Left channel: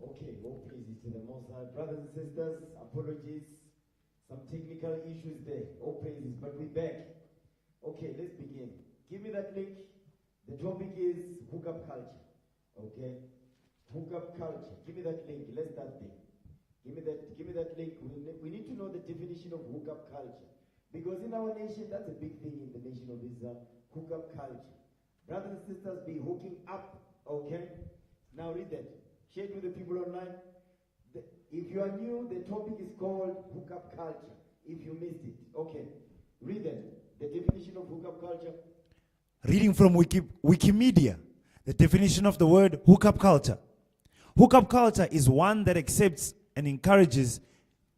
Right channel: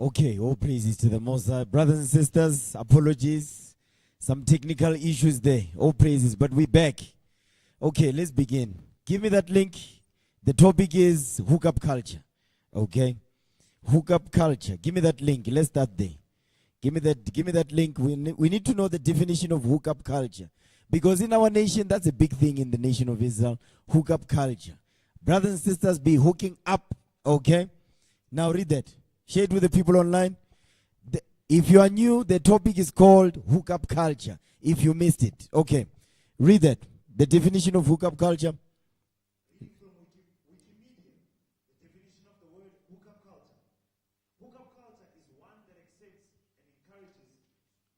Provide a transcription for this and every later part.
Okay, all praises to the Most High. Brothers and sisters, apologies. Some technical issues there. All praises, but we're back. Okay, let's begin. Give me that link. The topic is hookup culture. Okay? Hookup culture. Give me that link. Let's start there. Give me that link. We need to know the definition of hookup culture. Because in our nation, that's a big thing in the nation of Israel. Hookup culture. Brothers and sisters, be hooking up. Okay? Now read that. Share it with the people online. If you are new, the topic is called hookup culture. If you missed it. Okay. Read that. The definition of hookup culture. Reading from Wikimedia, the definition of the word hookup culture. Hookup culture is one that accepts and encourages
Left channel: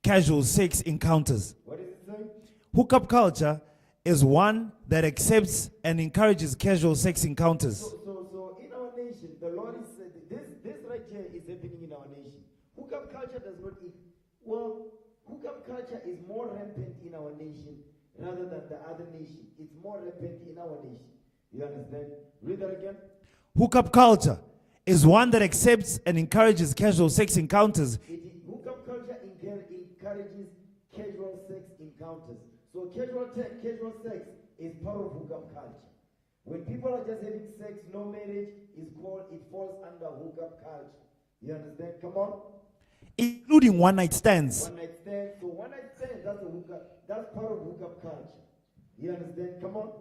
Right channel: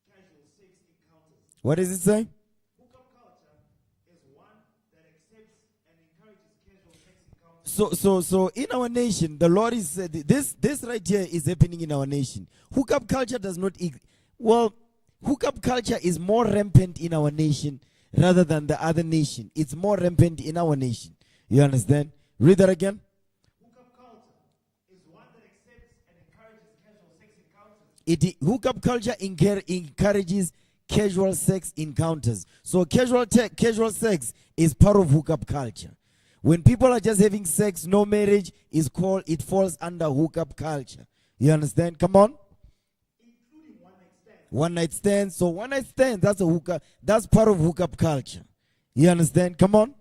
casual sex encounters. What does it say? Hookup culture is one that accepts and encourages casual sex encounters. So in our nation, the Lord is this right here is happening in our nation. Hookup culture does not hookup culture is more rampant in our nation rather than the other nation. It's more rampant in our nation. You understand? Read that again. Hookup culture is one that accepts and encourages casual sex encounters. Hookup culture encourages casual sex encounters. So casual sex is part of hookup culture. When people are just having sex, no marriage, it falls under hookup culture. You understand? Come on. Including one-night stands. One-night stands. So one-night stands, that's part of hookup culture. You understand? Come on.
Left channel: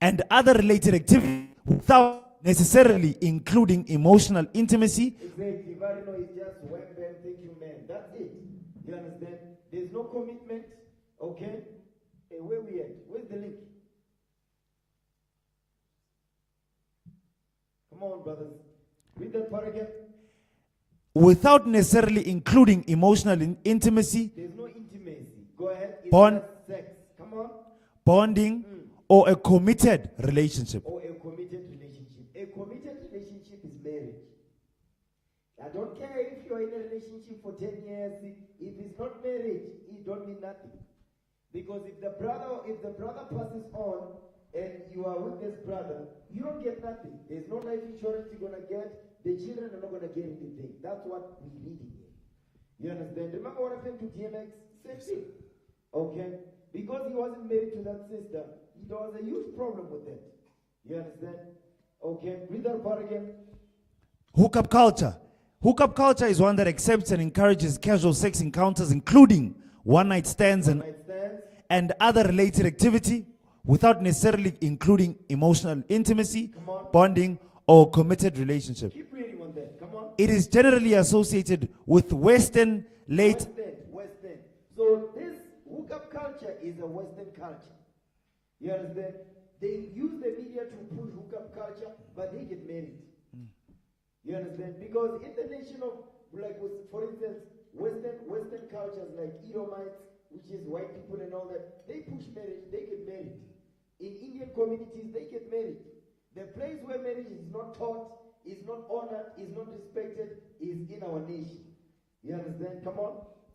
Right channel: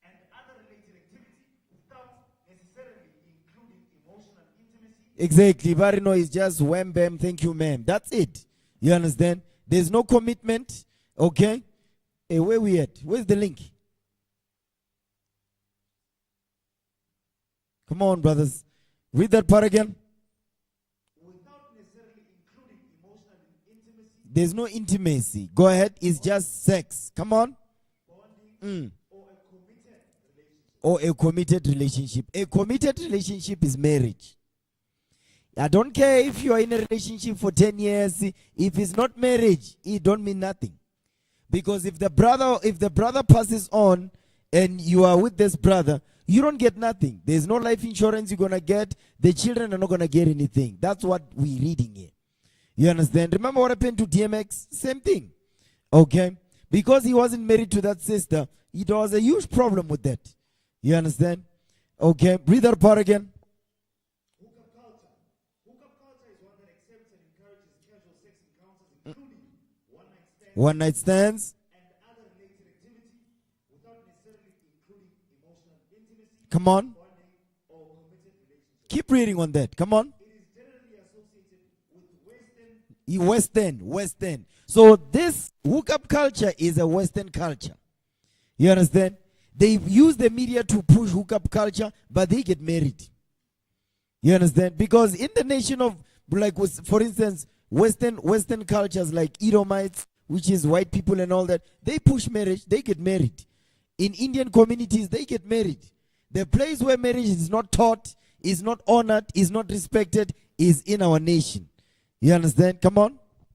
And other related activities without necessarily including emotional intimacy. Exactly. Barino is just wham bam, thank you ma'am. That's it. You understand? There's no commitment. Okay? Hey, where we at? Where's the link? Come on, brothers. Read that part again. Without necessarily including emotional intimacy. There's no intimacy. Go ahead. It's just sex. Come on. Bonding or a committed relationship. Or a committed relationship. A committed relationship is marriage. I don't care if you are in a relationship for 10 years. If it's not marriage, it don't mean nothing. Because if the brother passes on and you are with this brother, you don't get nothing. There's no life insurance you're going to get. The children are not going to get anything. That's what we're reading here. You understand? Remember what happened to DMX? Same thing. Okay? Because he wasn't married to that sister, there was a huge problem with that. You understand? Okay? Read that part again. Hookup culture. Hookup culture is one that accepts and encourages casual sex encounters, including one-night stands, and other related activity, without necessarily including emotional intimacy, come on, bonding, or committed relationship. Keep reading on that. Come on. It is generally associated with Western. So this hookup culture is a Western culture. You understand? They use the media to push hookup culture, but they get married. You understand? Because in the nation of, like, for instance, Western cultures like Edomites, which is white people and all that, they push marriage, they get married. In Indian communities, they get married. The place where marriage is not taught, is not honored, is not respected, is in our nation. You understand? Come on.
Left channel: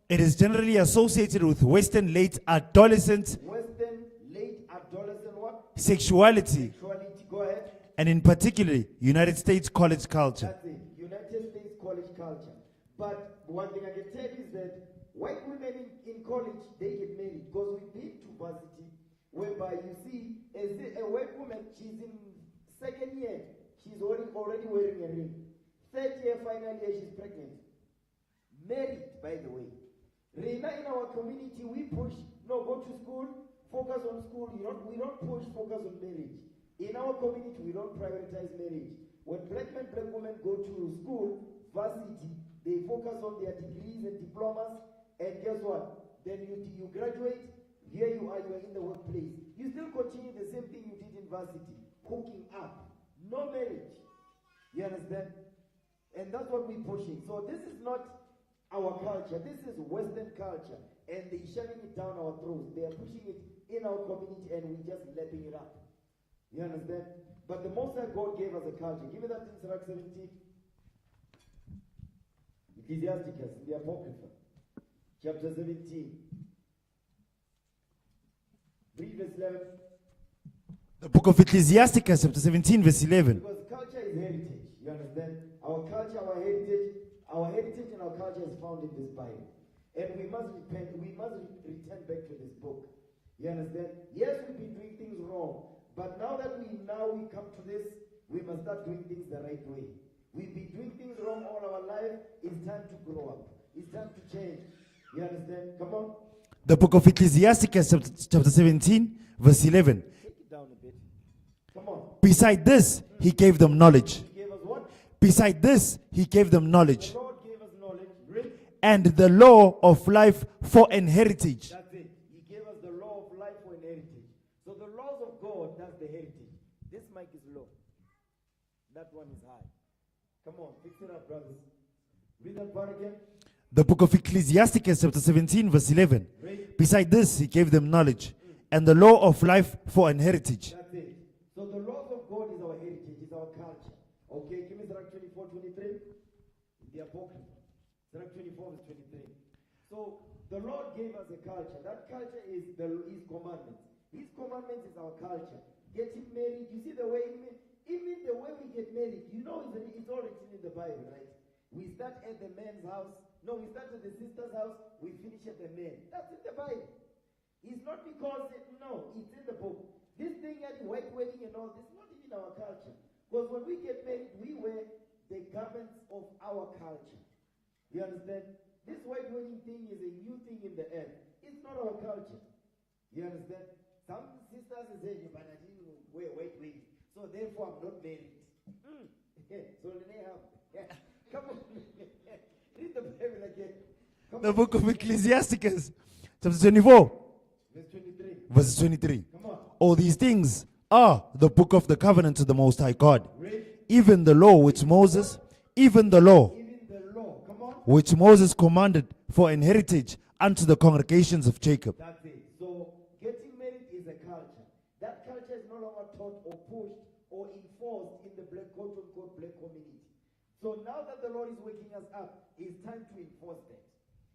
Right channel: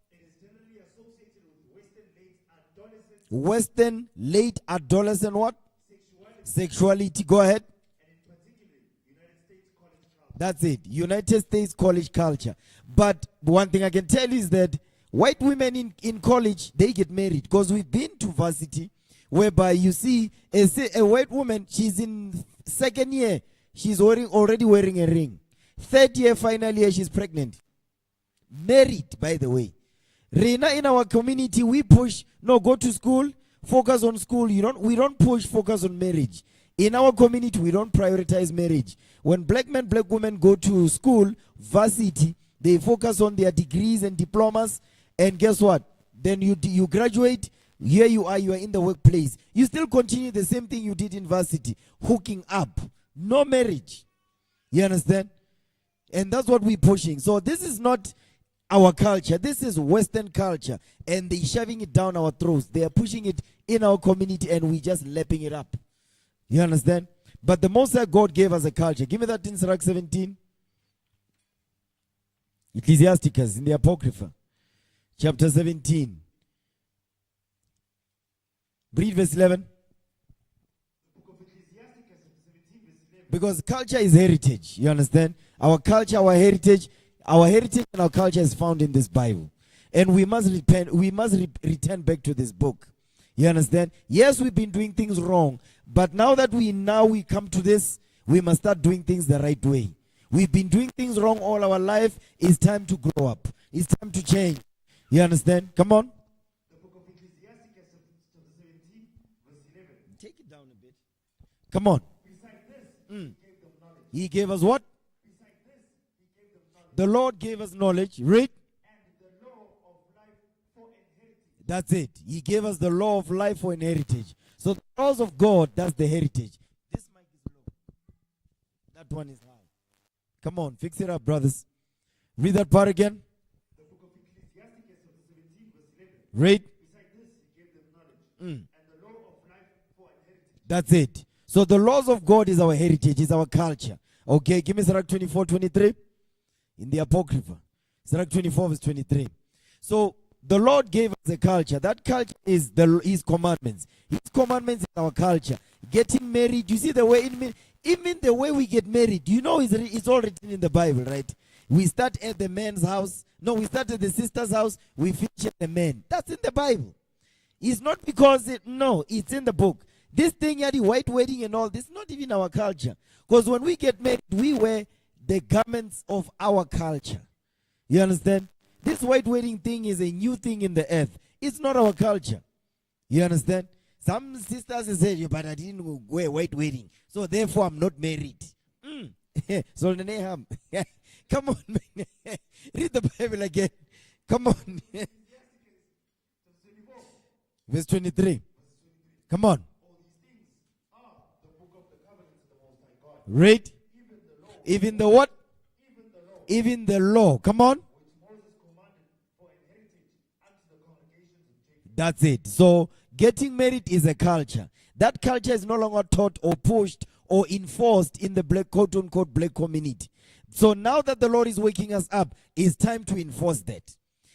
It is generally associated with Western late adolescent. Western late adolescent what? Sexuality. Go ahead. And in particular, United States college culture. That's it. United States college culture. But one thing I can tell you is that white women in college, they get married. Because we've been to varsity, whereby you see a white woman, she's in second year, she's already wearing a ring. Third year, final year, she's pregnant. Married, by the way. Reina, in our community, we push, no, go to school, focus on school. We don't push, focus on marriage. In our community, we don't prioritize marriage. When black men, black women go to school, varsity, they focus on their degrees and diplomas, and guess what? Then you graduate, here you are in the workplace. You still continue the same thing you did in varsity, hooking up. No marriage. You understand? And that's what we're pushing. So this is not our culture. This is Western culture. And they're shoving it down our throats. They are pushing it in our community, and we're just lapping it up. You understand? But the Most High God gave us a culture. Give me that in Sirach 17. Ecclesiasticus in the Apocrypha. Chapter 17. Read verse 11. The book of Ecclesiasticus, chapter 17, verse 11. Because culture is heritage. You understand? Our culture, our heritage, Our heritage and our culture is found in this Bible. And we must repent, we must return back to this book. You understand? Yes, we've been doing things wrong, but now that we come to this, we must start doing things the right way. We've been doing things wrong all our life. It's time to grow up. It's time to change. You understand? Come on. The book of Ecclesiastes, chapter 17, verse 11. Take it down a bit. Come on. Beside this, he gave them knowledge. He gave us what? Beside this, he gave them knowledge. The Lord gave us knowledge. Read. And the law of life for an heritage. That's it. He gave us the law of life for an heritage. So the laws of God, that's the heritage. This mic is low. That one is high. Come on, fix it up, brothers. Read that part again. The book of Ecclesiastes, chapter 17, verse 11. Read. Beside this, he gave them knowledge and the law of life for an heritage. That's it. So the laws of God is our heritage, is our culture. Okay, give me Sirach 24, 23. In the Apocrypha. Sirach 24, verse 23. So the Lord gave us a culture. That culture is His commandments. His commandments is our culture. Getting married, you see the way, even the way we get married, you know it's all written in the Bible, right? We start at the man's house. No, we start at the sister's house. We finish at the man. That's in the Bible. It's not because, it's in the book. This thing, the white wedding and all, this is not even our culture. Because when we get married, we wear the garments of our culture. You understand? This white wedding thing is a new thing in the earth. It's not our culture. You understand? Some sisters say, but I didn't wear white wedding, so therefore I'm not married. So come on, man. Read the Bible again. Come The on. book of Ecclesiastes, chapter 24, Verse 23. verse 23. Come on. All these things are the book of the covenant to the Most High God. Read. Even the law which Even the Moses, what? even the law Even the law. Come on. which Moses commanded for an heritage unto the congregations of Jacob. That's it. So getting married is a culture. That culture is no longer taught or pushed or enforced in the black, quote unquote, black community. So now that the Lord is waking us up, it's time to enforce that.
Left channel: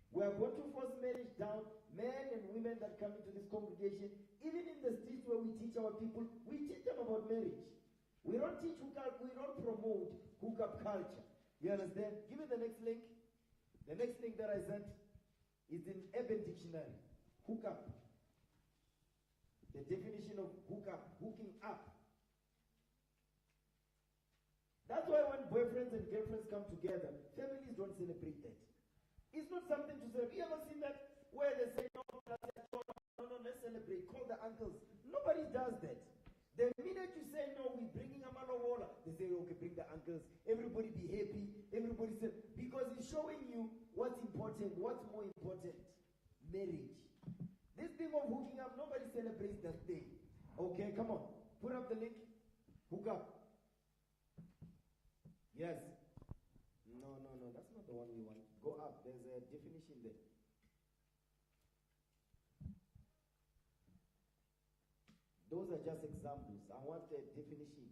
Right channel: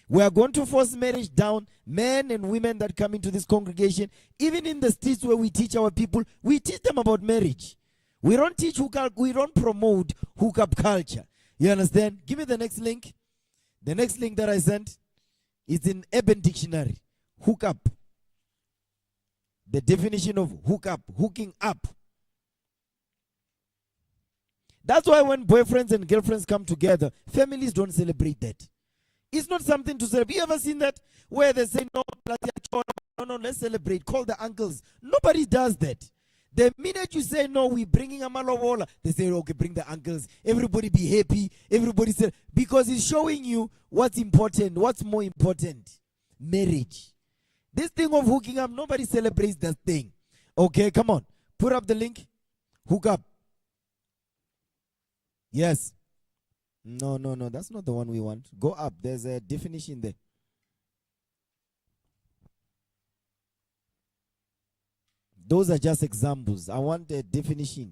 We are going to force marriage down. Men and women that come into this congregation, even in the streets where we teach our people, we teach them about marriage. We don't teach hookup, we don't promote hookup culture. You understand? Give me the next link. The next link that I sent is in Urban Dictionary. Hookup. The definition of hookup, hooking up. That's why when boyfriends and girlfriends come together, families don't celebrate that. It's not something to celebrate. You ever seen that? Where they say, no, let's celebrate. Call the uncles. Nobody does that. The minute you say, no, we're bringing a malovola, they say, okay, bring the uncles. Everybody be happy. Everybody say, because it's showing you what's important, what's more important. Marriage. This thing of hooking up, nobody celebrates that thing. Okay, come on. Put up the link. Hook up. Yes. No, that's not the one we want. Go up. There's a definition there. Those are just examples. I want a definition.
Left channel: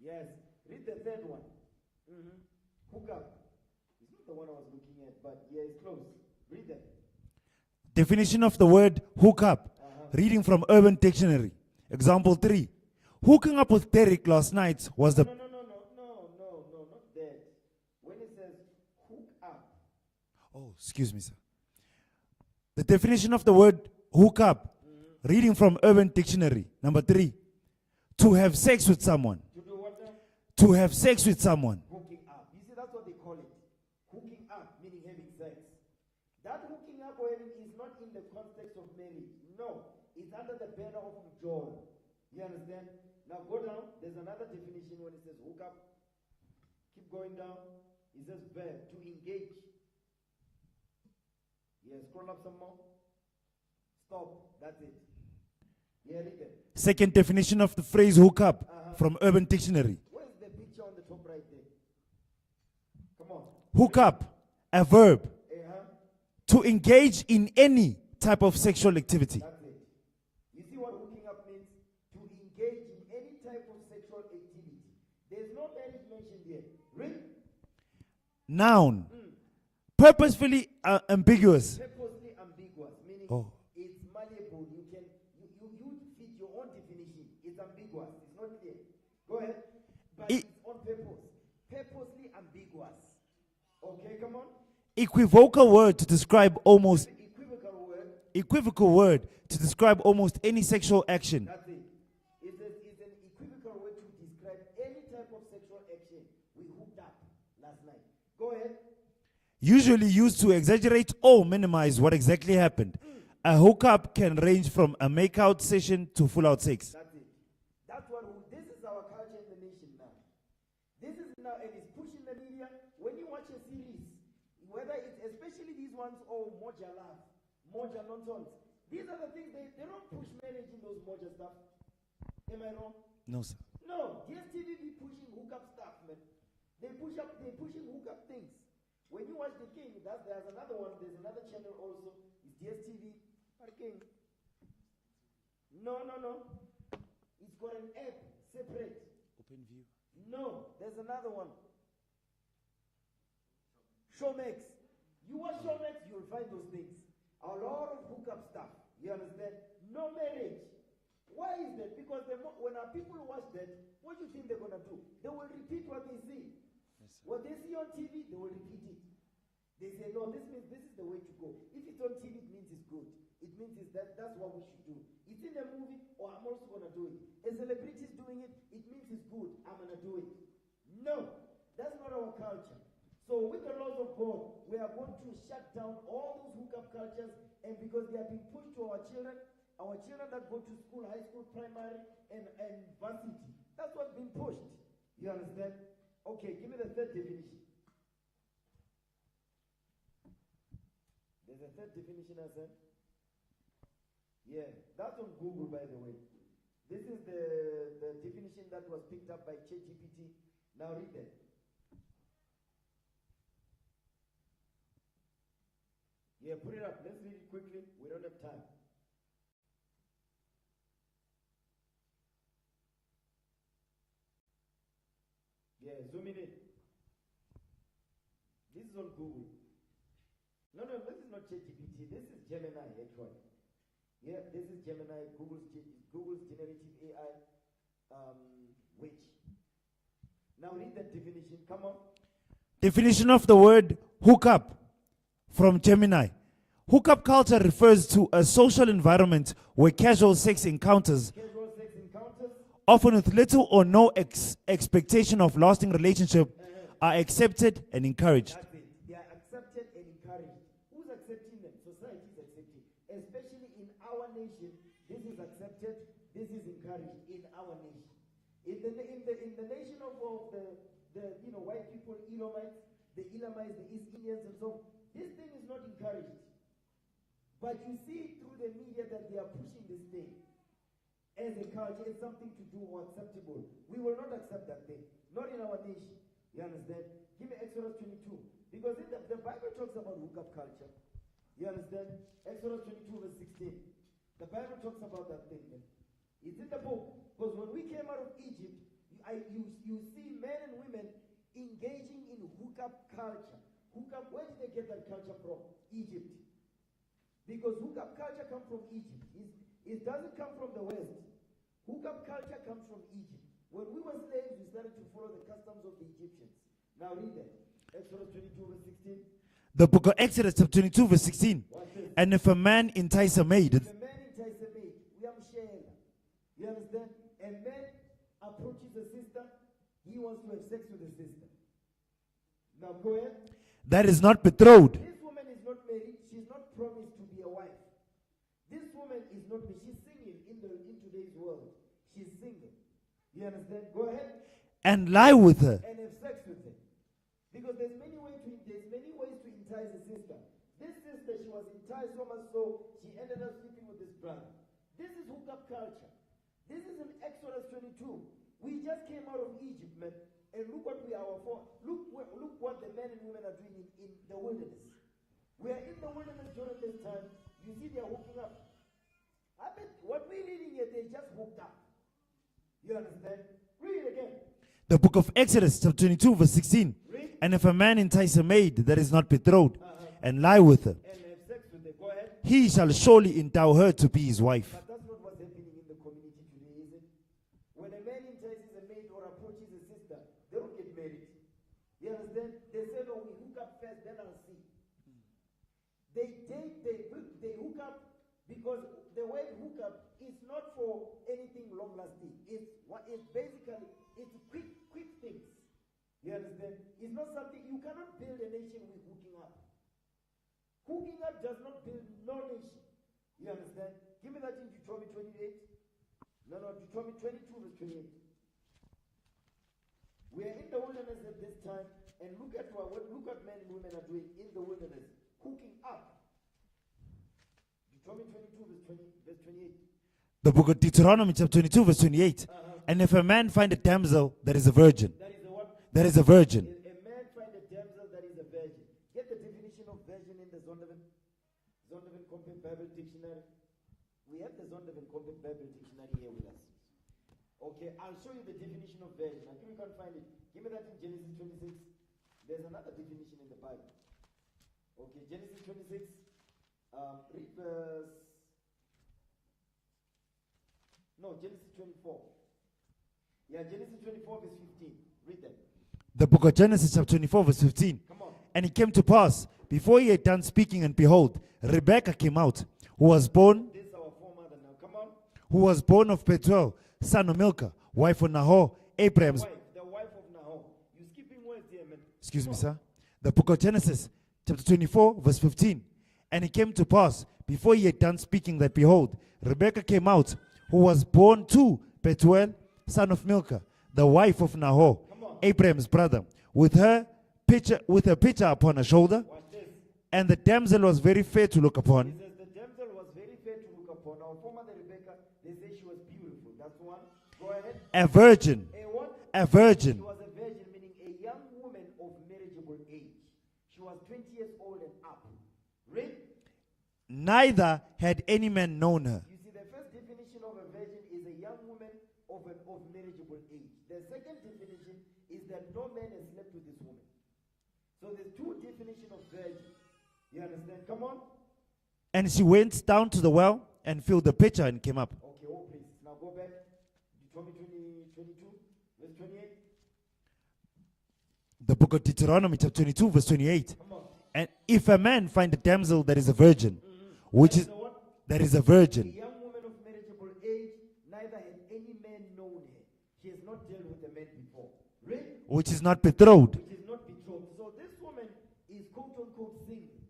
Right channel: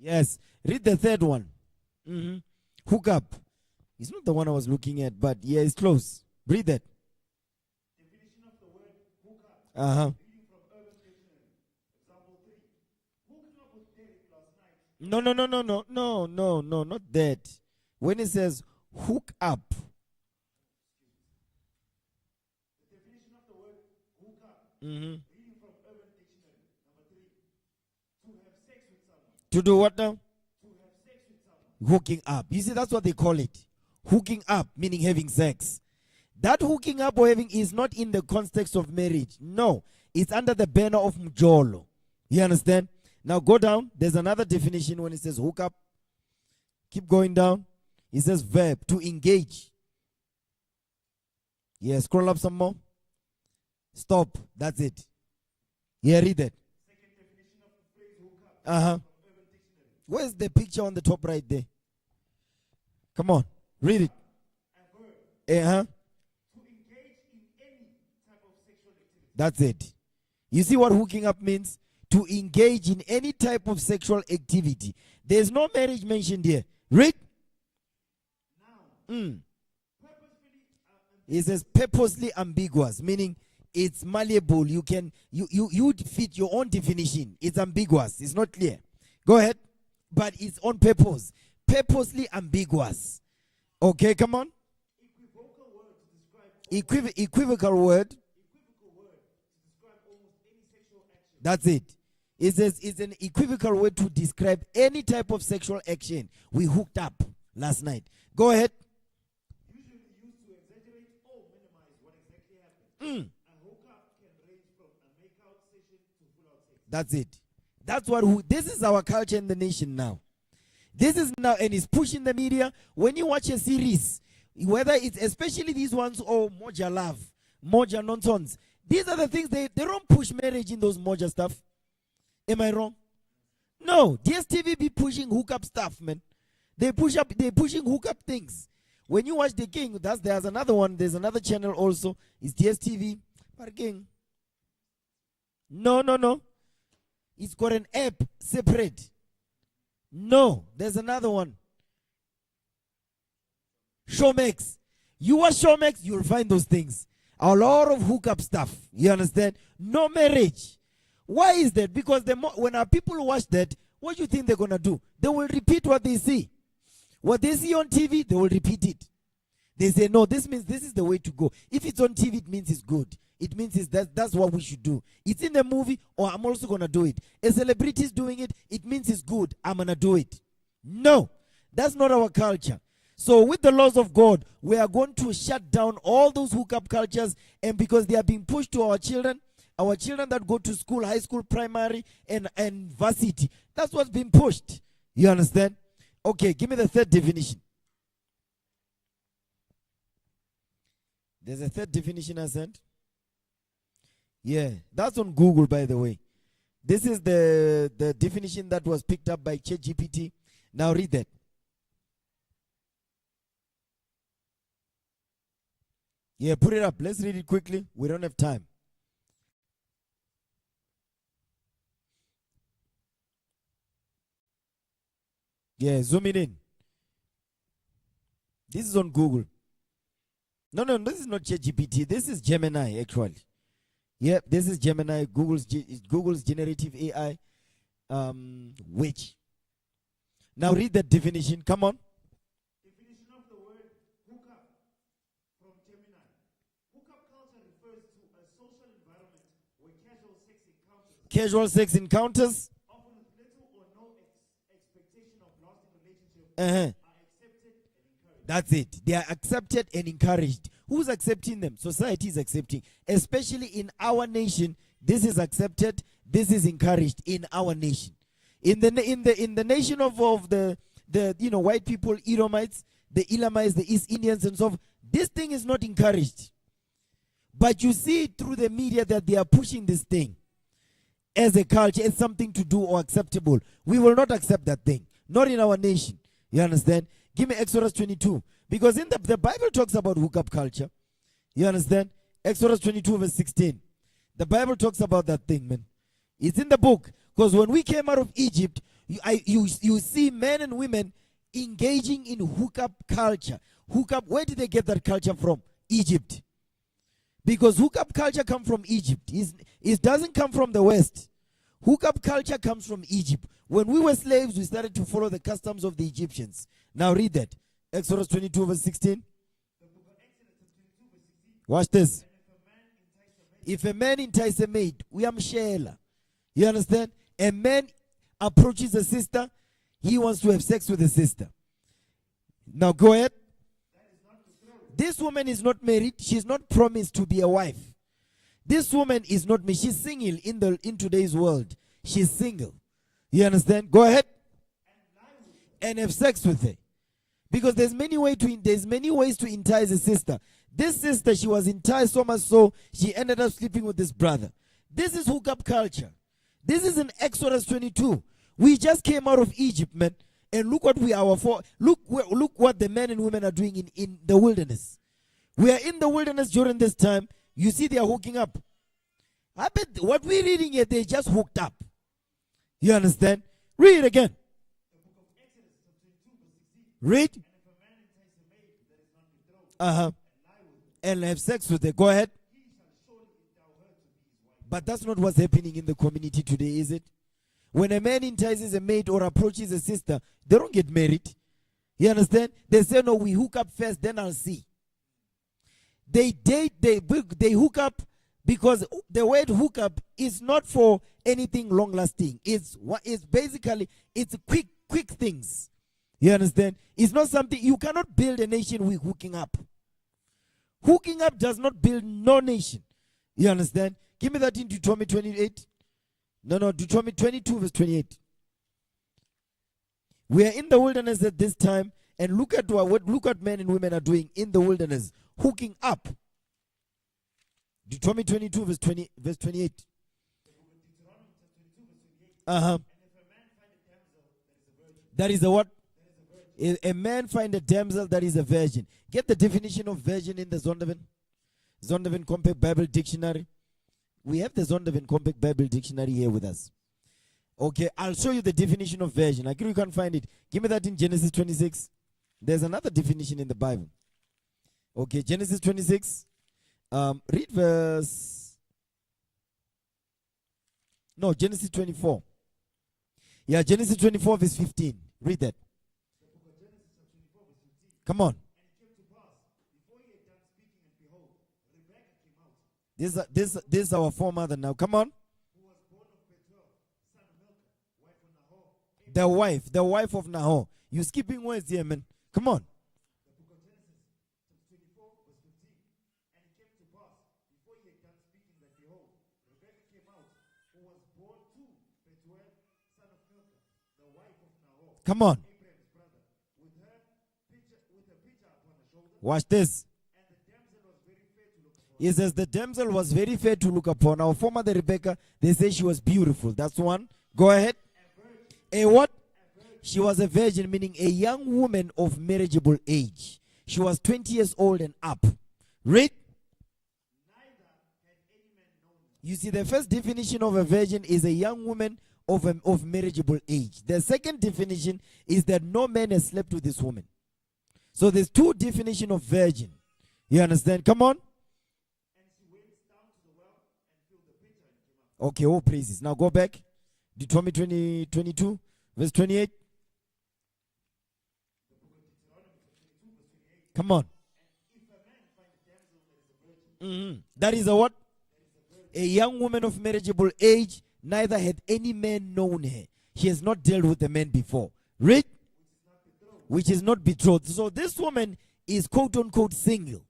Yes. Read the third one. Hook up. It's not the one I was looking at, but yeah, it's close. Read that. Definition of the word hook up. Reading from Urban Dictionary. Example 3. Hooking up with Derek last night was No, not that. When it says hook up. Oh, excuse me, sir. The definition of the word hook up. Reading from Urban Dictionary. Number 3. To have sex with someone. To do what now? To have sex with someone. Hooking up. You see, that's what they call it. Hooking up, meaning having sex. That hooking up or having is not in the context of marriage. No, it's under the banner of mjolo. You understand? Now go down. There's another definition when it says hook up. Keep going down. It says verb, to engage. Yeah, scroll up some more. Stop. That's it. Yeah, read that. Second definition of the phrase hook up from Urban Dictionary. Where's the picture on the top right there? Come on. Hook read up, a verb. it. To engage in any type of sexual activity. That's it. You see what hooking up means? To engage in any type of sexual activity. There's no marriage mentioned here. Read. Noun. Purposefully ambiguous. It is purposely ambiguous, meaning it's malleable. You can you fit your own definition. It's ambiguous. It's not clear. Go ahead. But it's on purpose. Purposely ambiguous. Okay, come on. Equivocal word to describe almost equivocal word. Equivocal word to describe almost any sexual action. That's it. It's an equivocal word to describe any type of sexual action. We hooked up last night. Go ahead. Usually used to exaggerate or minimize what exactly happened. A hookup can range from a make-out session to full-out sex. That's it. That's what. This is our culture in the nation now. This is now, and it's pushing the media. When you watch a series, whether it's especially these ones or Moja Love, Moja Nonsense, these are the things they don't push marriage in those Moja stuff. Am I wrong? No, sir. No, DSTV be pushing hookup stuff, man. They're pushing hookup things. When you watch The King, there's another one. There's another channel also. It's DSTV. But King. No. It's got an app separate. No, there's another one. Showmax. You watch Showmax, you'll find those things. A lot of hookup stuff. You understand? No marriage. Why is that? Because when our people watch that, what do you think they're going to do? They will repeat what they see. What they see on TV, they will repeat it. They say, no, this means this is the way to go. If it's on TV, it means it's good. It means that's what we should do. It's in the movie, or I'm also going to do it. A celebrity is doing it, it means it's good. I'm going to do it. No, that's not our culture. So with the laws of God, we are going to shut down all those hookup cultures, and because they are being pushed to our children that go to school, high school, primary, and varsity, that's what's being pushed. You understand? Okay, give me the third definition. There's a third definition I sent. Yeah, that's on Google, by the way. This is the definition that was picked up by ChatGPT. Now read that. Yeah, put it up. Let's read it quickly. We don't have time. Yeah, zoom it in. This is on Google. No, this is not ChatGPT. This is Gemini, actually. Yeah, this is Gemini, Google's generative AI, which. Now read that definition. Come on. Definition of the word hookup from Gemini. Hookup culture refers to a social environment where casual sex encounters, often with little or no expectation of lasting relationship, are accepted and encouraged. That's it. They are accepted and encouraged. Who's accepting them? Society is accepting. Especially in our nation, this is accepted, this is encouraged in our nation. In the nation of the white people, Edomites, the Elamites, the East Indians and so forth, this thing is not encouraged. But you see through the media that they are pushing this thing as a culture, as something to do or acceptable. We will not accept that thing. Not in our nation. You understand? Give me Exodus 22. Because in the Bible talks about hookup culture. You understand? Exodus 22 verse 16. The Bible talks about that thing, man. It's in the book. Because when we came out of Egypt, you see men and women engaging in hookup culture. Hookup, where did they get that culture from? Egypt. Because hookup culture comes from Egypt. It doesn't come from the West. Hookup culture comes from Egypt. When we were slaves, we started to follow the customs of the Egyptians. Now read that. Exodus 22 verse 16. The book of Exodus 22 verse 16. Watch this. And if a man entice a maid. If a man entice a maid, we are mshela. You understand? A man approaches a sister, he wants to have sex with a sister. Now go ahead. That is not betrothed. This woman is not married. She's not promised to be a wife. This woman is not married. She's single in today's world. She's single. You understand? Go ahead. And lie with her. And have sex with her. Because there's many ways to entice a sister. This sister, she was enticed so much so she ended up sleeping with this brother. This is hookup culture. This is in Exodus 22. We just came out of Egypt, man. And look what we are for. Look what the men and women are doing in the wilderness. We are in the wilderness during this time. You see they are hooking up. I bet what we're reading here, they just hooked up. You understand? Read it again. The book of Exodus, chapter 22, verse 16. Read. And if a man entice a maid that is not betrothed Uh-huh. and lie with her, And have sex with her. Go ahead. he shall surely endow her to be his wife. But that's not what's happening in the community today, is it? When a man entices a maid or approaches a sister, they don't get married. You understand? They say, no, we hook up first, then I'll see. They date, they hook up because the word hook up is not for anything long lasting. It's basically, it's quick things. You understand? It's not something, you cannot build a nation with hooking up. Hooking up does not build no nation. You understand? Give me that in Deuteronomy 28. No, Deuteronomy 22 verse 28. We are in the wilderness at this time, and look at what men and women are doing in the wilderness, hooking up. Deuteronomy 22 verse 28. The book of Deuteronomy, chapter 22, verse 28. Uh-huh. And if a man find a damsel that is a virgin. That is a what? That is a virgin. A man find a damsel that is a virgin. Get the definition of virgin in the Zondervan Compact Bible Dictionary. We have the Zondervan Compact Bible Dictionary here with us. Okay, I'll show you the definition of virgin. I agree you can't find it. Give me that in Genesis 26. There's another definition in the Bible. Okay, Genesis 26. Read verse... No, Genesis 24. Yeah, Genesis 24 verse 15. Read that. The book of Genesis, chapter 24, verse 15. Come on. And it came to pass, before he had done speaking, and behold, Rebekah came out, who was born... This is our foremother now. Come on. Who was born of Bethuel, son of Milcah, wife of Nahor, Abraham. The wife of Nahor. You're skipping words here, man. Excuse Come on. me, sir. The book of Genesis, chapter 24, verse 15. And it came to pass, before he had done speaking, that behold, Rebekah came out, who was born to Bethuel, son of Milcah, the wife of Nahor. Come on. Abraham's brother, with her pitcher upon her shoulder. Watch this. And the damsel was very fair to look upon. He says the damsel was very fair to look upon. Our foremother Rebekah, they say she was beautiful. That's one. Go ahead. A virgin. A what? A virgin. She was a virgin, meaning a young woman of marriageable age. She was 20 years old and up. Read. Neither had any man known her. You see, the first definition of a virgin is a young woman of marriageable age. The second definition is that no man has slept with this woman. So there's two definitions of virgin. You understand? Come on. And she went down to the well and filled the pitcher and came up. Okay, all praises. Now go back. Deuteronomy 22, verse 28. The book of Deuteronomy, chapter 22, verse 28. Come on. And if a man find a damsel that is a virgin. That is a what? That is a virgin. A young woman of marriageable age, neither had any man known her. She has not dealt with a man before. Read. Which is not betrothed. Which is not betrothed. So this woman is quote unquote single.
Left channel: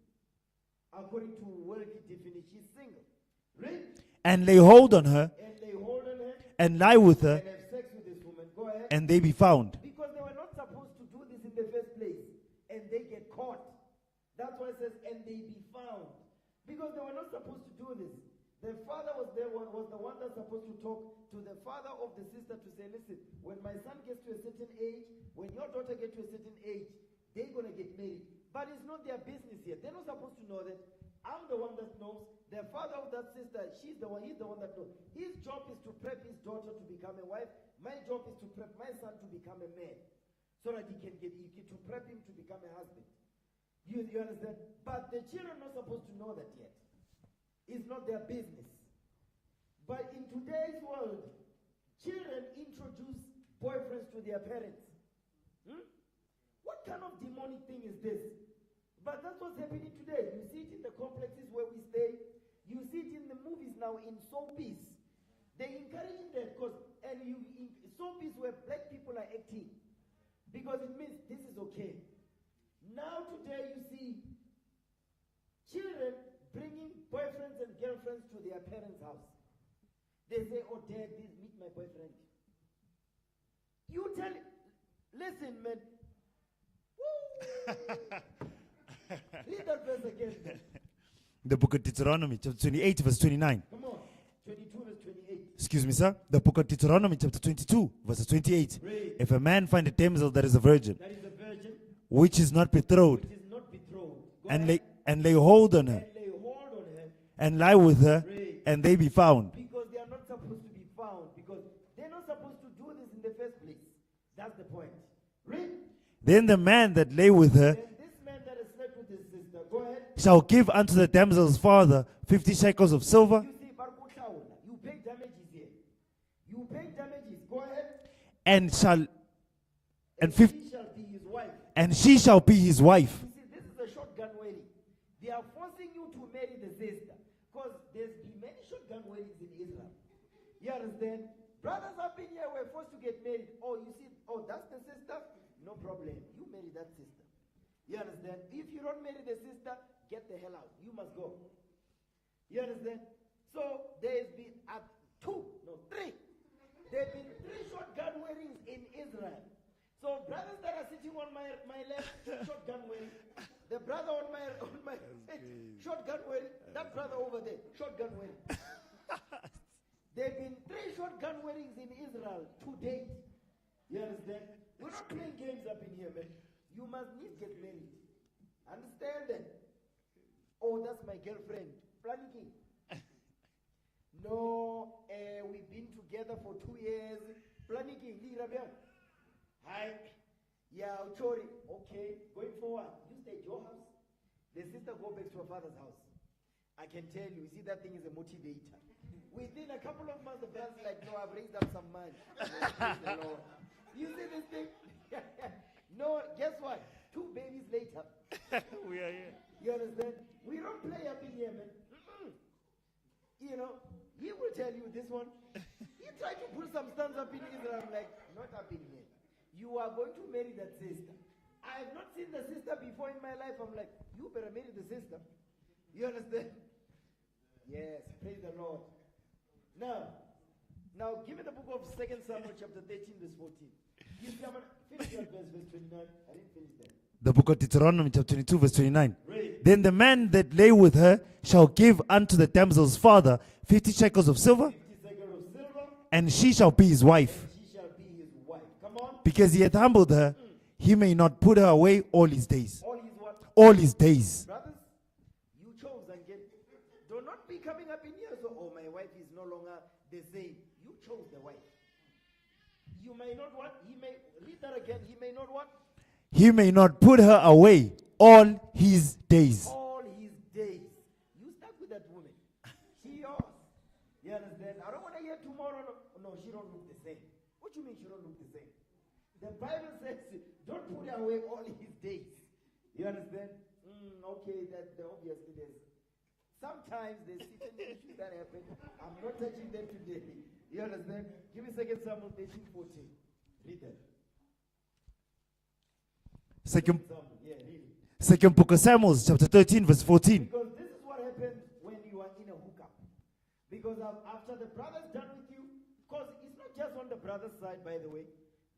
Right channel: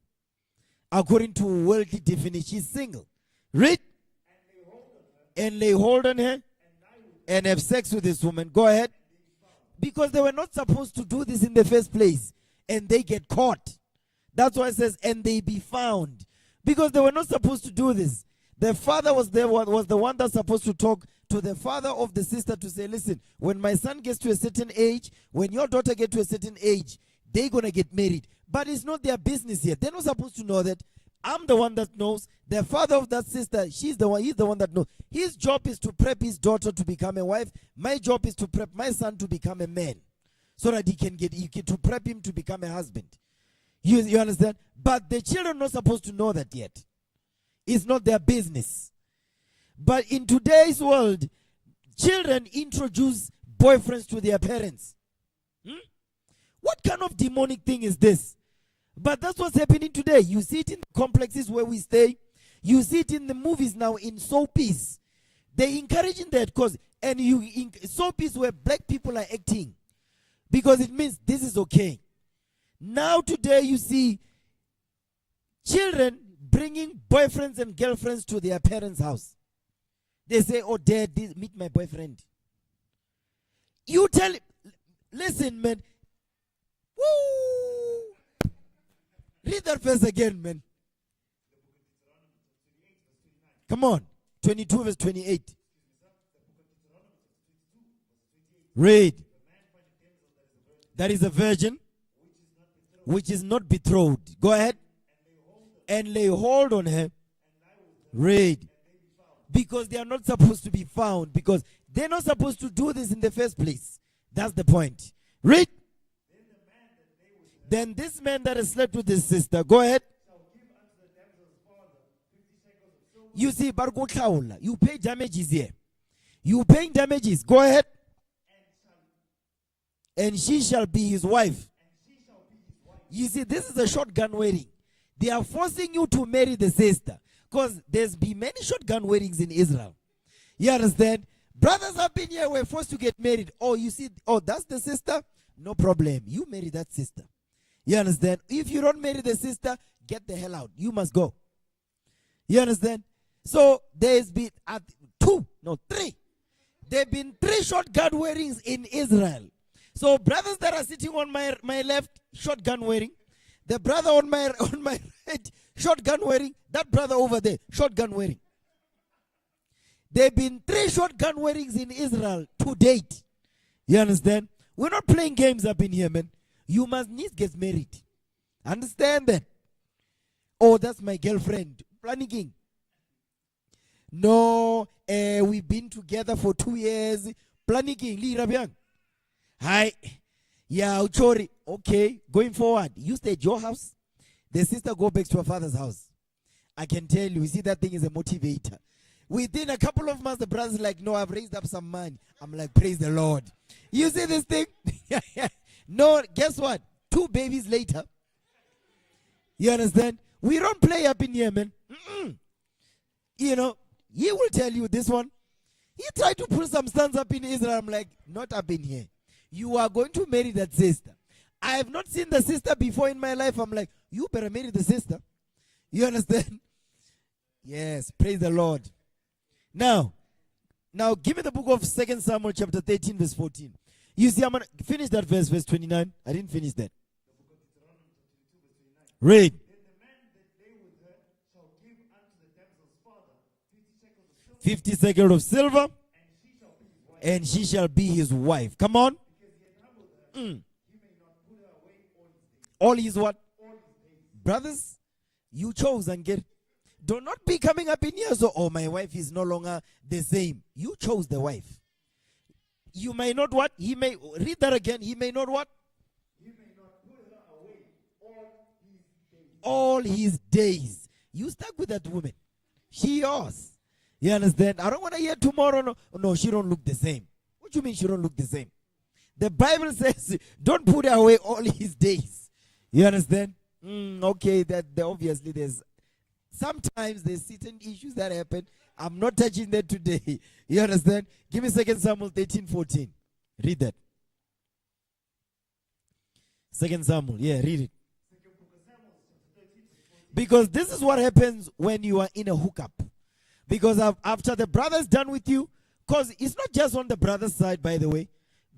According to worldly definition, she's single. Read. And lay hold on her. And lay hold on her. And lie with her. And have sex with this woman. Go ahead. And they be found. Because they were not supposed to do this in the first place. And they get caught. That's why it says, and they be found. Because they were not supposed to do this. The father was the one that's supposed to talk to the father of the sister to say, listen, when my son gets to a certain age, when your daughter gets to a certain age, they're going to get married. But it's not their business yet. They're not supposed to know that. I'm the one that knows. The father of that sister, he's the one that knows. His job is to prep his daughter to become a wife. My job is to prep my son to become a man. So that he can to prep him to become a husband. You understand? But the children are not supposed to know that yet. It's not their business. But in today's world, children introduce boyfriends to their parents. What kind of demonic thing is this? But that's what's happening today. You see it in the complexes where we stay. You see it in the movies now, in soapies. They're encouraging that because, soapies where black people are acting. Because it means this is okay. Now today you see children bringing boyfriends and girlfriends to their parents' house. They say, oh, Dad, meet my boyfriend. You tell him, listen, man. Woo! Read that verse again, man. The book of Deuteronomy, chapter 28, verse 29. Come on. 22, verse 28. Excuse me, sir. The book of Deuteronomy, chapter 22, verse 28. Read. If a man find a damsel that is a virgin. That is a virgin. Which is not betrothed. Which is not betrothed. Go ahead. And lay hold on her. And lay hold on her. And lie with her. Read. And they be found. Because they are not supposed to be found. Because they're not supposed to do this in the first place. That's the point. Read. Then the man that lay with her Then this man that has slept with his sister, go ahead. shall give unto the damsel's father 50 shekels of silver. You see, you pay damages here. You paying damages. Go ahead. And She shall be his wife. And she shall be his wife. You see, this is a shotgun wedding. They are forcing you to marry the sister. Because there's been many shotgun weddings in Israel. You understand? Brothers up in here were forced to get married. Oh, you see, oh, that's the sister? No problem. You marry that sister. You understand? If you don't marry the sister, get the hell out. You must go. You understand? So there's been three. There have been 3 shotgun weddings in Israel. So brothers that are sitting on my left, shotgun wedding. The brother on my right, shotgun wedding. That brother over there, shotgun wedding. There have been 3 shotgun weddings in Israel to date. You understand? We're not playing games up in here, man. You must need get married. Understand that? Oh, that's my girlfriend. Planning. No, we've been together for 2 years. Planning. Hi. Yeah, Uchori. Okay, going forward. You stay at your house. The sister go back to her father's house. I can tell you see, that thing is a motivator. Within a couple of months, the brother's like, no, I've raised up some money. I'm like, praise the Lord. You see this thing? No, guess what? 2 babies later. We are here. You understand? We don't play up in here, man. You know, he will tell you this one. He tried to put some stunts up in Israel. I'm like, not up in here. You are going to marry that sister. I have not seen the sister before in my life. I'm like, you better marry the sister. You understand? Yes, praise the Lord. Now, give me the book of 2 Samuel chapter 13, verse 14. You see, I'm going to finish that verse 29. I didn't finish that. The book of Deuteronomy chapter 22 verse 29. Read. Then the man that lay with her shall give unto the damsel's father 50 shekels of silver. 50 shekels of silver. And she shall be his wife. And she shall be his wife. Come on. Because he hath humbled her, he may not put her away all his days. All his what? All his days. Brothers, you chose and get. Do not be coming up in here so, oh, my wife is no longer the same. You chose the wife. You may not what? He may, read that again. He may not what? He may not put her away all his days. All his days. You stuck with that woman. She yours. You understand? I don't want to hear tomorrow. No, she don't look the same. What do you mean she don't look the same? The Bible says, don't put her away all his days. You understand? Okay, that obviously sometimes there's certain issues that happen. I'm not touching that today. You understand? Give me 2 Samuel 13:14. Read that. 2 Samuel, yeah, read it. Second book of Samuel, chapter 13, verse 14. Because this is what happens when you are in a hookup. Because after the brother's done with you, because it's not just on the brother's side, by the way.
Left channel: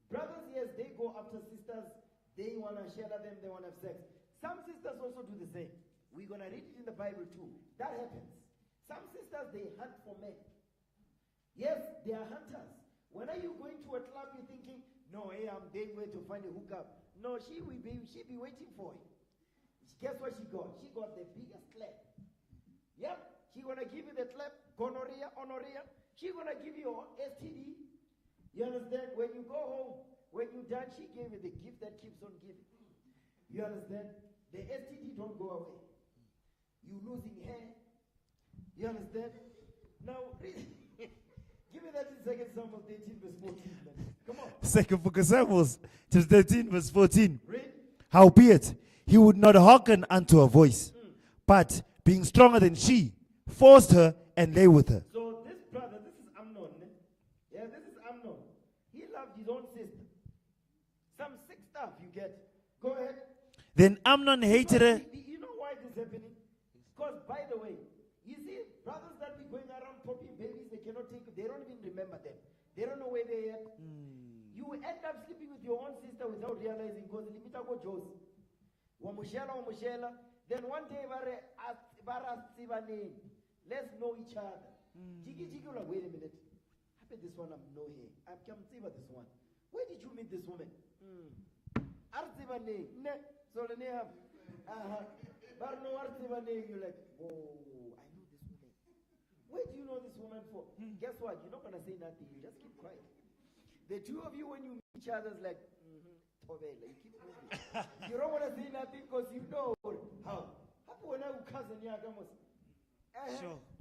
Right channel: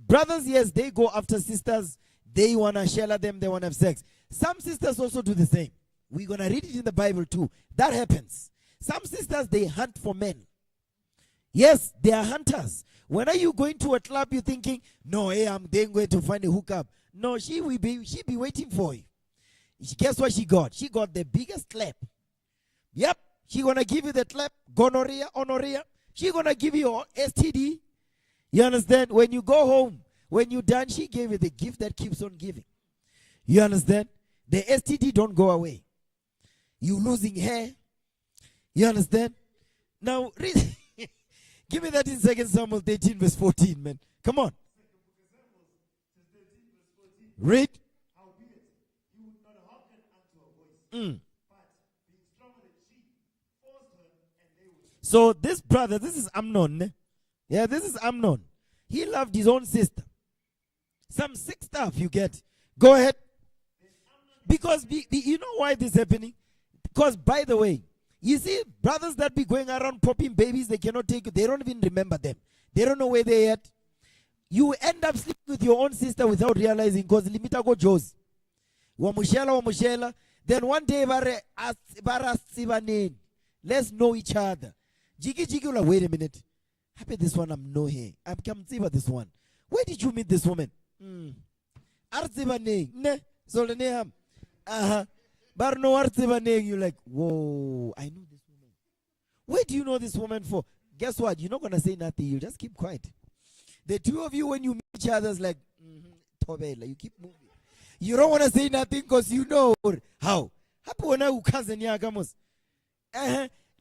Brothers, yes, they go after sisters. They want to share them. They want to have sex. Some sisters also do the same. We're going to read it in the Bible too. That happens. Some sisters, they hunt for men. Yes, they are hunters. When are you going to a club, you're thinking, no, hey, I'm then going to find a hookup. No, she be waiting for you. Guess what she got? She got the biggest clap. Yep, she going to give you the clap. Gonorrhea, honorrhea. She going to give you your STD. You understand? When you go home, when you're done, she gave you the gift that keeps on giving. You understand? The STD don't go away. You losing hair. You understand? Now, read. Give me that in 2 Samuel 13, verse 14, man. Come on. Second book of Samuel, chapter 13, verse 14. Read. Howbeit, he would not hearken unto her voice, but being stronger than she, forced her and lay with her. So this brother, this is Amnon. Ne? Yeah, this is Amnon. He loved his own sister. Some sick stuff you get. Go ahead. Then Amnon hated her. You know why this is happening? Because, by the way, you see, brothers that be going around popping babies, they cannot take you. They don't even remember them. They don't know where they're at. You end up sleeping with your own sister without realizing, because limita go Joes. Wamushela. Then one day, let's know each other. Jiggy, like, wait a minute. I bet this one I'm no here. I'm come see about this one. Where did you meet this woman? Ne, so the name. But no you're like, whoa, I know this woman. Where do you know this woman for? Guess what? You're not gonna say nothing, you just keep quiet. The two of you, when you meet each other, is like, Tobela, you keep moving. You don't want to say nothing because you know how.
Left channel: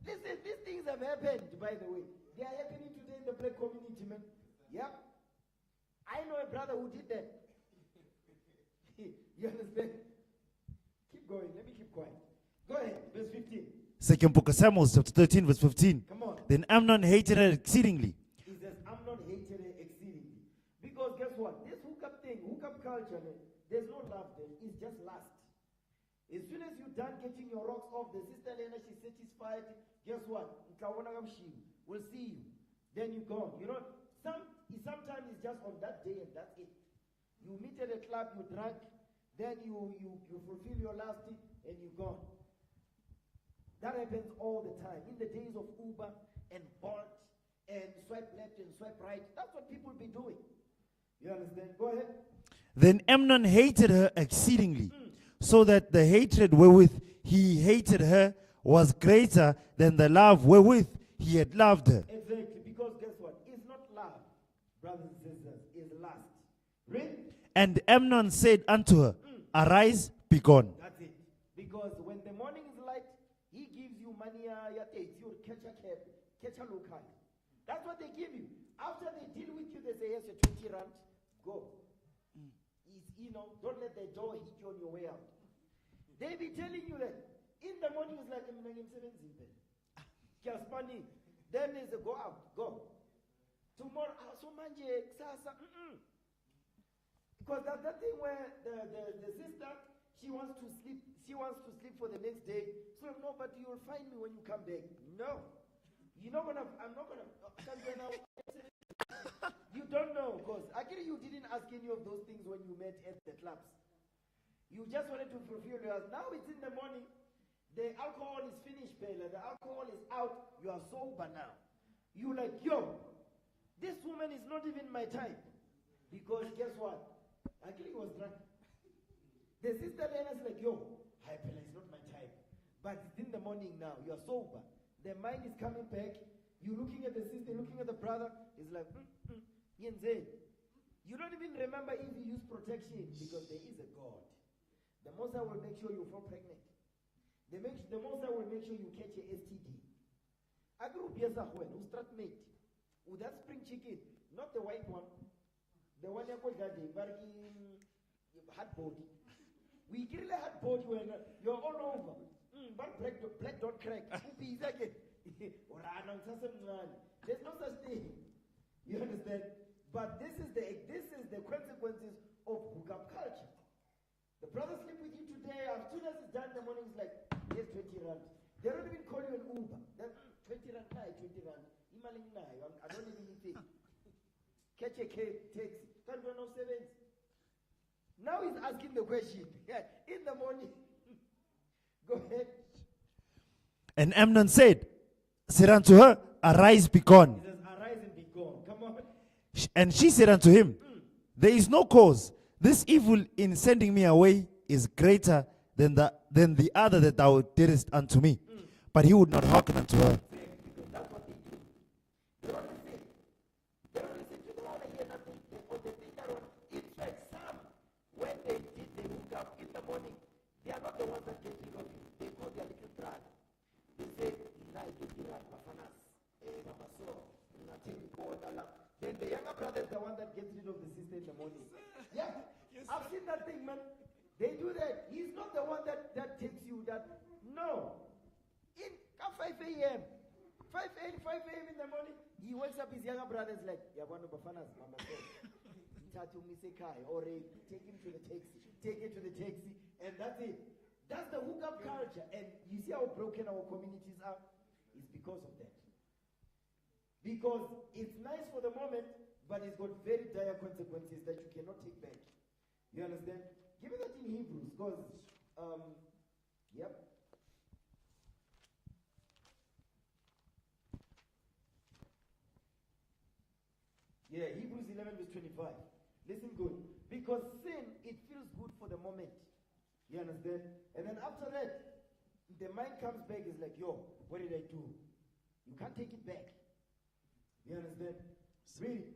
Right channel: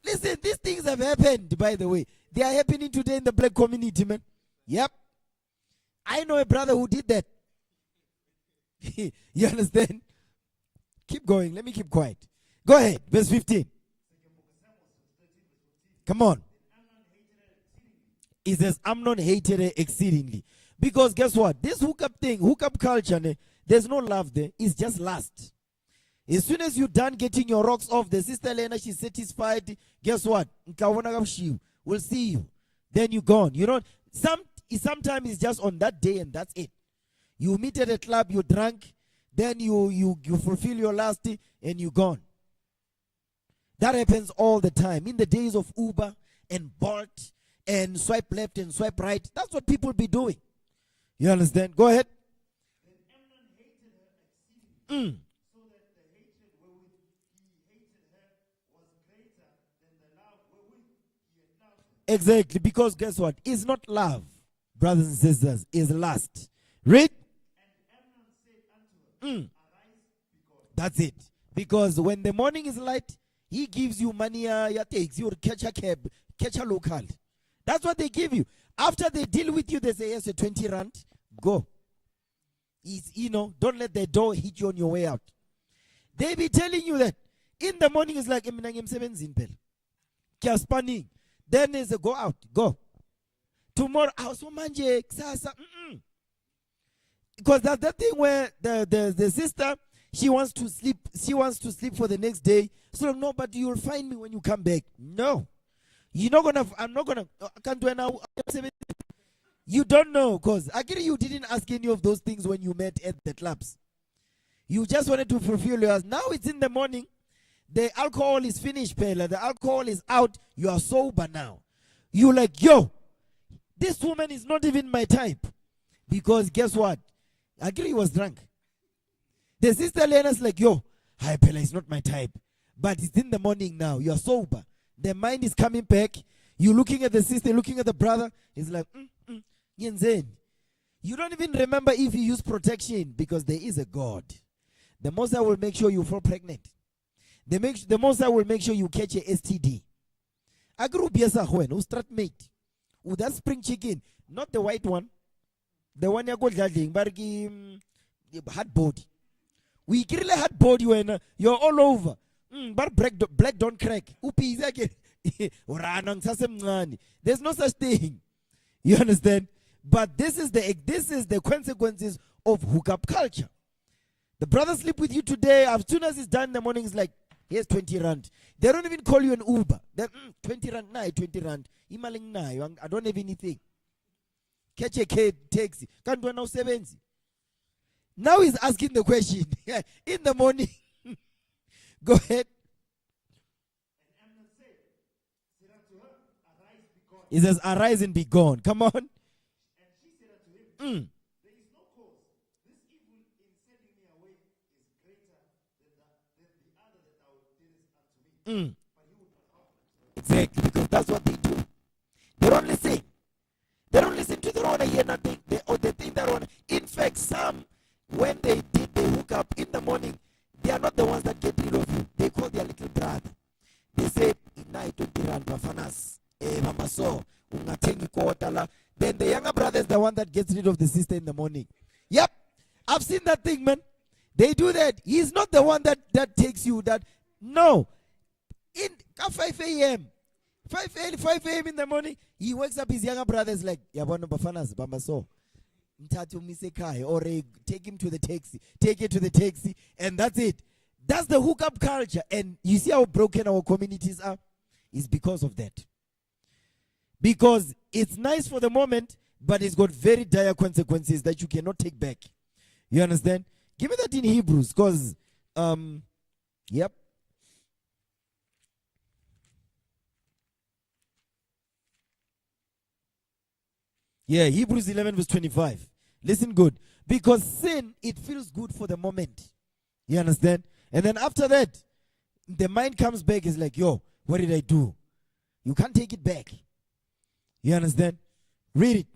Listen, these things have happened, by the way. They are happening today in the black community, man. Yep. I know a brother who did that. You understand? Keep going. Let me keep quiet. Go ahead. Verse 15. Second book of Samuel, chapter 13, verse 15. Come on. Then Amnon hated her exceedingly. It says Amnon hated her exceedingly. Because guess what? This hookup culture, there's no love there. It's just lust. As soon as you're done getting your rocks off, the sister Lena, she's satisfied. Guess what? We'll see you. Then you're gone. You know, sometimes it's just on that day and that's it. You meet at a club, you drunk, then you fulfill your lust and you're gone. That happens all the time. In the days of Uber and Bolt and swipe left and swipe right, that's what people be doing. You understand? Go ahead. Then Amnon hated her exceedingly, so that the hatred wherewith he hated her was greater than the love wherewith he had loved her. Exactly, because guess what? It's not love, brothers and sisters, it's lust. Read. And Amnon said unto her, Arise, be gone. That's it. Because when the morning is light, he gives you money, takes you catch a cab, catch a local. That's what they give you. After they deal with you, they say, yes, 20 rand, go. It's, don't let the door hit you on your way out. They be telling you that in the morning it's like, then there's a go out, go. Tomorrow, because that's that thing where the sister, she wants to sleep for the next day. So no, but you'll find me when you come back. No. I'm not gonna you don't know, because actually you didn't ask any of those things when you met at the clubs. You just wanted to fulfill yours. Now it's in the morning. The alcohol is finished, Pela. The alcohol is out. You are sober now. You're like, yo, this woman is not even my type. Because guess what? Actually, he was drunk. The sister Lena's like, yo, hi, Pela, it's not my type. But it's in the morning now. You are sober. The mind is coming back. You're looking at the sister, looking at the brother. It's like, Yenzen. You don't even remember if you use protection because there is a God. The Most High will make sure you fall pregnant. The Most High will make sure you catch a STD. Agru biasa hoen, who strat mate. Who that spring chicken, not the white one. The one you go judging, but hard body. We kill a hard body when you're all over. But black don't crack. There's no such thing. You understand? But this is the consequences of hookup culture. The brother sleep with you today. As soon as it's done in the morning, it's like, here's 20 rand. They don't even call you an Uber. They're 20 rand, 20 rand. I don't have anything. Catch a kid, taxi. Can't do now 70. Now he's asking the question. In the morning. Go ahead. And Amnon said unto her, Arise, be gone. He says, arise and be gone. Come on. And she said unto him, There is no cause. This evil in sending me away is greater than the other that thou didst unto me. But he would not hearken unto her. Exactly, because that's what they do. They don't listen. They don't listen to their own hear nothing. They think their own. In fact, some, when they did the hookup in the morning, they are not the ones that get rid of you. They call their little brother. They say, then the younger brother is the one that gets rid of the sister in the morning. Yep. I've seen that thing, man. They do that. He's not the one that takes you that. No. In 5 a.m. 5 a.m. in the morning, he wakes up, his younger brother is like, Yabano Bafanas, Bambaso. Or take him to the taxi. Take it to the taxi. And that's it. That's the hookup culture. And you see how broken our communities are? It's because of that. Because it's nice for the moment, but it's got very dire consequences that you cannot take back. You understand? Give me that in Hebrews, because, yep. Yeah, Hebrews 11 verse 25. Listen good. Because sin, it feels good for the moment. You understand? And then after that, the mind comes back, is like, yo, what did I do? You can't take it back. You understand? Read it.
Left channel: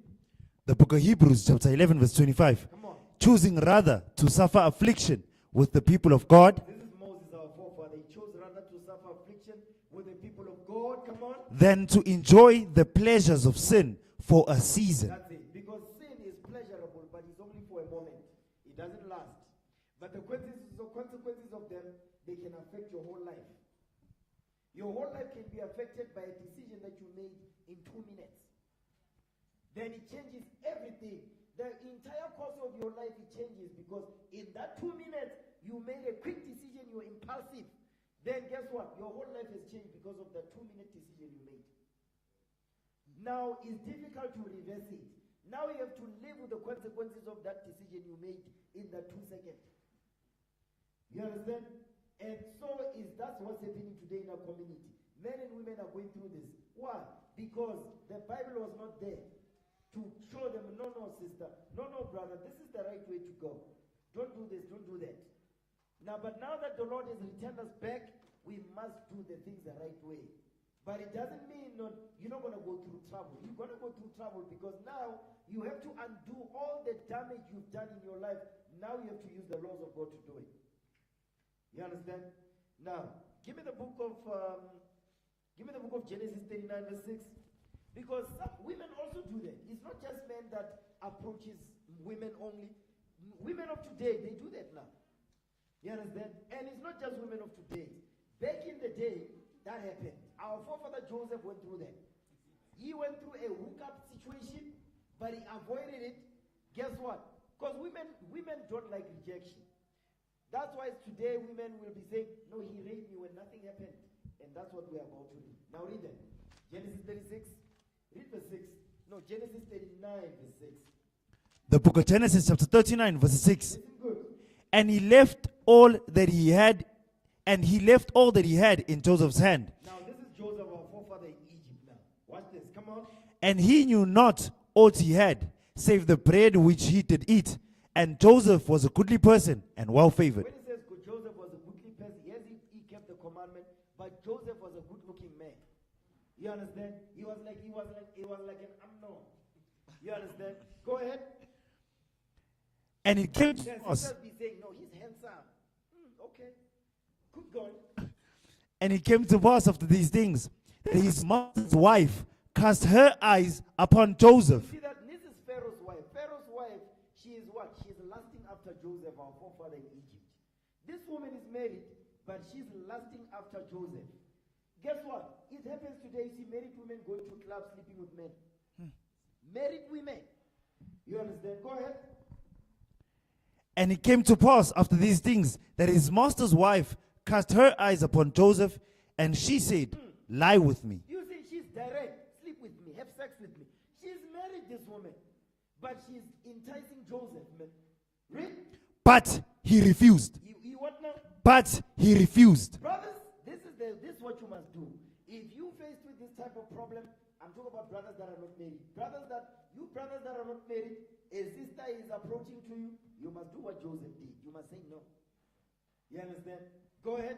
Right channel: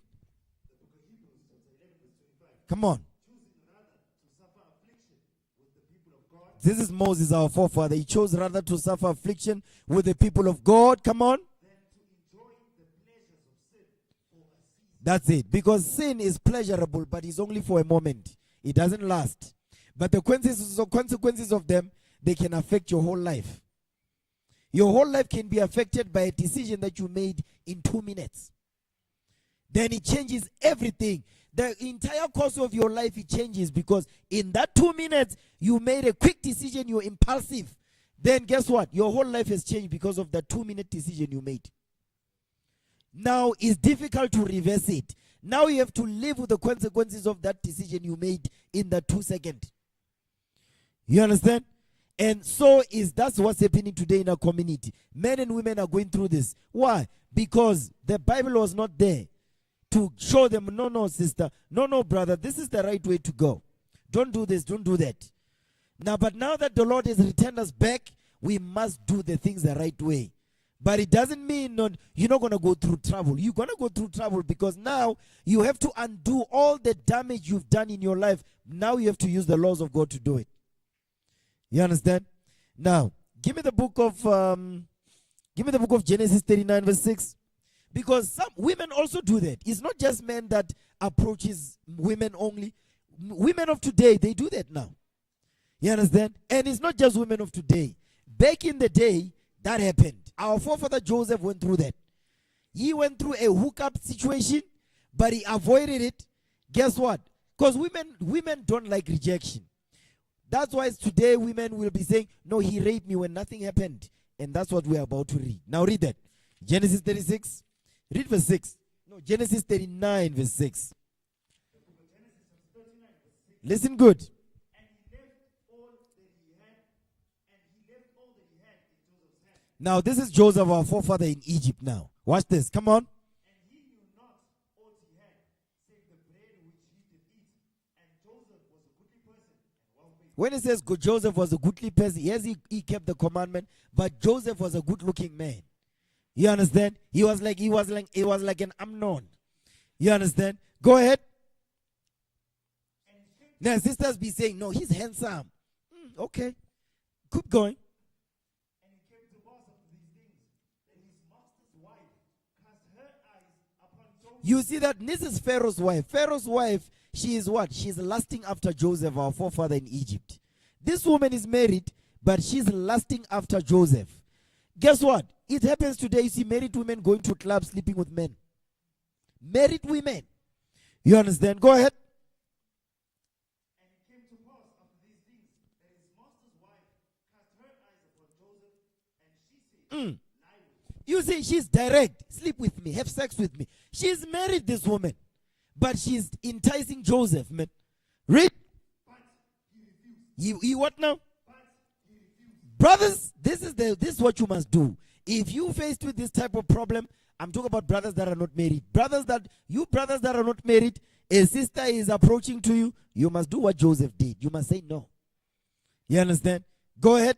The book of Hebrews, chapter 11, verse 25. Come on. Choosing rather to suffer affliction with the people of God. This is Moses, our forefather. He chose rather to suffer affliction with the people of God. Come on. Than to enjoy the pleasures of sin for a season. That's it. Because sin is pleasurable, but it's only for a moment. It doesn't last. But the consequences of them, they can affect your whole life. Your whole life can be affected by a decision that you made in 2 minutes. Then it changes everything. The entire course of your life, it changes because in that 2 minutes, you made a quick decision, you're impulsive. Then guess what? Your whole life has changed because of that 2-minute decision you made. Now it's difficult to reverse it. Now you have to live with the consequences of that decision you made in the 2 seconds. You understand? And so that's what's happening today in our community. Men and women are going through this. Why? Because the Bible was not there to show them, no, sister, no, brother, this is the right way to go. Don't do this, don't do that. But now that the Lord has returned us back, we must do the things the right way. But it doesn't mean you're not going to go through trouble. You're going to go through trouble because now you have to undo all the damage you've done in your life. Now you have to use the laws of God to do it. You understand? Now, give me the book of Genesis 39 verse 6. Because some women also do that. It's not just men that approaches women only. Women of today, they do that now. You understand? And it's not just women of today. Back in the day, that happened. Our forefather Joseph went through that. He went through a hookup situation, but he avoided it. Guess what? Because women don't like rejection. That's why today women will be saying, no, he raped me when nothing happened. And that's what we're about to read. Now read that. Genesis 36. Read verse 6. No, Genesis 39 verse 6. The book of Genesis chapter 39 verse 6. Listen good. And he left all that he had in Joseph's hand. Now this is Joseph, our forefather in Egypt now. Watch this. Come on. And he knew not aught he had, save the bread which he did eat. And Joseph was a goodly person and well favored. When it says Joseph was a goodly person, yes, he kept the commandment, but Joseph was a good looking man. You understand? He was like an Amnon. You understand? Go ahead. And it came to the sisters be saying, no, he's handsome. Okay. Keep going. And it came to pass after these things that his master's wife cast her eyes upon Joseph. You see that this is Pharaoh's wife. Pharaoh's wife, she is what? She's lusting after Joseph, our forefather in Egypt. This woman is married, but she's lusting after Joseph. Guess what? It happens today. You see married women going to clubs, sleeping with men. Married women. You understand? Go ahead. And it came to pass after these things that his master's wife cast her eyes upon Joseph, and she said, lie with me. You see, she's direct. Sleep with me. Have sex with me. She's married, this woman. But she's enticing Joseph, man. Read. But he refused. He what now? But he refused. Brothers, this is what you must do. If you faced with this type of problem, I'm talking about brothers that are not married. Brothers that are not married, a sister is approaching to you, you must do what Joseph did. You must say no. You understand? Go ahead.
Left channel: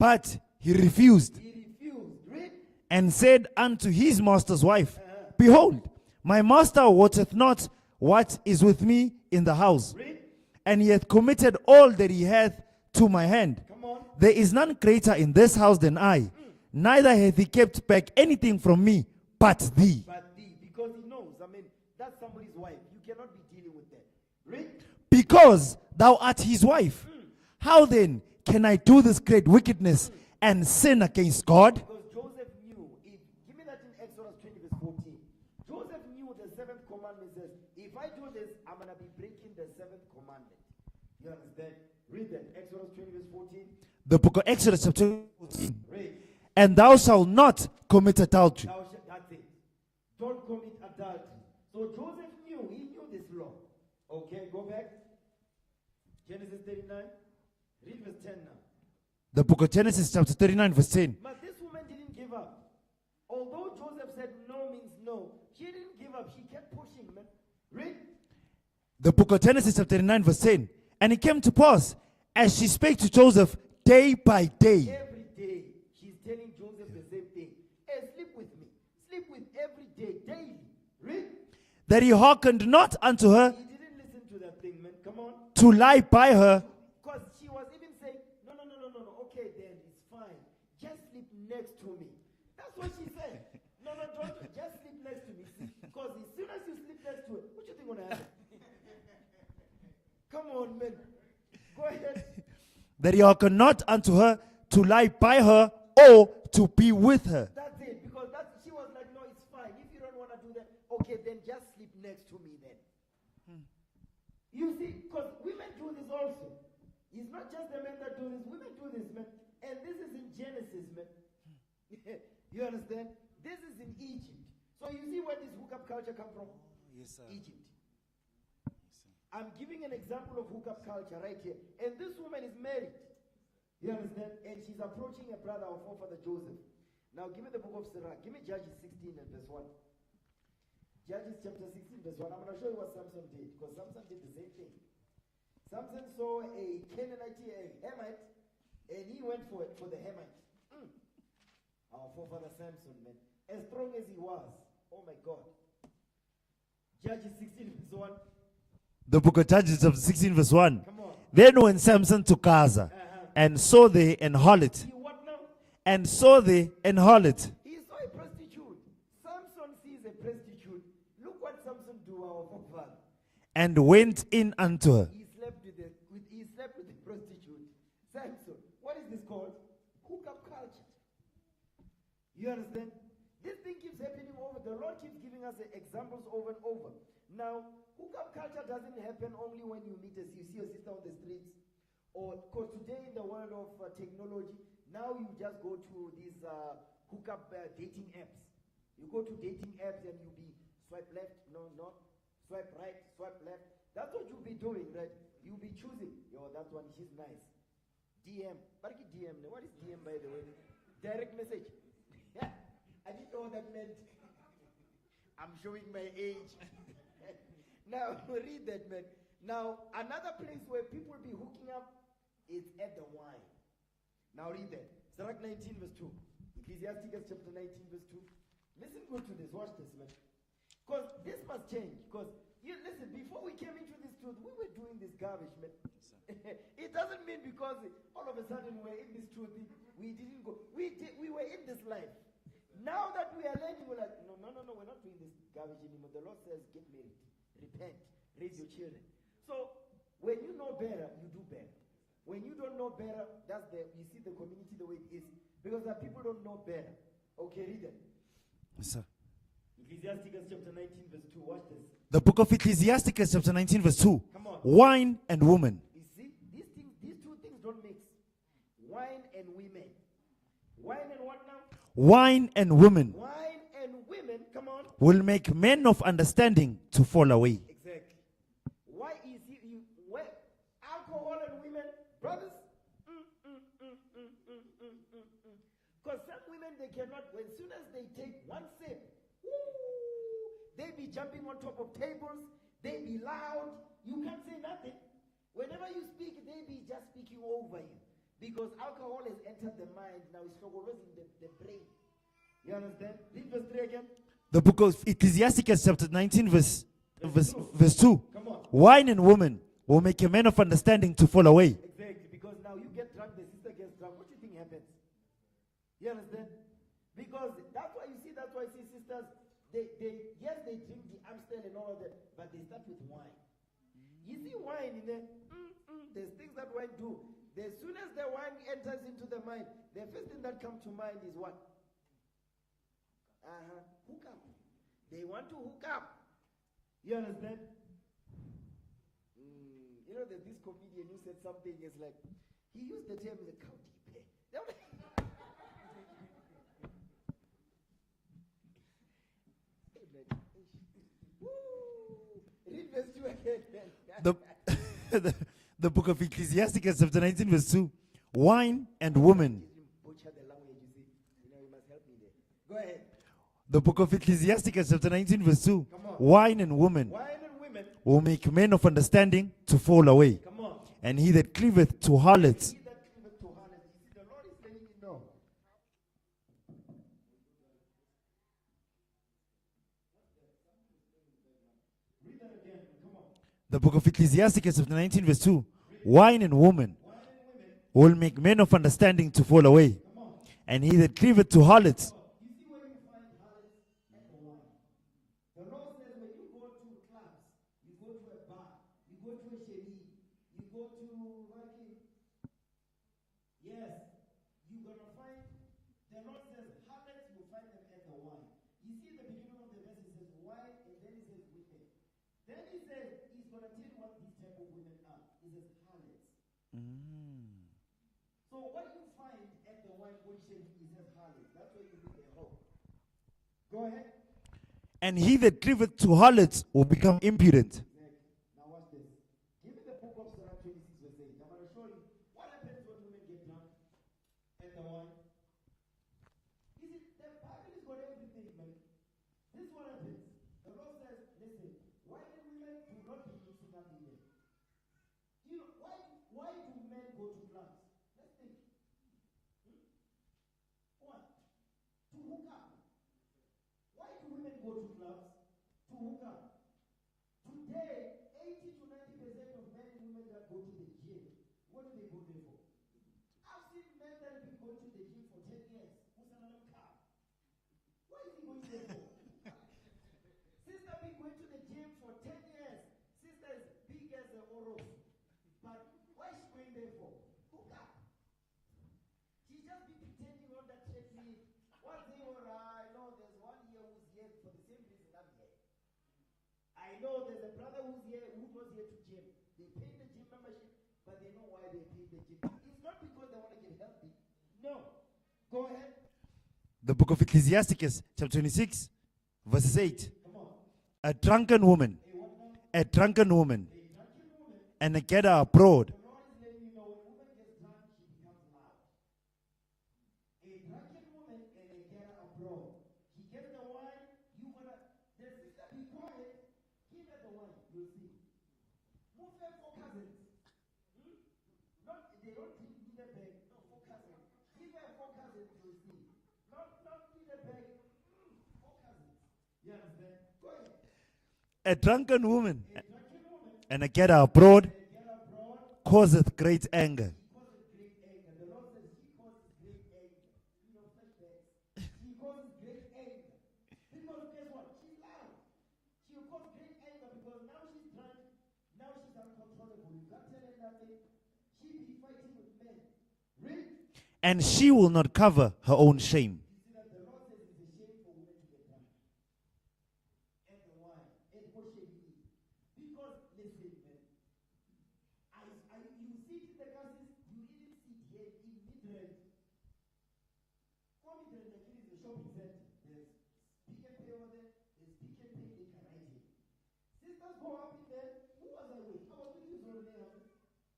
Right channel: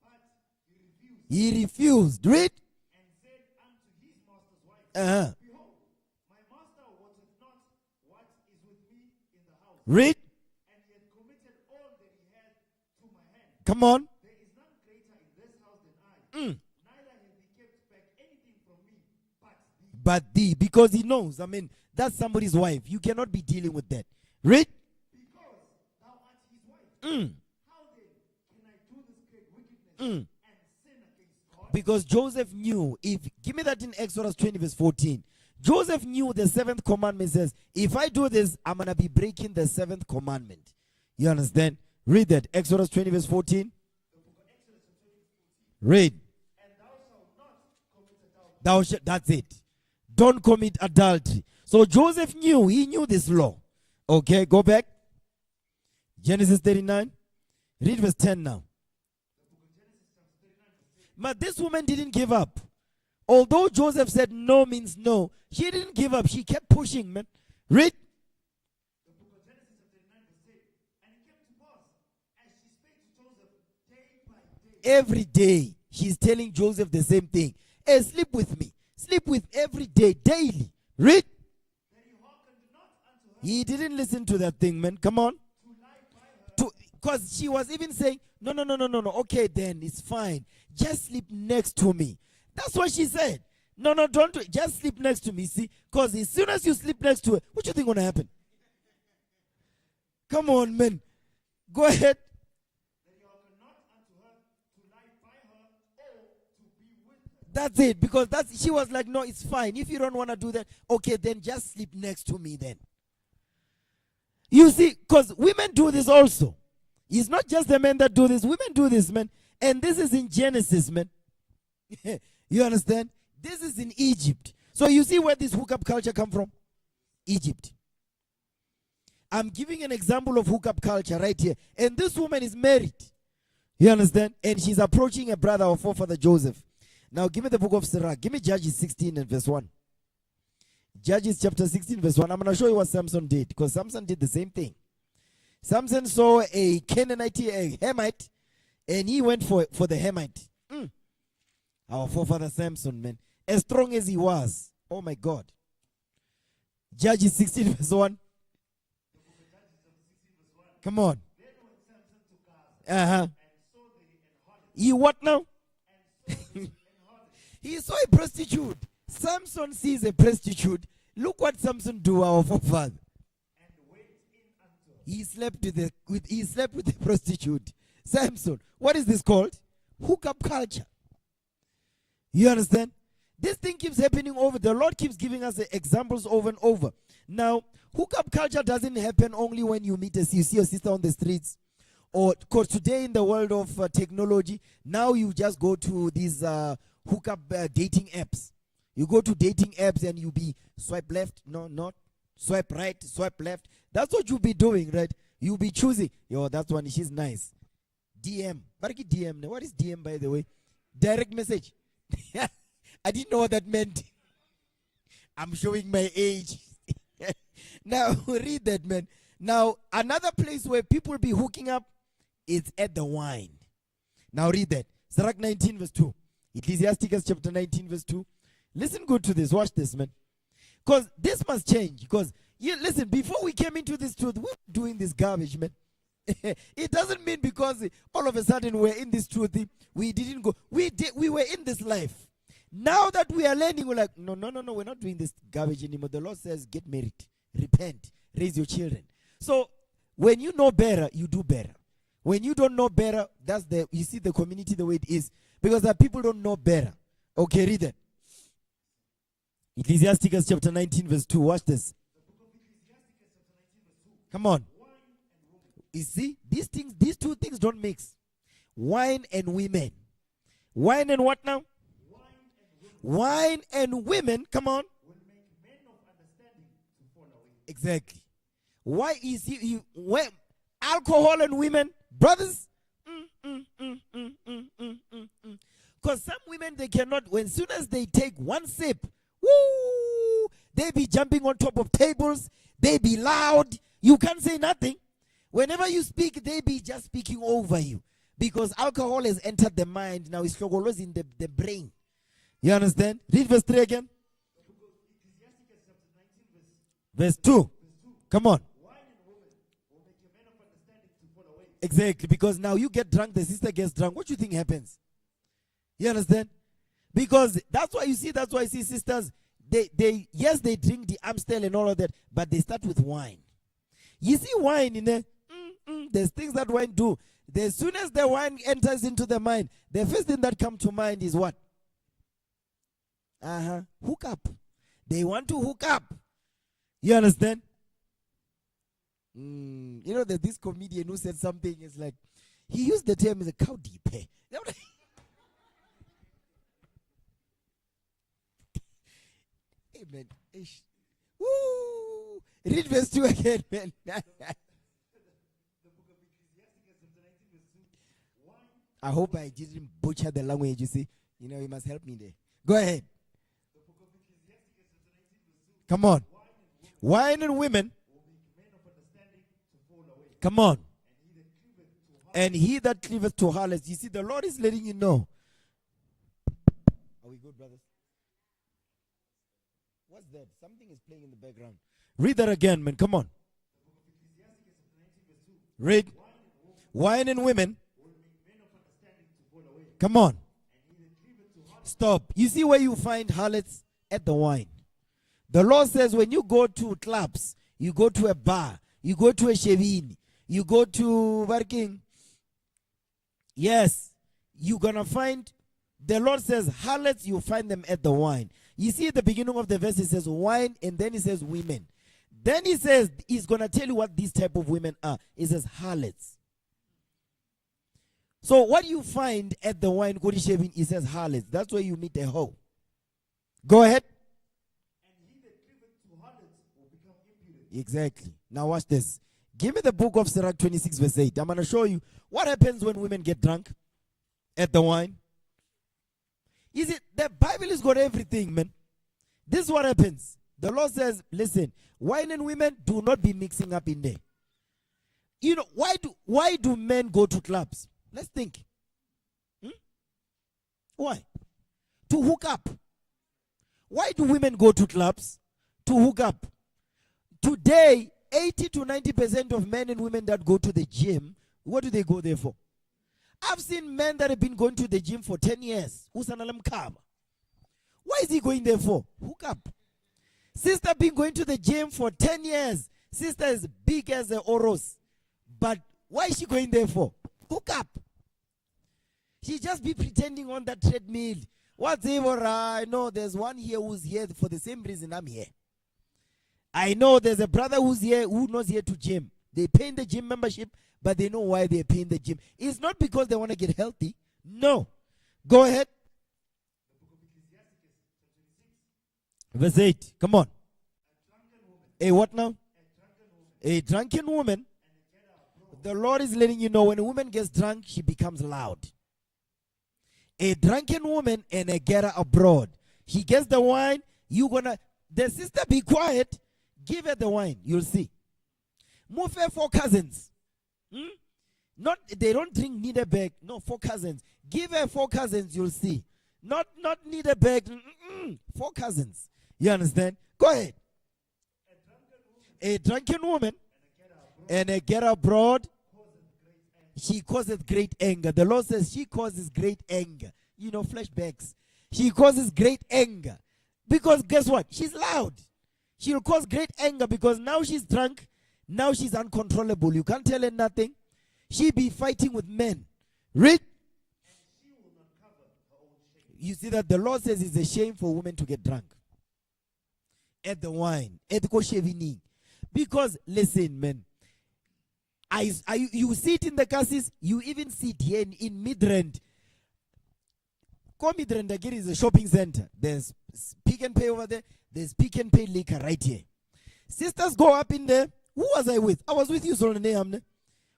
But he refused. He refused. Read. And said unto his master's wife, behold, my master wotteth not what is with me in the house. Read. And he hath committed all that he hath to my hand. Come on. There is none greater in this house than I. Neither hath he kept back anything from me but thee. But thee. Because he knows. I mean, that's somebody's wife. You cannot be dealing with that. Read. Because thou art his wife. How then can I do this great wickedness and sin against God? Because Joseph knew. Give me that in Exodus 20 verse 14. Joseph knew the 7th commandment says, if I do this, I'm going to be breaking the 7th commandment. You understand? Read that. Exodus 20 verse 14. The book of Exodus chapter 14. Read. And thou shalt not commit adultery. That's it. Don't commit adultery. So Joseph knew. He knew this law. Okay, go back. Genesis 39. Read verse 10 now. The book of Genesis chapter 39 verse 10. But this woman didn't give up. Although Joseph said no means no, she didn't give up. She kept pushing, man. Read. The book of Genesis chapter 39 verse 10. And it came to pass, as she spake to Joseph day by day. Every day, she's telling Joseph the same thing. Hey, sleep with me. Sleep with every day, daily. Read. that he hearkened not unto her He didn't listen to that thing, man. Come on. to lie by her. Because she was even saying, no. Okay, then it's fine. Just sleep next to me. That's what she said. No, don't do it. Just sleep next to me. See? Because as soon as you sleep next to her, what do you think going to happen? Come on, man. Go ahead. That he hearkened not unto her to lie by her or to be with her. That's it. Because she was like, no, it's fine. If you don't want to do that, okay, then just sleep next to me then. You see, because women do this also. It's not just the men that do this. Women do this, man. And this is in Genesis, man. You understand? This is in Egypt. So you see where this hookup culture come from? Yes, Egypt. I'm giving an example of hookup culture right here. And this woman is married. You understand? And she's approaching a brother or forefather Joseph. Now give me the book of Sirach. Give me Judges 16 and verse 1. Judges chapter 16 verse 1. I'm going to show you what Samson did. Because Samson did the same thing. Samson saw a Canaanite, a Hamite. And he went for the Hamite. Our forefather Samson, man. As strong as he was. Oh my God. Judges 16 verse 1. The book of Judges of 16 verse 1. Come on. Then when Samson to Gaza and saw the an harlot. He what now? And saw the an harlot. He saw a prostitute. Samson sees a prostitute. Look what Samson do, our forefather. And went in unto her. He slept with the prostitute. Samson. What is this called? Hookup culture. You understand? This thing keeps happening over. The Lord keeps giving us examples over and over. Now, hookup culture doesn't happen only when you you see your sister on the streets. Or because today in the world of technology, now you just go to these hookup dating apps. You go to dating apps and you be swipe left, no, not. Swipe right, swipe left. That's what you'll be doing, right? You'll be choosing. Yo, that one, she's nice. DM. DM. What is DM, by the way? Direct message. I didn't know what that meant. I'm showing my age. Now, read that, man. Now, another place where people be hooking up is at the wine. Now, read that. Sirach 19 verse 2. Ecclesiasticus chapter 19 verse 2. Listen good to this. Watch this, man. Because this must change. Because, listen, before we came into this truth, we were doing this garbage, man. It doesn't mean because all of a sudden we're in this truth, we didn't go. We were in this life. Now that we are learning, we're like, no, we're not doing this garbage anymore. The Lord says, get married, repent, raise your children. So when you know better, you do better. When you don't know better, you see the community the way it is. Because the people don't know better. Okay, read it. Yes, sir. Ecclesiasticus chapter 19 verse 2. Watch this. The book of Ecclesiasticus chapter 19 verse 2. Come on. Wine and woman. You see, these two things don't mix. Wine and women. Wine and what now? Wine and women. Wine and women, come on. Will make men of understanding to fall away. Exactly. Why is alcohol and women, brothers? Because some women, they cannot, as soon as they take one sip, woo, they be jumping on top of tables, they be loud, you can't say nothing. Whenever you speak, they be just speaking over you. Because alcohol has entered the mind, now it's in the brain. You understand? Read verse 3 again. The book of Ecclesiasticus chapter 19 verse 2. Verse 2. Come on. Wine and woman will make a man of understanding to fall away. Exactly, because now you get drunk, the sister gets drunk. What do you think happens? You understand? Because that's why I see sisters, they drink the Amstel and all of that, but they start with wine. You see wine in there, there's things that wine do. As soon as the wine enters into the mind, the first thing that comes to mind is what? Hook up. They want to hook up. You understand? You know, there's this comedian who said something, it's like, he used the term as a cow deep. Amen. Woo! Read verse 2 again, man. The book of Ecclesiasticus chapter 19 verse 2. Wine and I woman. I didn't butcher the language, you see. You know, you must help me there. Go ahead. The book of Ecclesiasticus chapter 19 verse 2. Come on. Wine and woman. Wine and women will make men of understanding to fall away. Come on. And he that cleaveth to harlots. And he that cleaveth to harlots. You see, the Lord is letting you know. Are we good, brothers? What's that? Something is playing in the background. Read that again, man. Come on. The book of Ecclesiasticus, chapter 19, verse 2. Read. Wine and women will make men of understanding to fall away. Come on. And he that cleaveth to harlots. Stop. You see where you find harlots? At the wine. The Lord says when you go to clubs, you go to a bar, you go to a shevini, you go to working. Yes, you're going to find, the Lord says harlots, you find them at the wine. You see at the beginning of the verse, it says wine, and then it says women. Then he says, he's going to tell you what these type of women are. It says harlots. So what you find at the wine, it says harlots. That's where you meet a hoe. Go ahead. And he that cleaveth to harlots will become impudent. Exactly. Now watch this. Give me the book of Sirach 26 verse 8. I'm going to show you what happens when women get drunk at the wine. Is it the Bible has got everything, man. This is what happens. The Lord says, listen, wine and women do not be mixing up in there. You know, why do men go to clubs? Let's think. Why? To hook up. Why do women go to clubs? To hook up. Today, 80 to 90% of men and women that go to the gym, what do they go there for? I've seen men that have been going to the gym for 10 years. Why is he going there for? Hook up. Sister been going to the gym for 10 years. Sister is big as a Oros. But why is she going there for? Hook up. She just be pretending on that treadmill. Whatever, I know there's one here who's here for the same reason I'm here. I know there's a brother who's here who knows here to gym. They pay the gym membership, but they know why they're paying the gym. It's not because they want to get healthy. No. Go ahead. The book of Ecclesiasticus, chapter 26, verse 8. Come on. A drunken woman. A what now? A drunken woman. A drunken woman. And a getter abroad. The Lord is letting you know when a woman gets drunk, she becomes loud. A drunken woman and a getter abroad. She gets the wine. The sister be quiet. Give her the wine. You'll see. Move her 4 cousins. They don't drink neither bag. No, 4 cousins. Give her 4 cousins. You'll see. Not neither bag. 4 cousins. You understand? Go ahead. A drunken woman. A drunken woman. And a getter abroad. And a getter abroad. Causeth great anger. She causeth great anger. The Lord says she causes great anger. You know, flashbacks. She causes great anger. Because guess what? She's loud. She'll cause great anger because now she's drunk. Now she's uncontrollable. You can't tell her nothing. She be fighting with men. Read. And she will not cover her own shame. You see that the Lord says it's a shame for women to get drunk. At the wine. At the koshevini. Because, listen, man. You see it in the cassis. You even see it here in Midrand. Midrand again is a shopping center. There's Pick and Pay over there. There's Pick and Pay liquor right here. Sisters go up in there. Who was I with? I was with you, Solane.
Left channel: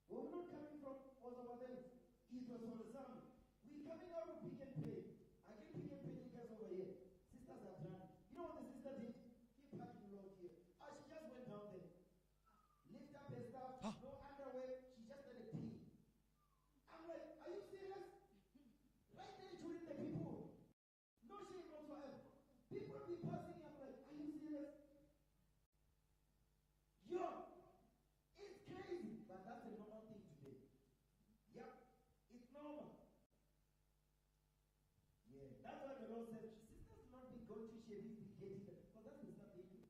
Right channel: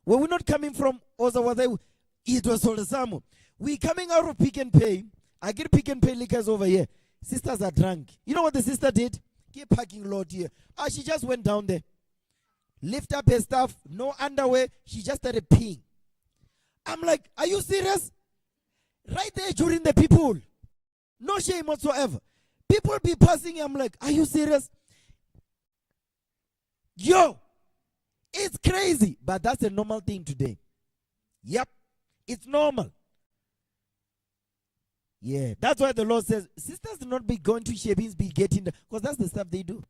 Were we not coming from Oza? It was Solesamo. We coming out of Pick and Pay. I get Pick and Pay liquors over here. Sisters are drunk. You know what the sister did? Get parking lot here. She just went down there. Lift up her stuff. No underwear. She just started peeing. I'm like, are you serious? Right there during the people. No shame whatsoever. People be passing. I'm like, are you serious? Yo, it's crazy. But that's a normal thing today. Yep, it's normal. Yeah, that's why the Lord says, sisters do not be going to Shebins, be getting the, because that's the stuff they do.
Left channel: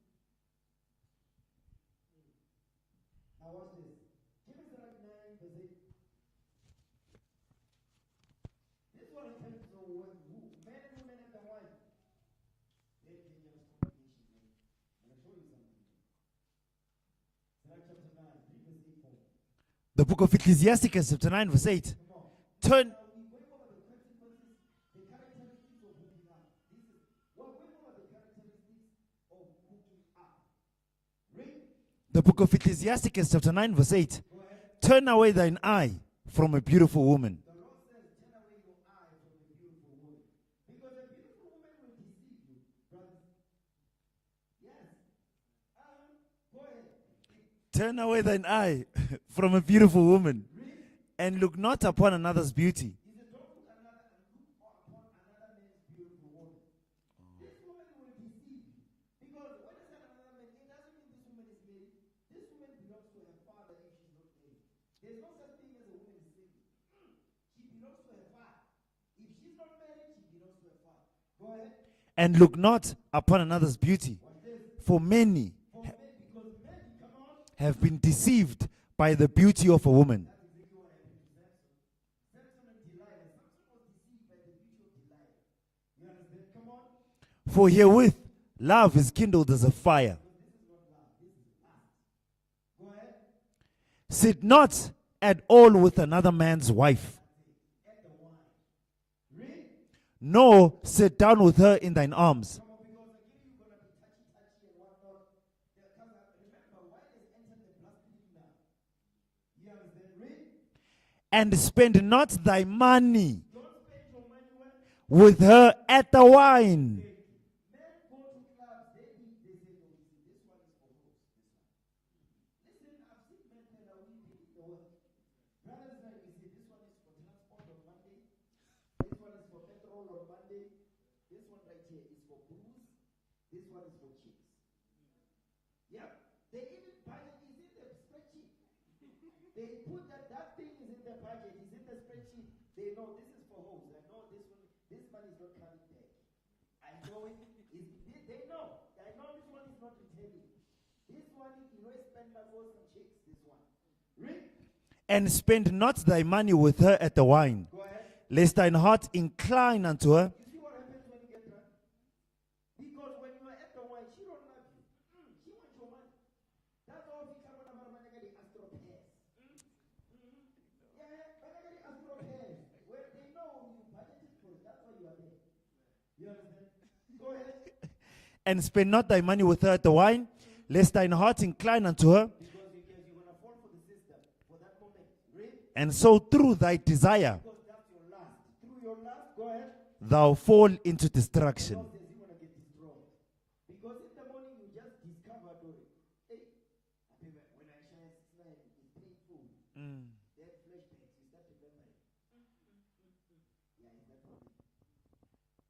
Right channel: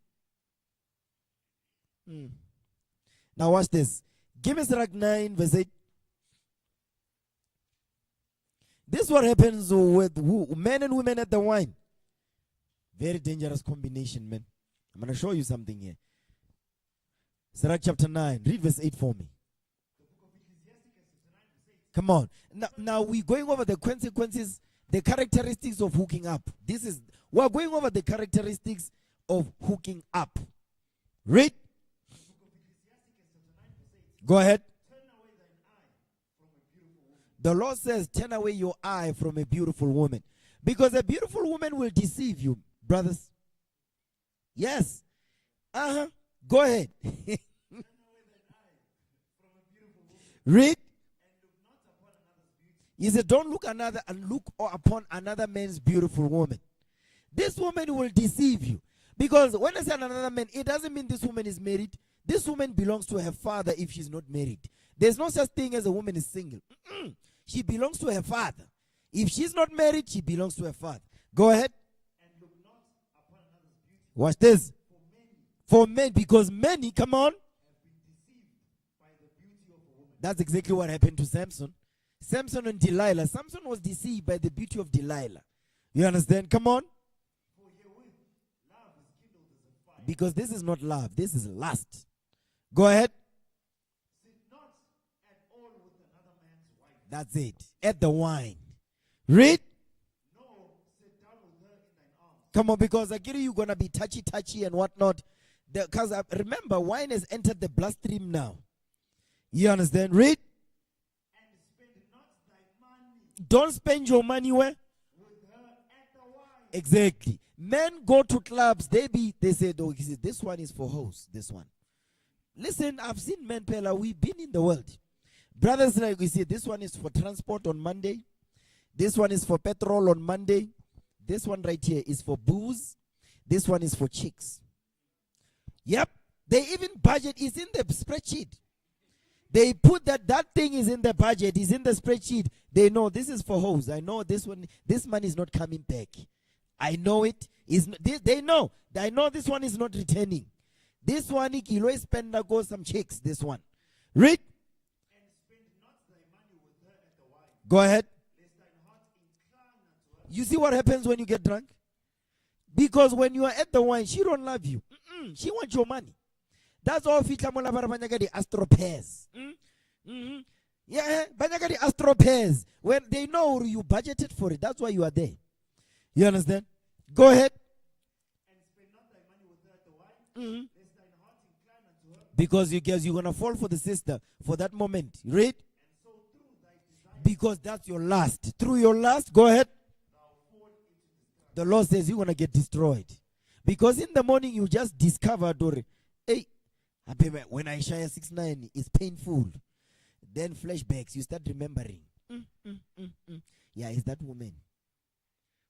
Now watch this. Give me Sirach 9 verse 8. This is what happens with men and women at the wine. Very dangerous combination, man. I'm going to show you something here. Sirach chapter 9. Read verse 8 for me. The book of Ecclesiasticus chapter 9 verse 8. Come on. Now we're going over the consequences, the characteristics of hooking up. We're going over the characteristics of hooking up. Read. The book of Ecclesiasticus chapter 9 verse 8. Go ahead. Turn away thine eye from a beautiful woman. The Lord says, turn away your eye from a beautiful woman. Because a beautiful woman will deceive you, brothers. Yes. Go ahead. Turn away thine eye from a beautiful woman. Read. And look not upon another's beauty. He said, don't look upon another man's beautiful woman. This woman will deceive you. Because when I say another man, it doesn't mean this woman is married. This woman belongs to her father if she's not married. There's no such thing as a woman is single. She belongs to her father. If she's not married, she belongs to her father. Go ahead. And look not upon another's beauty. Watch this. For many, Because many, come on, have been deceived by the beauty of a woman. that's exactly what happened to Samson. Samson and Delilah. Samson was deceived by the beauty of Delilah. You understand? Come on. For herewith love is kindled as a fire. Because this is not love. This is lust. Go ahead. Sit not at all with another man's wife. That's it. At the wine. Read. Nor sit down with her in thine arms. Come on, because I get you're going to be touchy and whatnot. Because remember, wine has entered the bloodstream now. You understand? Read. And spend not thy money. Don't spend your money where? With her at the wine. Exactly. Men go to clubs. They say, oh, this one is for hoes. This one. Listen, I've seen men, Pella. We've been in the world. Brothers, like we say, this one is for transport on Monday. This one is for petrol on Monday. This one right here is for booze. This one is for chicks. Yep. They even budget is in the spreadsheet. They put that thing is in the budget, is in the spreadsheet. They know this is for hoes. I know this money is not coming back. I know it. They know. I know this one is not returning. This one, he always spend go some chicks. This one. Read. And spend not thy money with her at the wine. Go ahead. Lest thine heart incline unto her. You see what happens when you get drunk? Because when you are at the wine, she don't love you. She wants your money. That's all fitla mola barabanya the astropairs. Yeah, banya the astropairs. When they know you budgeted for it, that's why you are there. You understand? Go ahead. And spend not thy money with her at the wine, lest thine heart incline unto her. Because you're going to fall for the sister for that moment. Read. And so through thy desire. Because that's your lust. Through your lust, go ahead. Thou fall into destruction. The Lord says you're going to get destroyed. Because in the morning you just discover, hey, when Isaiah 6:9 is painful. Then flashbacks, you start remembering. Yeah, it's that woman.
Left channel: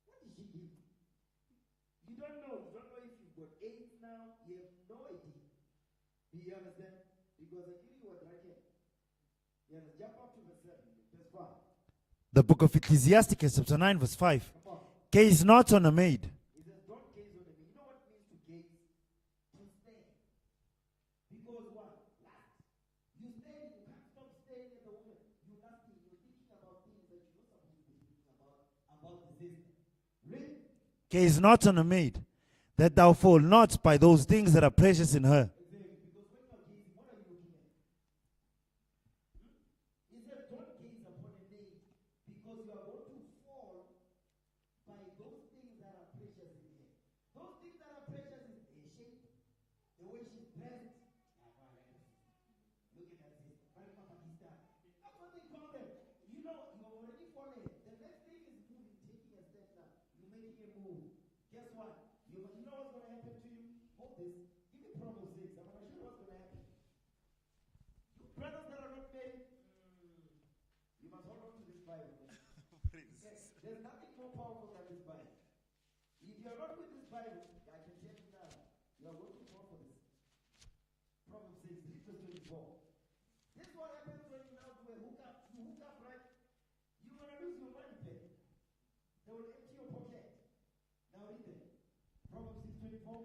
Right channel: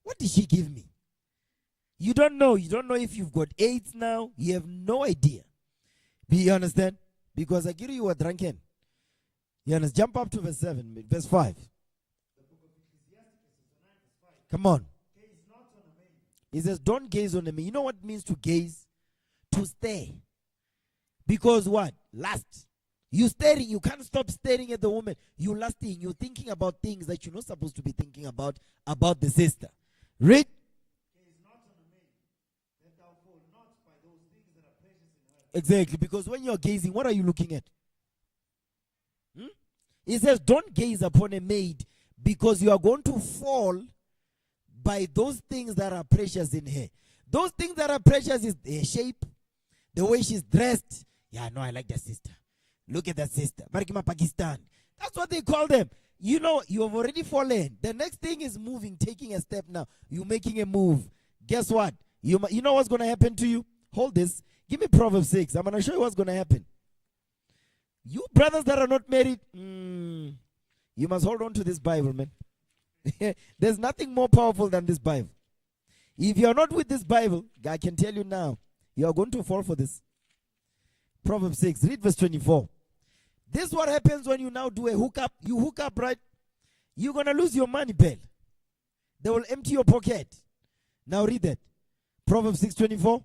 What did she give me? You don't know. You don't know if you've got AIDS now. You have no idea. You understand? Because I give you were drunken. You understand? Jump up to verse 7, verse 5. The book of Ecclesiasticus, chapter 9, verse 5. Come on. Gaze not on a maid. He says, don't gaze on a maid. You know what it means to gaze? To stare. Because what? Lust. You staring. You can't stop staring at the woman. You lusting. You're thinking about things that you're not supposed to be thinking about the sister. Read. Gaze not on a maid, that thou fall not by those things that are precious in her. Exactly. Because when you're gazing, what are you looking at? He says, don't gaze upon a maid, because you are going to fall by those things that are precious in her. Those things that are precious is her shape, the way she's dressed. Yeah, no, I like that sister. Look at that sister. Marikima Pakistan. That's what they call them. You know, you have already fallen. The next thing is moving, taking a step now. You're making a move. Guess what? You know what's going to happen to you? Hold this. Give me Proverbs 6. I'm going to show you what's going to happen. You brothers that are not married, you must hold on to this Bible, man. There's nothing more powerful than this Bible. If you're not with this Bible, I can tell you now, you are going to fall for this. Proverbs 6. Read verse 24. This is what happens when you now do a hookup. You hook up, right? You're going to lose your money, pal. They will empty your pocket. Now read that. Proverbs 6:24.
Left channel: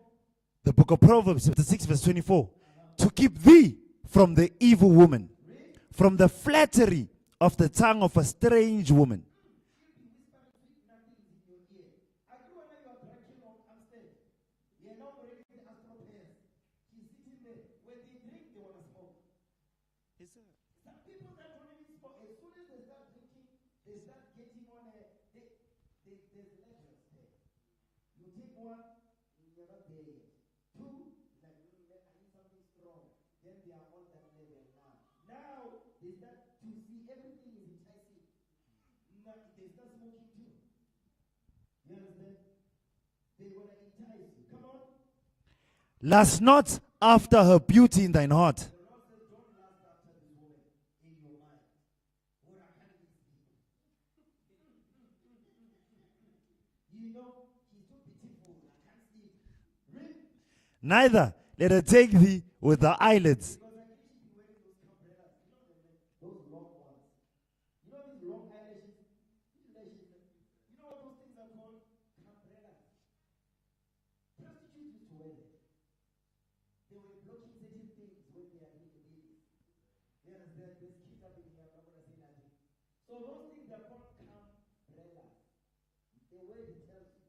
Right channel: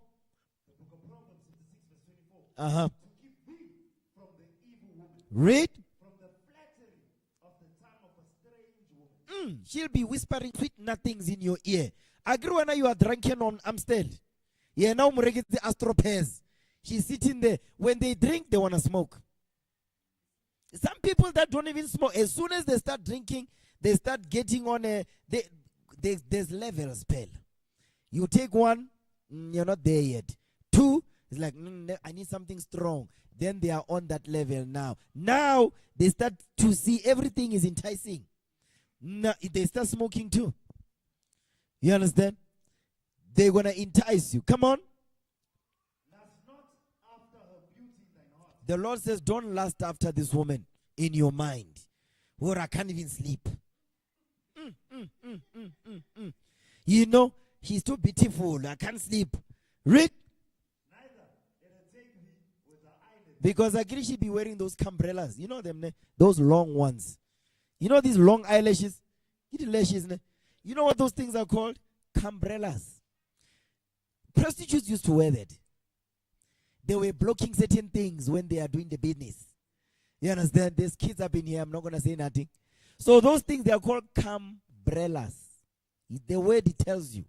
The book of Proverbs, chapter 6, verse 24. To keep thee from the evil woman. Read. From the flattery of the tongue of a strange woman. She'll be whispering sweet nothings in your ear. Agree when you are drunken on Amstel. Yeah, now the astropairs. She's sitting there. When they drink, they want to smoke. Some people that don't even smoke, as soon as they start drinking, they start getting on there's levels, pal. You take one, you're not there yet. Two, it's like, I need something strong. Then they are on that level now. Now, they start to see everything is enticing. Now, they start smoking too. You understand? They're going to entice you. Come on. Lust not after her beauty in thine heart. The Lord says, don't lust after this woman in your mind. Or I can't even sleep. You know, she's too beautiful. I can't sleep. Read. Neither let her take thee with the eyelids. Because I she be wearing those umbrellas. You know them, ne? Those long ones. You know these long eyelashes? You lashes, ne? You know what those things are called? Umbrellas. Prostitutes used to wear that. They were blocking certain things when they are doing the business. You understand? There's kids up in here. I'm not going to say nothing. So those things, they are called umbrellas. The word it tells you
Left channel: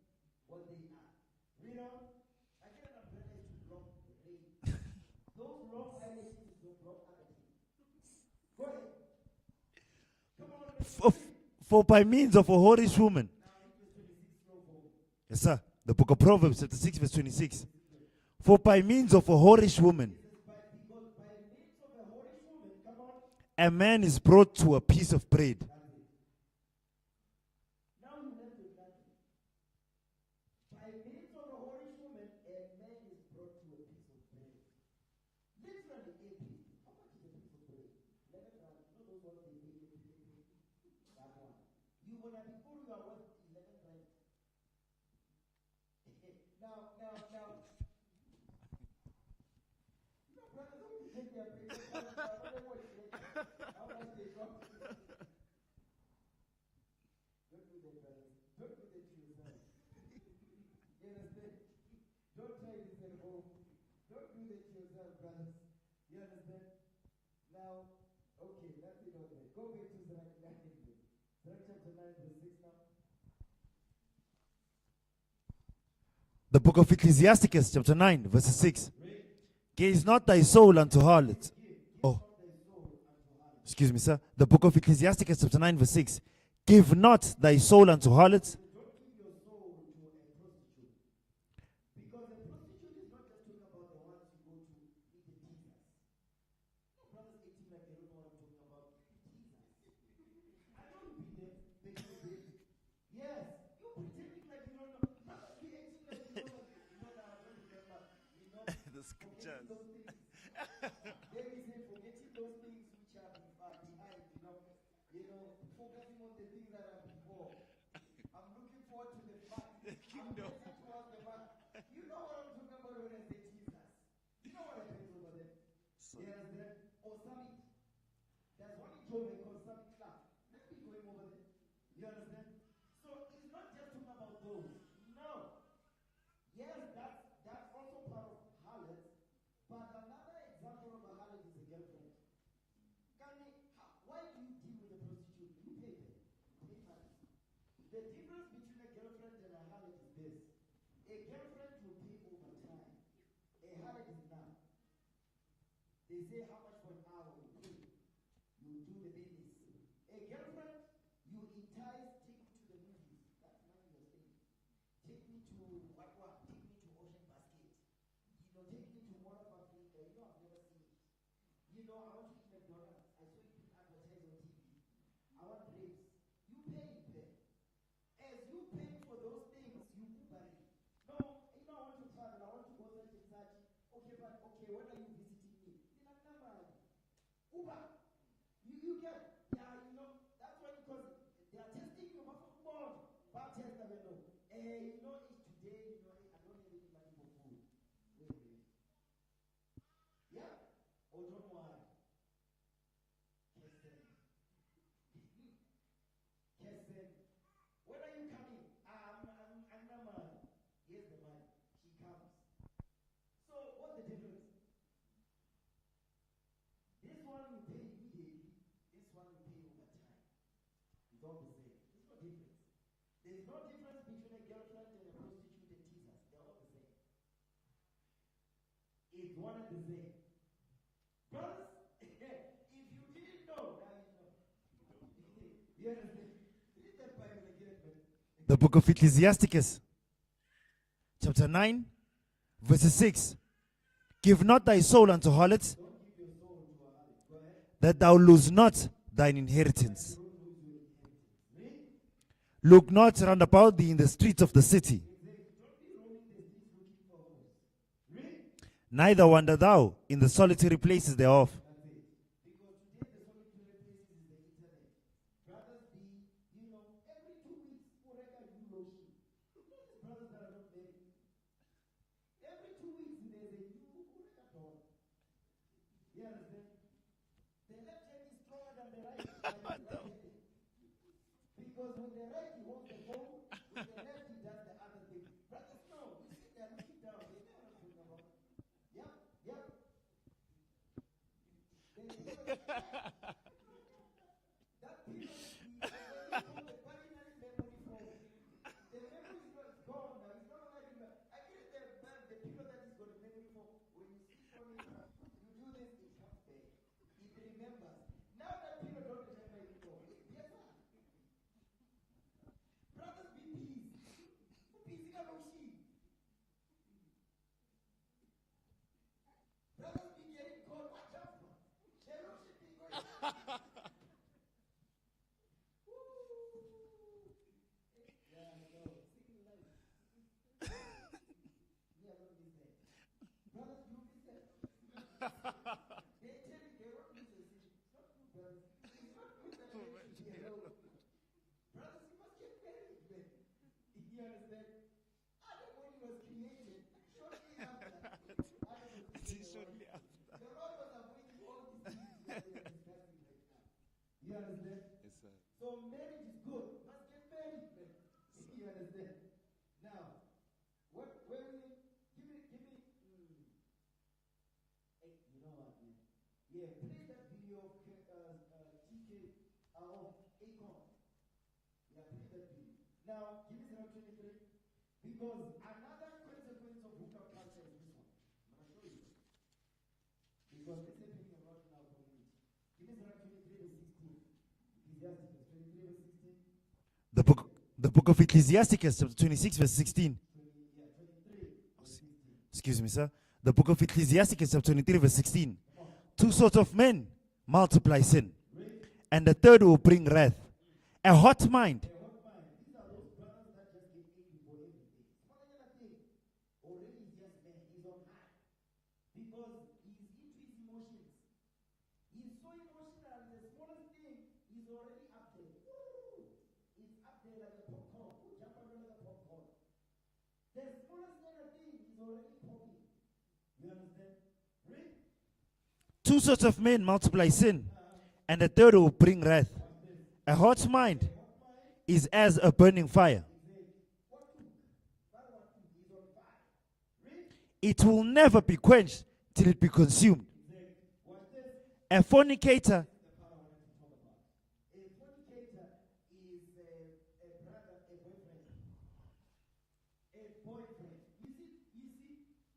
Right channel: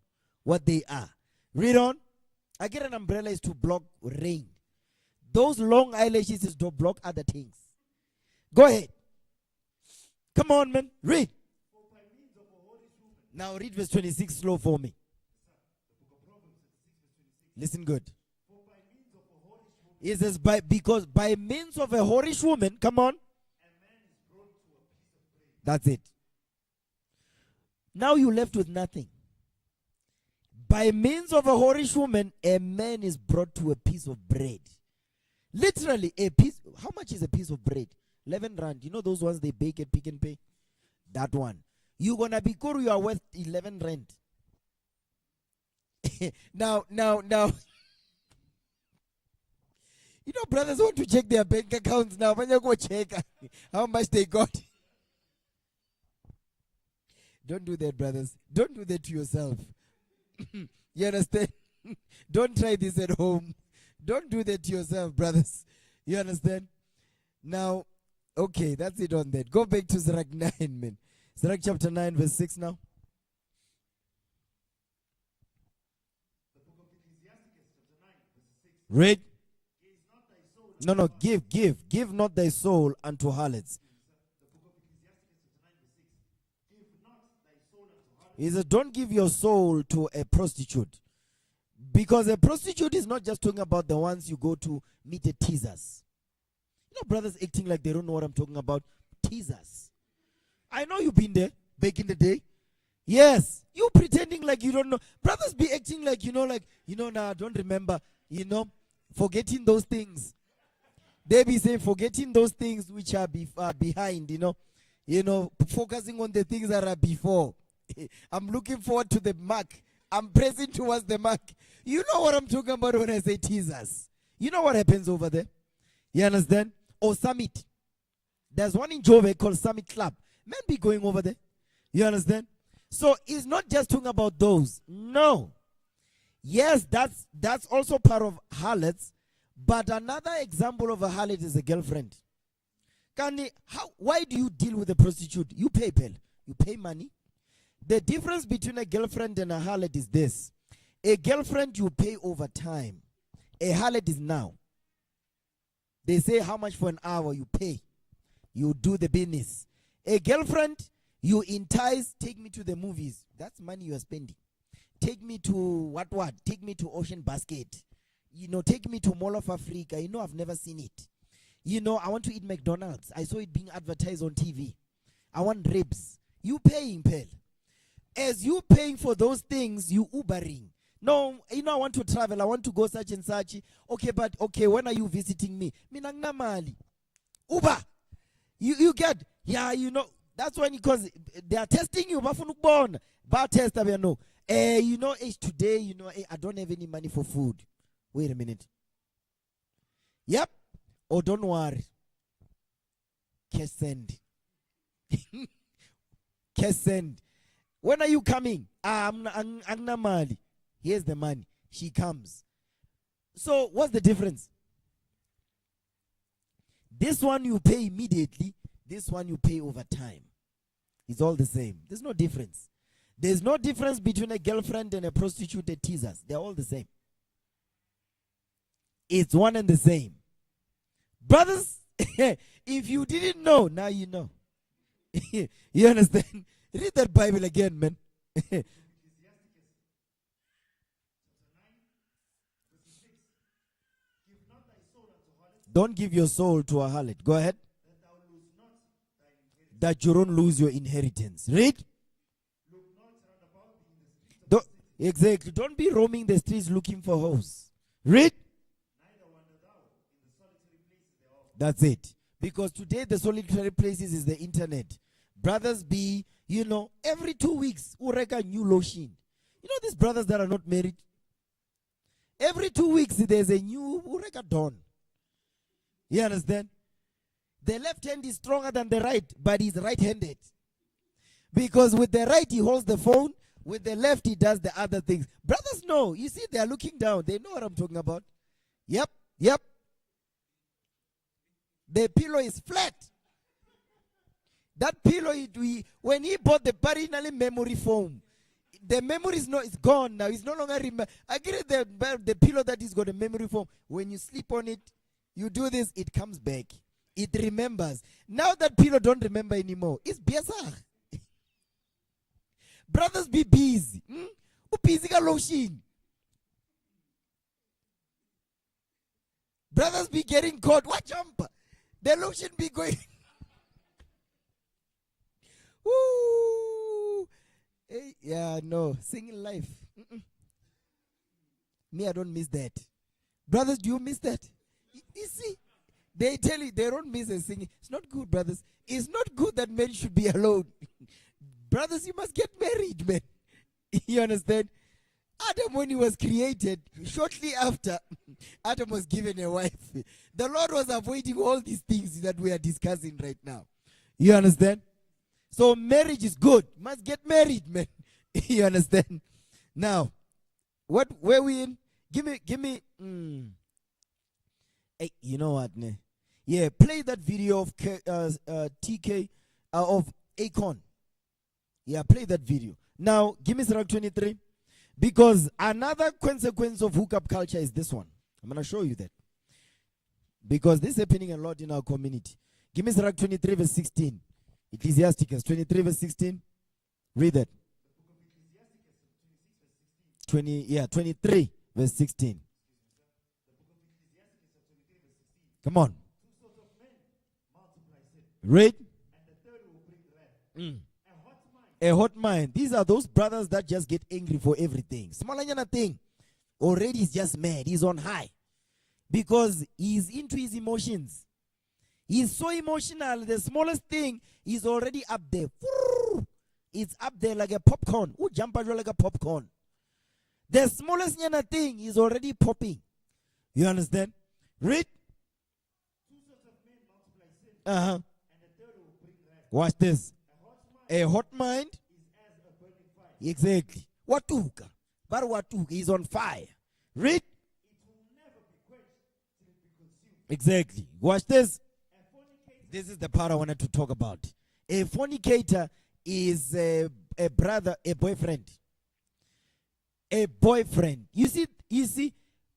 what they are. Read on. I get an umbrella is to block rain. Those long eyelashes is to block other things. Go ahead. Come on, man. Read. For by means of a whorish woman. Now read verse 26 slow for me. Yes, sir. The book of Proverbs, chapter 6, verse 26. Listen good. For by means of a whorish woman. It says, because by means of a whorish woman, come on. A man is brought to a piece of bread. That's it. Now you left with nothing. By means of a whorish woman, a man is brought to a piece of bread. Literally, a piece. How much is a piece of bread? 11 rand. You know those ones they bake at Pick and Pay? That one. You're going to be Kuru, you are worth 11 rand. Now. You know, brothers want to check their bank accounts now. When you go check how much they got. Don't do that, brothers. Don't do that to yourself. You understand? Don't try this at home. Don't do that to yourself, brothers. You understand? Now, okay, that's it on that. Go back to Sirach 9, man. Sirach chapter 9, verse 6 now. The book of Ecclesiasticus, chapter 9, verse 6. Read. Gaze not thy soul unto harlots. Give not thy soul unto harlots. Excuse me, sir. The book of Ecclesiasticus, chapter 9, verse 6. Give not thy soul unto harlots. He says, don't give your soul to a prostitute. Because a prostitute is not just talking about the ones you go to meet the teasers. You know, brothers acting like they don't know what I'm talking about. Teasers. I know you've been there back in the day. Yes. You pretending like you don't know. Brothers be acting like, nah, don't remember, forgetting those things. They be saying, forgetting those things which are behind, focusing on the things that are before. I'm looking forward to the mark. I'm pressing towards the mark. You know what I'm talking about when I say teasers. You know what happens over there? You understand? Or summit. There's one in Jove called Summit Club. Men be going over there. You understand? So it's not just talking about those. No. Yes, that's also part of harlots. But another example of a harlot is a girlfriend. Why do you deal with a prostitute? You pay, pal. You pay money. The difference between a girlfriend and a harlot is this. A girlfriend you pay over time. A harlot is now. They say how much for an hour you pay. You do the business. A girlfriend, you entice, take me to the movies. That's money you are spending. Take me to what? Take me to Ocean Basket. Take me to Mall of Africa. I've never seen it. I want to eat McDonald's. I saw it being advertised on TV. I want ribs. You paying, pal. As you paying for those things, you Ubering. No, I want to travel. I want to go such and such. Okay, when are you visiting me? Minang mali. Uber. You get, that's when, because they are testing you. Bar test, no. Today, I don't have any money for food. Wait a minute. Yep. Oh, don't worry. Cash send. Cash send. When are you coming? I'm mali. Here's the money. She comes. So what's the difference? This one you pay immediately. This one you pay over time. It's all the same. There's no difference. There's no difference between a girlfriend and a prostitute teasers. They're all the same. It's one and the same. Brothers, if you didn't know, now you know. You understand? Read that Bible again, man. The book of Ecclesiasticus, chapter 9, verse 6. Give not thy soul unto harlots. Don't give your soul to a harlot. Go ahead. That thou lose not thine inheritance. That you don't lose your inheritance. Read. Look not round about thee in the streets of the city. Exactly. Don't be roaming the streets looking for hoes. Read. Neither wander thou in the solitary places thereof. That's it. Because today the solitary places is the internet. Brothers be, every 2 weeks, ureka new lotion. These brothers that are not married, Every 2 weeks, there's a new dawn. You understand? The left hand is stronger than the right, but he's right-handed. Because with the right, he holds the phone. With the left, he does the other things. Brothers know. You see, they are looking down. They know what I'm talking about. Yep. The pillow is flat. That pillow, when he bought the parental memory foam, the memory is gone now. It's no longer remember. I get it, the pillow that is got a memory foam. When you sleep on it, you do this, it comes back. It remembers. Now that pillow don't remember anymore. It's biasa. Brothers, be busy. Busy lotion. Brothers be getting caught. Watch jump. The lotion be going. Woo. Hey, yeah, no. Singing life. Me, I don't miss that. Brothers, do you miss that? You see, they tell you they don't miss a singing. It's not good, brothers. It's not good that men should be alone. Brothers, you must get married, man. You understand? Adam, when he was created, shortly after, Adam was given a wife. The Lord was avoiding all these things that we are discussing right now. You understand? So marriage is good. Must get married, man. You understand? Now, where we in? Give me. Hey, you know what, ne? Yeah, play that video of TK of Akon. Yeah, play that video. Now, give me Surah 23. Because another consequence of hookup culture is this one. I'm going to show you that. Because this is happening a lot in our community. Give me Surah 23 verse 16. Ecclesiasticus 23 verse 16. Read that. The book of Ecclesiasticus, chapter 26 verse 16. 23 verse 16. Excuse me, sir. The book of Ecclesiasticus, chapter 23 verse 16. Come on. 2 sorts of men multiply sin. Read. And the third will bring wrath. A hot mind. A hot mind. These are those brothers that just get angry for everything. Smalanyana thing. Already he's just mad. He's on high. Because he's into his emotions. He's so emotional. The smallest thing is already up there. It's up there like a popcorn. Who jump out like a popcorn? The smallest thing is already popping. You understand? Read. 2 sorts of men multiply sin. Uh-huh. And the third will bring wrath. Watch this. A hot mind. A hot mind is as a burning fire. Exactly. Watuka. But watuka is on fire. Read. It will never be quenched till it be consumed. Exactly. Watch this. A fornicator. This is the part I wanted to talk about. A fornicator is a brother, a boyfriend. A boyfriend. You see,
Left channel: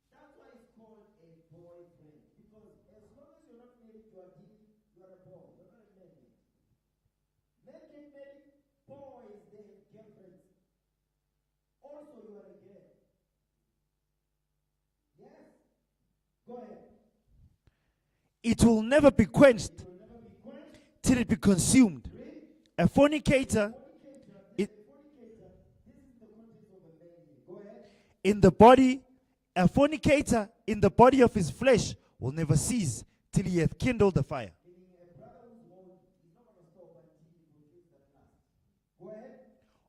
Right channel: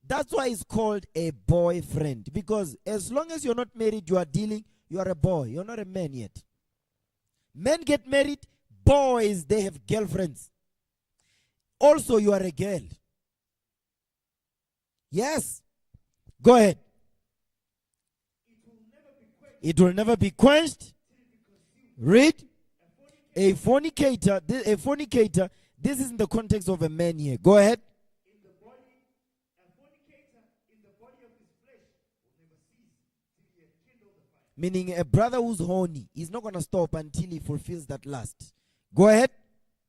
that's why it's called a boyfriend. Because as long as you're not married, you are a boy. You're not a man yet. Men get married. Boys, they have girlfriends. Also, you are a girl. Yes. Go ahead. It will never be quenched. It will never be quenched till it be consumed. Read. A fornicator. A fornicator. This is in the context of a man here. Go ahead. A fornicator in the body of his flesh will never cease till he hath kindled the fire. Meaning a brother who's horny, he's not going to stop until he fulfills that lust. Go ahead.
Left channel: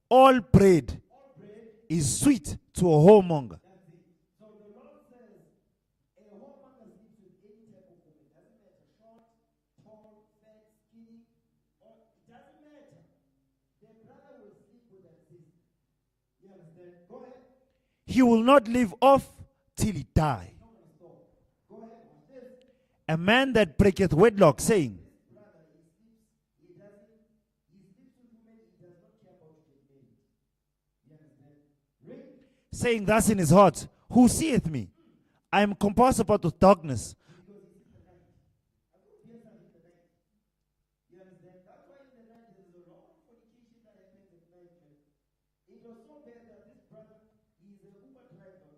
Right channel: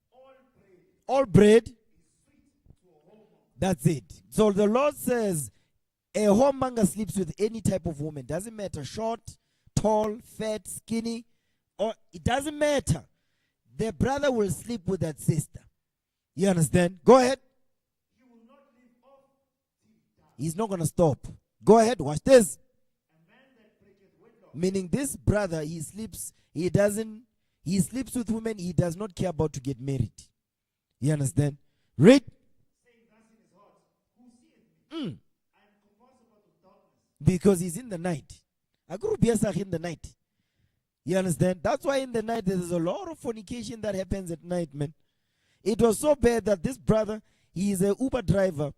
All bread is sweet to a whoremonger. That's it. So the Lord says a whoremonger sleeps with any type of woman. Doesn't matter, short, tall, fat, skinny, or it doesn't matter. The brother will sleep with that sister. You understand? Go ahead. He will not leave off till he dies. He's not going to stop. Go ahead, watch this. A man that breaketh wedlock, saying, this brother, he sleeps with women, he does not care about to get married. You understand? Read. Saying thus in his heart, who seeth me? I am compassed about with darkness. Because he's in the night. I grew up in the night. You understand? That's why in the night there's a lot of fornication that happens at night, man. It was so bad that this brother, he is an Uber driver,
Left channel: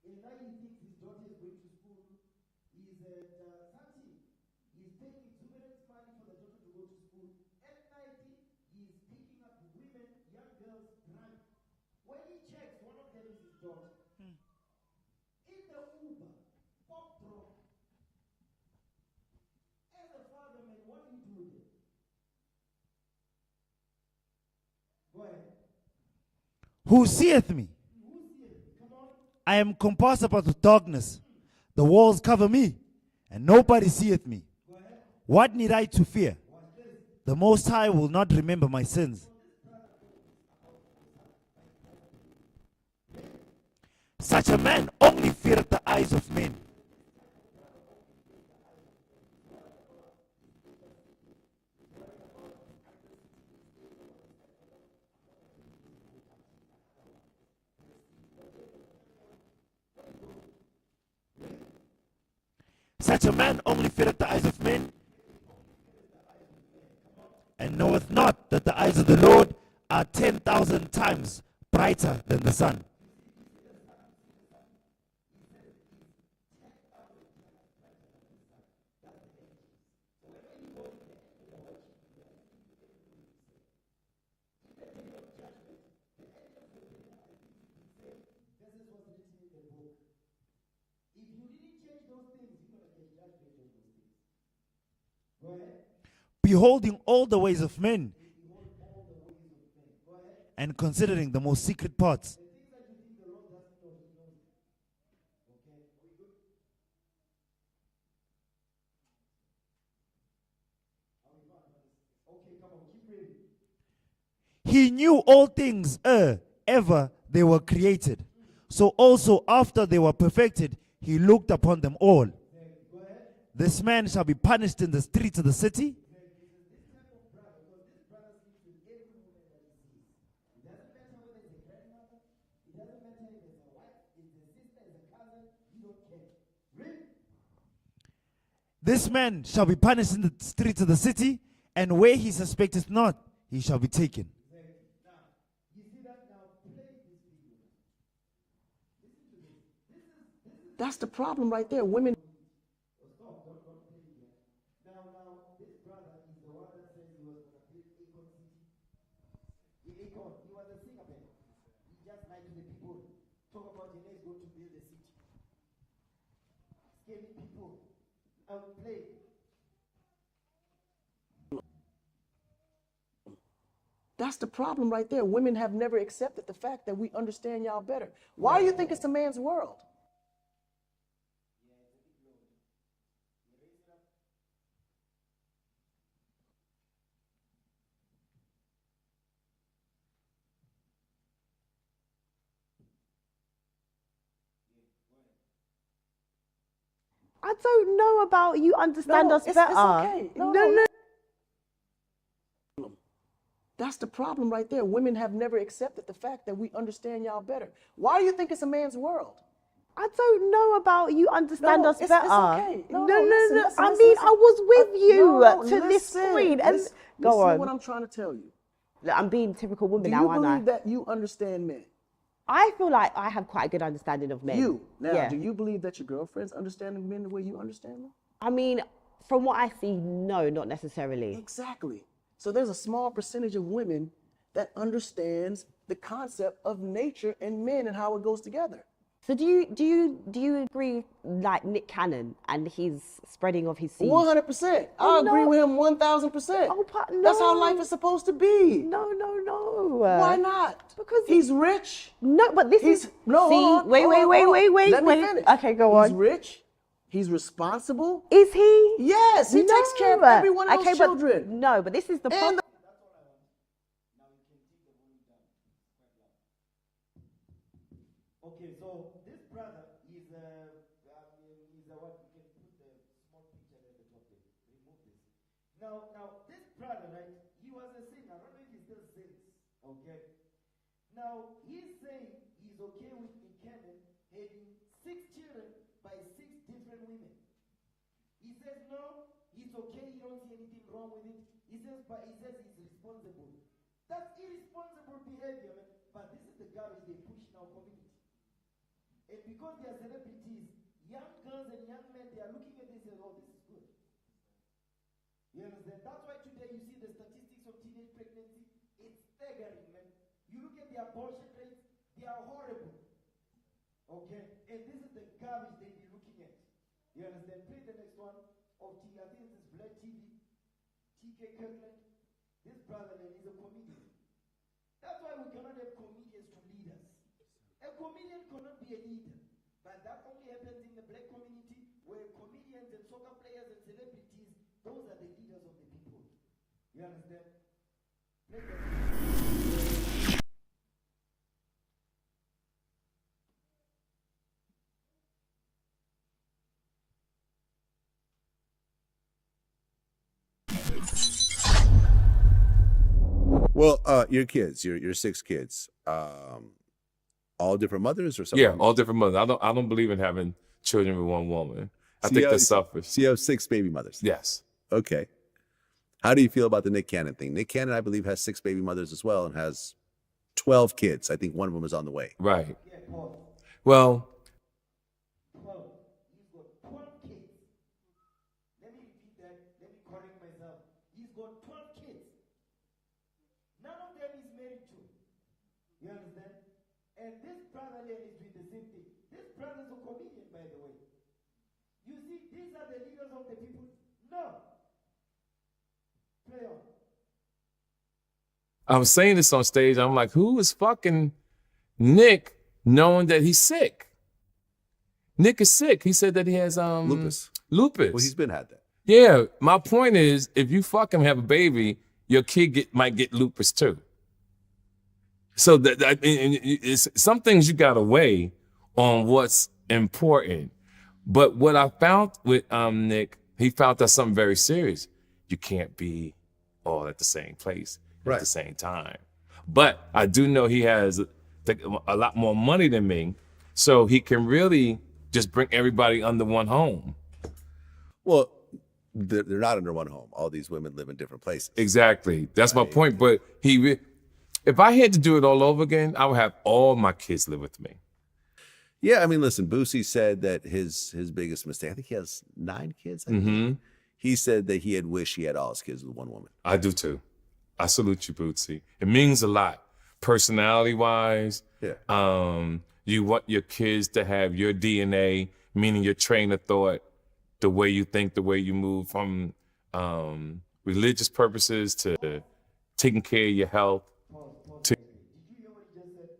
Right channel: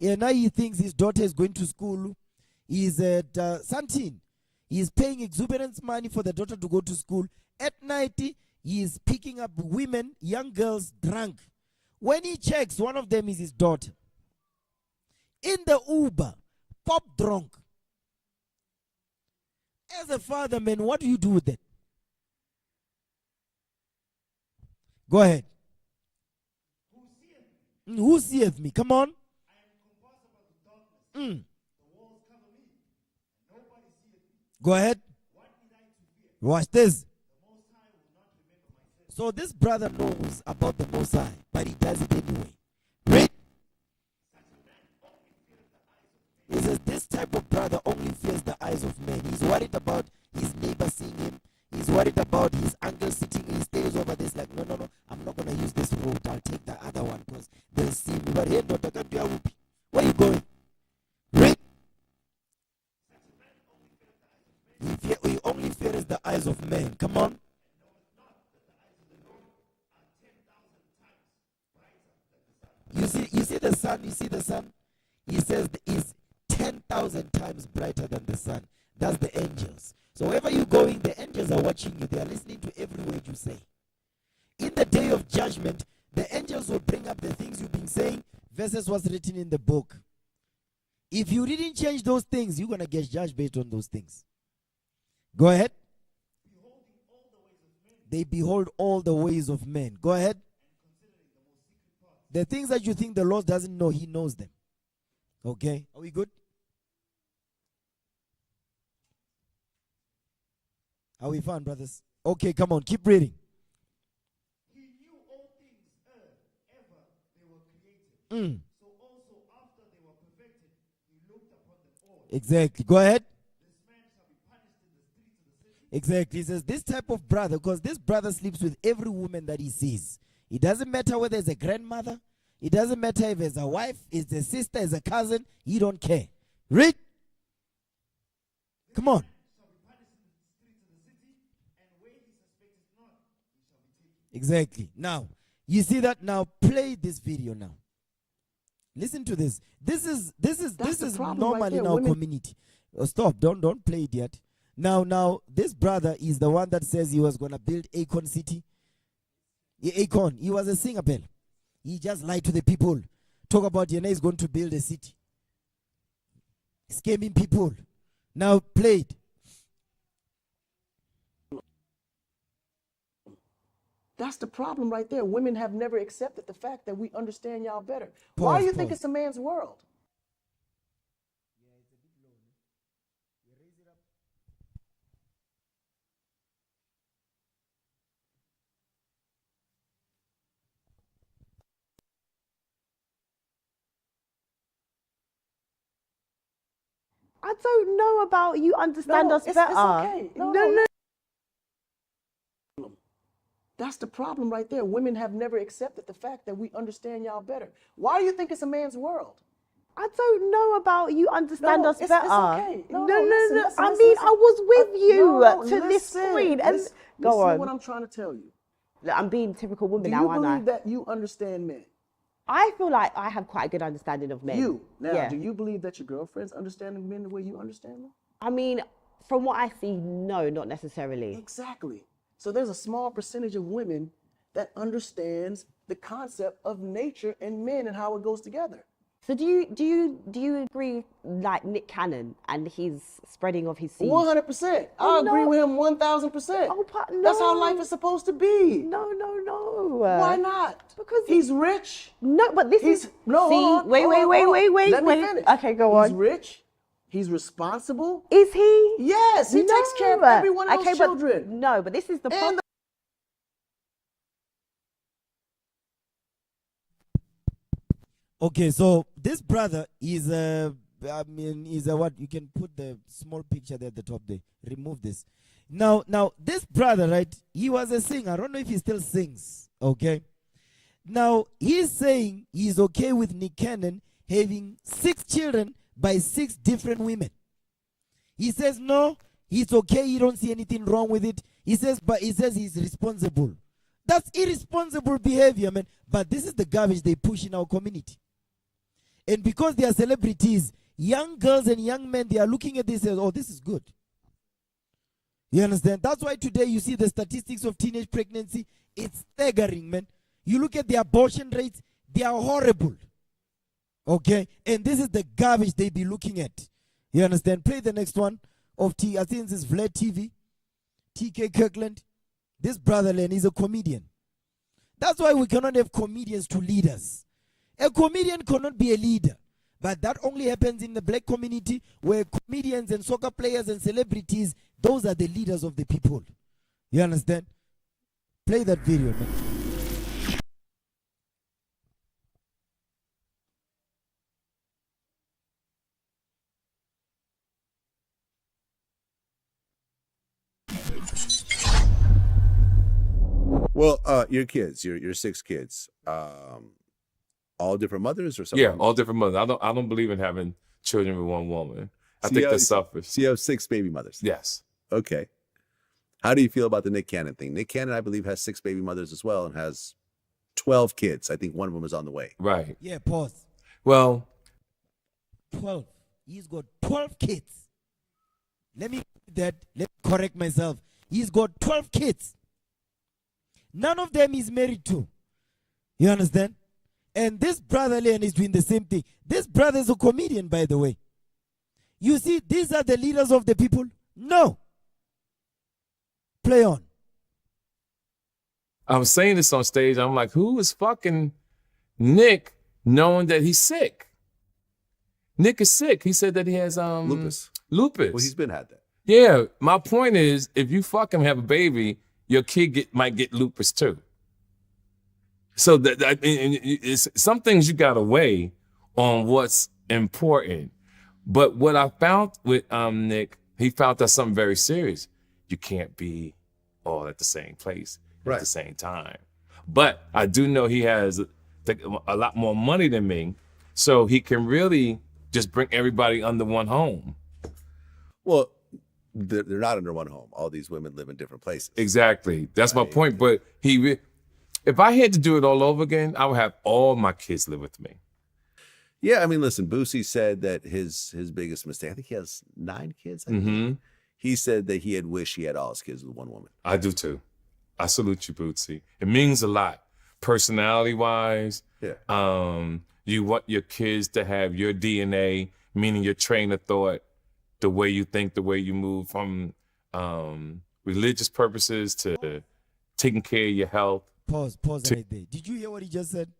and now he thinks his daughter is going to school. He's at Santin. He's paying exuberant money for the daughter to go to school. At night, he is picking up women, young girls, drunk. When he checks, one of them is his daughter. In the Uber, pop drunk. As a father, man, what do you do with it? Go ahead. Who seeth me? Who seeth me? Come on. I am compassed about with darkness. The walls cover me, and nobody seeth me. Go ahead. What need I to fear? Watch this. The Most High will not remember my sins. So this brother knows about the Most High, but he does it anyway. Read. Such a man only feareth the eyes of men. He says this type of brother only fears the eyes of men. He's worried about his neighbor seeing him. He's worried about his uncle sitting in his stairs over this. Like, no, I'm not going to use this road. I'll take the other one because they'll see me. But hey, daughter, come to your whoopee. Where are you going? Read. Such a man only feareth the eyes of men. He only fears the eyes of men. Come on. And knoweth not that the eyes of the Lord are 10,000 times brighter than the sun. You see the sun? You see the sun? He says is 10,000 times brighter than the sun. That's the angels. So wherever you're going, the angels are watching you. They are listening to every word you say. In the day of judgment, the angels will bring up the things you've been saying versus what's written in the book. If you didn't change those things, you're going to get judged based on those things. Go ahead. Beholding all the ways of men. They behold all the ways of men. Go ahead. And considering the most secret parts. The things that you think the Lord doesn't know, he knows them. Okay? Are we good? Are we fine, brothers? Okay, come on, keep reading. He knew all things ever they were created. So also after they were perfected, he looked upon them all. Exactly. Go ahead. This man shall be punished in the streets of the city. Exactly. He says this type of brother, because this brother sleeps with every woman that he sees. It doesn't matter whether it's a grandmother. It doesn't matter if it's a wife, it's a sister, it's a cousin. He don't care. Read. This man shall be punished in the streets of the city, and where he suspecteth not, he shall be taken. Exactly. Now, you see that? Now, play this video now. Listen to this. This is problem normal right there. in our Women community. Oh, stop. Don't play it yet. Now, this brother is the one that says he was going to build Akon City. Akon, he was a singer, Bell. He just lied to the people. Talk about Yana is going to build a city. Scamming people. Now, play it. That's the problem right there. Women have never accepted the fact that we understand y'all better. Why do you think it's a man's world? I don't know about you understand us better. It's okay. No. That's the problem right there. Women have never accepted the fact that we understand y'all better. Why do you think it's a man's world? I don't know about you understand us better. It's okay. No. Listen, I mean, I was with you to this point. And go on. Listen what I'm trying to tell you. Look, I'm being typical woman now, now, aren't I? Do you believe that you understand men? I feel like I have quite a good understanding of men. Do you believe that your girlfriends understand men the way you understand them? I mean, from what I see, no, not necessarily. Exactly. So there's a small percentage of women that understands the concept of nature and men and how it goes together. So do you agree like Nick Cannon and his spreading of his seed? 100%. I agree with him 1,000%. Oh, no. That's how life is supposed to be. No. Why not? Because he's rich. No, but this is wait. Let me finish. Okay, go on. He's rich. He's responsible. Is he? Yes, he takes care of everyone else's children. No, but this is the problem. Okay, so this brother is what you can put the small picture there at the top there. Remove this. Now this brother, right? He was a singer. I don't know if he still sings. Okay. Now he's saying he's okay with Nick Cannon having 6 children by 6 different women. He says no, it's okay. He don't see anything wrong with it. He says he's responsible. That's irresponsible behavior, man. But this is the garbage they push in our community. And because they are celebrities, young girls and young men, they are looking at this as, oh, this is good. You understand? That's why today you see the statistics of teenage pregnancy. It's staggering, man. You look at the abortion rates, they are horrible. Okay? And this is the garbage they be looking at. You understand? Play the next one of I think this is Vlad TV. TK Kirkland. This brother, Len, is a comedian. That's why we cannot have comedians to lead us. A comedian cannot be a leader. But that only happens in the black community, where comedians and soccer players and celebrities, those are the leaders of the people. You understand? Play that video. Well, your kids, your 6 kids, all different mothers or something? Yeah, all different mothers. I don't believe in having children with one woman. I So think you that's selfish. So you have 6 baby mothers? Yes. Okay. How do you feel about the Nick Cannon thing? Nick Cannon, I believe, has 6 baby mothers as well and has 12 kids. I think one of them is on the way. Right. Yeah, pause. Well, 12. He's got 12 kids. Let me correct myself. He's got 12 kids. None of them is married to. You understand? And this brother Leon is doing the same thing. This brother is a comedian, by the way. You see, these are the leaders of the people? No. Play on. I was saying this on stage. I'm like, who is fucking Nick knowing that he's sick? Nick is sick. He said that he has Lupus. Lupus. Well, he's been had that. Yeah. My point is, if you fucking have a baby, your kid might get lupus too. So it's some things you gotta weigh on what's important. But what I found with Nick, he found that something very serious. You can't be all at the same place at the same time. But I do know he has a lot more money than me, so he can really just bring everybody under one home. Well, they're not under one home. All these women live in different places. Exactly. That's my point. But if I had to do it all over again, I would have all my kids live with me. Yeah, I mean, listen, Boosie said that his biggest mistake, I think he has 9 kids. I think. He said that he had wished he had all his kids with one woman. I do too. I salute you, Bootsy. It means a lot. Personality-wise, you want your kids to have your DNA, meaning your train of thought, the way you think, the way you move, from religious purposes to taking care of your health. Pause right there. Did you hear what he just said?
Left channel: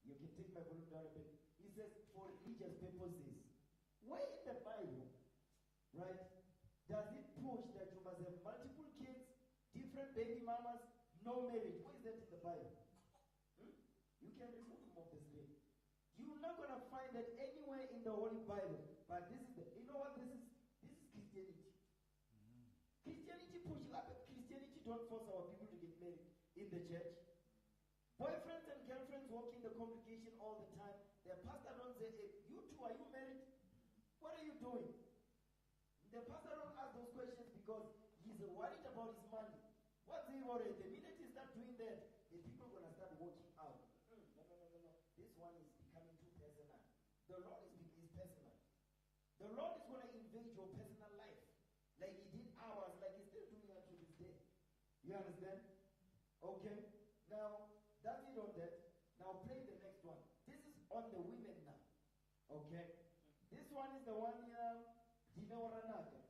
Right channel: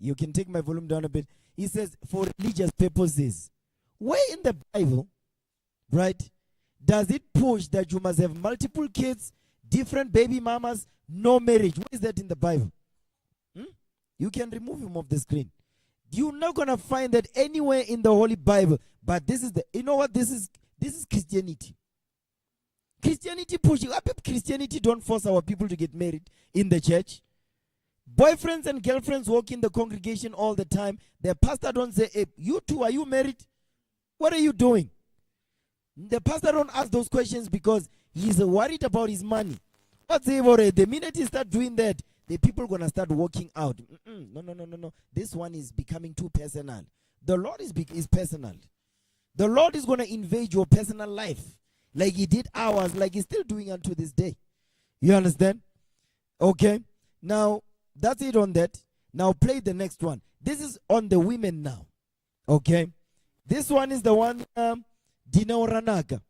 You can take my volume down a bit. He says, for religious purposes. Where in the Bible, right, does it push that you must have multiple kids, different baby mamas, no marriage? Where is that in the Bible? You can remove him off the screen. You're not going to find that anywhere in the Holy Bible. But this is you know what? This is Christianity. Christianity pushes. Christianity don't force our people to get married in the church. Boyfriends and girlfriends walk in the congregation all the time. The pastor don't say, hey, you two, are you married? What are you doing? The pastor don't ask those questions because he's worried about his money. The minute he start doing that, the people are going to start walking out. No. This one is becoming too personal. The Lord is personal. The Lord is going to invade your personal life like he did ours, like he's still doing unto this day. You understand? Okay. Now, that's it on that. Now, play the next one. This is on the women now. Okay. This one is the one, Dina Oranaka.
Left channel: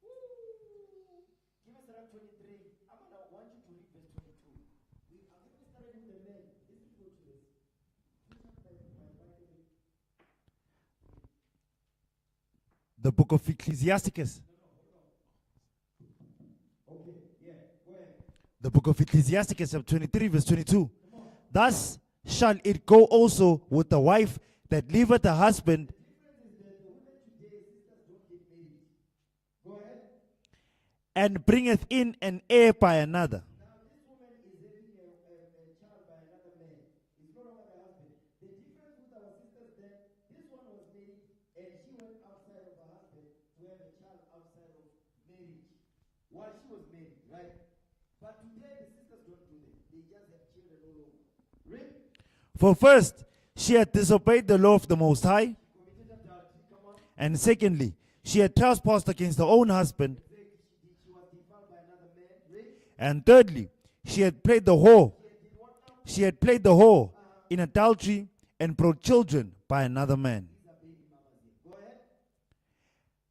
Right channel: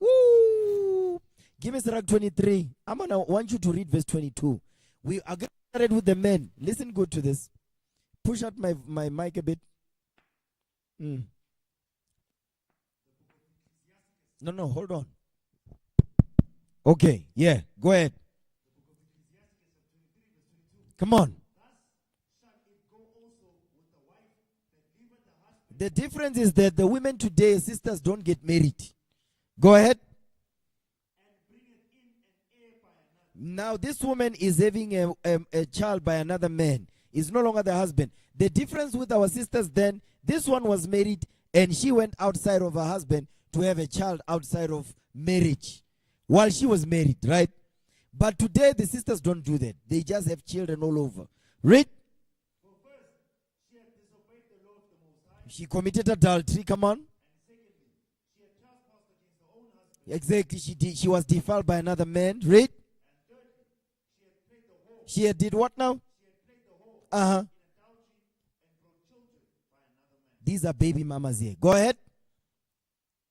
Woo! Give me Sirach 23. I'm going to want you to read verse 22. We are getting started with the men. Listen good to this. Push out my mic a bit. The book of Ecclesiasticus. No, hold on. Okay, yeah, go ahead. The book of Ecclesiasticus, chapter 23, verse 22. Come on. Thus shall it go also with the wife that leaveth her husband. The difference is that the women today, sisters, don't get married. Go ahead. And bringeth in an heir by another. Now this woman is having a child by another man. It's no longer the husband. The difference with our sisters then, this one was married and she went outside of her husband to have a child outside of marriage while she was married, right? But today the sisters don't do that. They just have children all over. Read. For first, she had disobeyed the law of the Most High. She committed adultery, come on. And secondly, she had trespassed against her own husband. Exactly, she was defiled by another man. Read. And thirdly, she had played the whore. She had did what now? She had played the whore in adultery and brought children by another man. These are baby mamas here. Go ahead.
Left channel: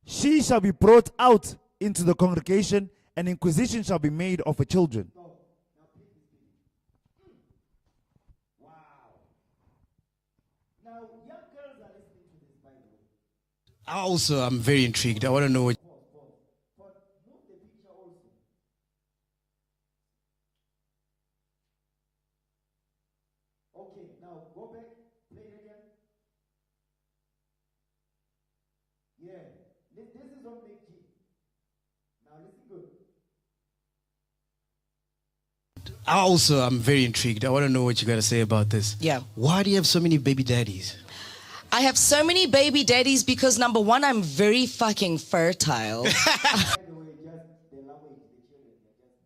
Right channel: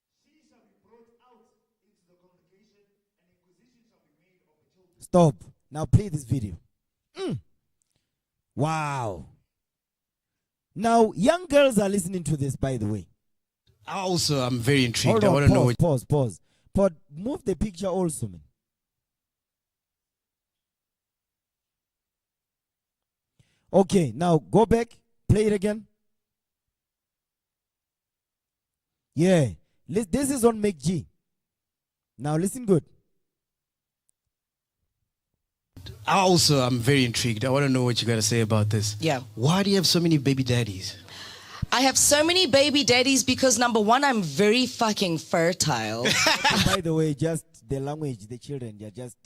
She shall be brought out into the congregation, and inquisition shall be made of her children. Stop. Now play this video. Wow. Now, young girls are listening to this, by the way. Also, I'm very intrigued. Hold I on, want to know what. Pause. But move the picture also, man. Okay, now go back. Play it again. Yeah. This is on Make G. Now listen good. Also, I'm very intrigued. I want to know what you got to say about this. Yeah. Why do you have so many baby daddies? I have so many baby daddies because number one, I'm very fucking fertile. By the way, just the language, the children, they're just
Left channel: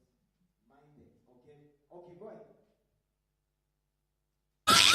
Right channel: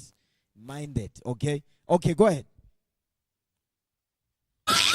minded, okay? Okay, go ahead.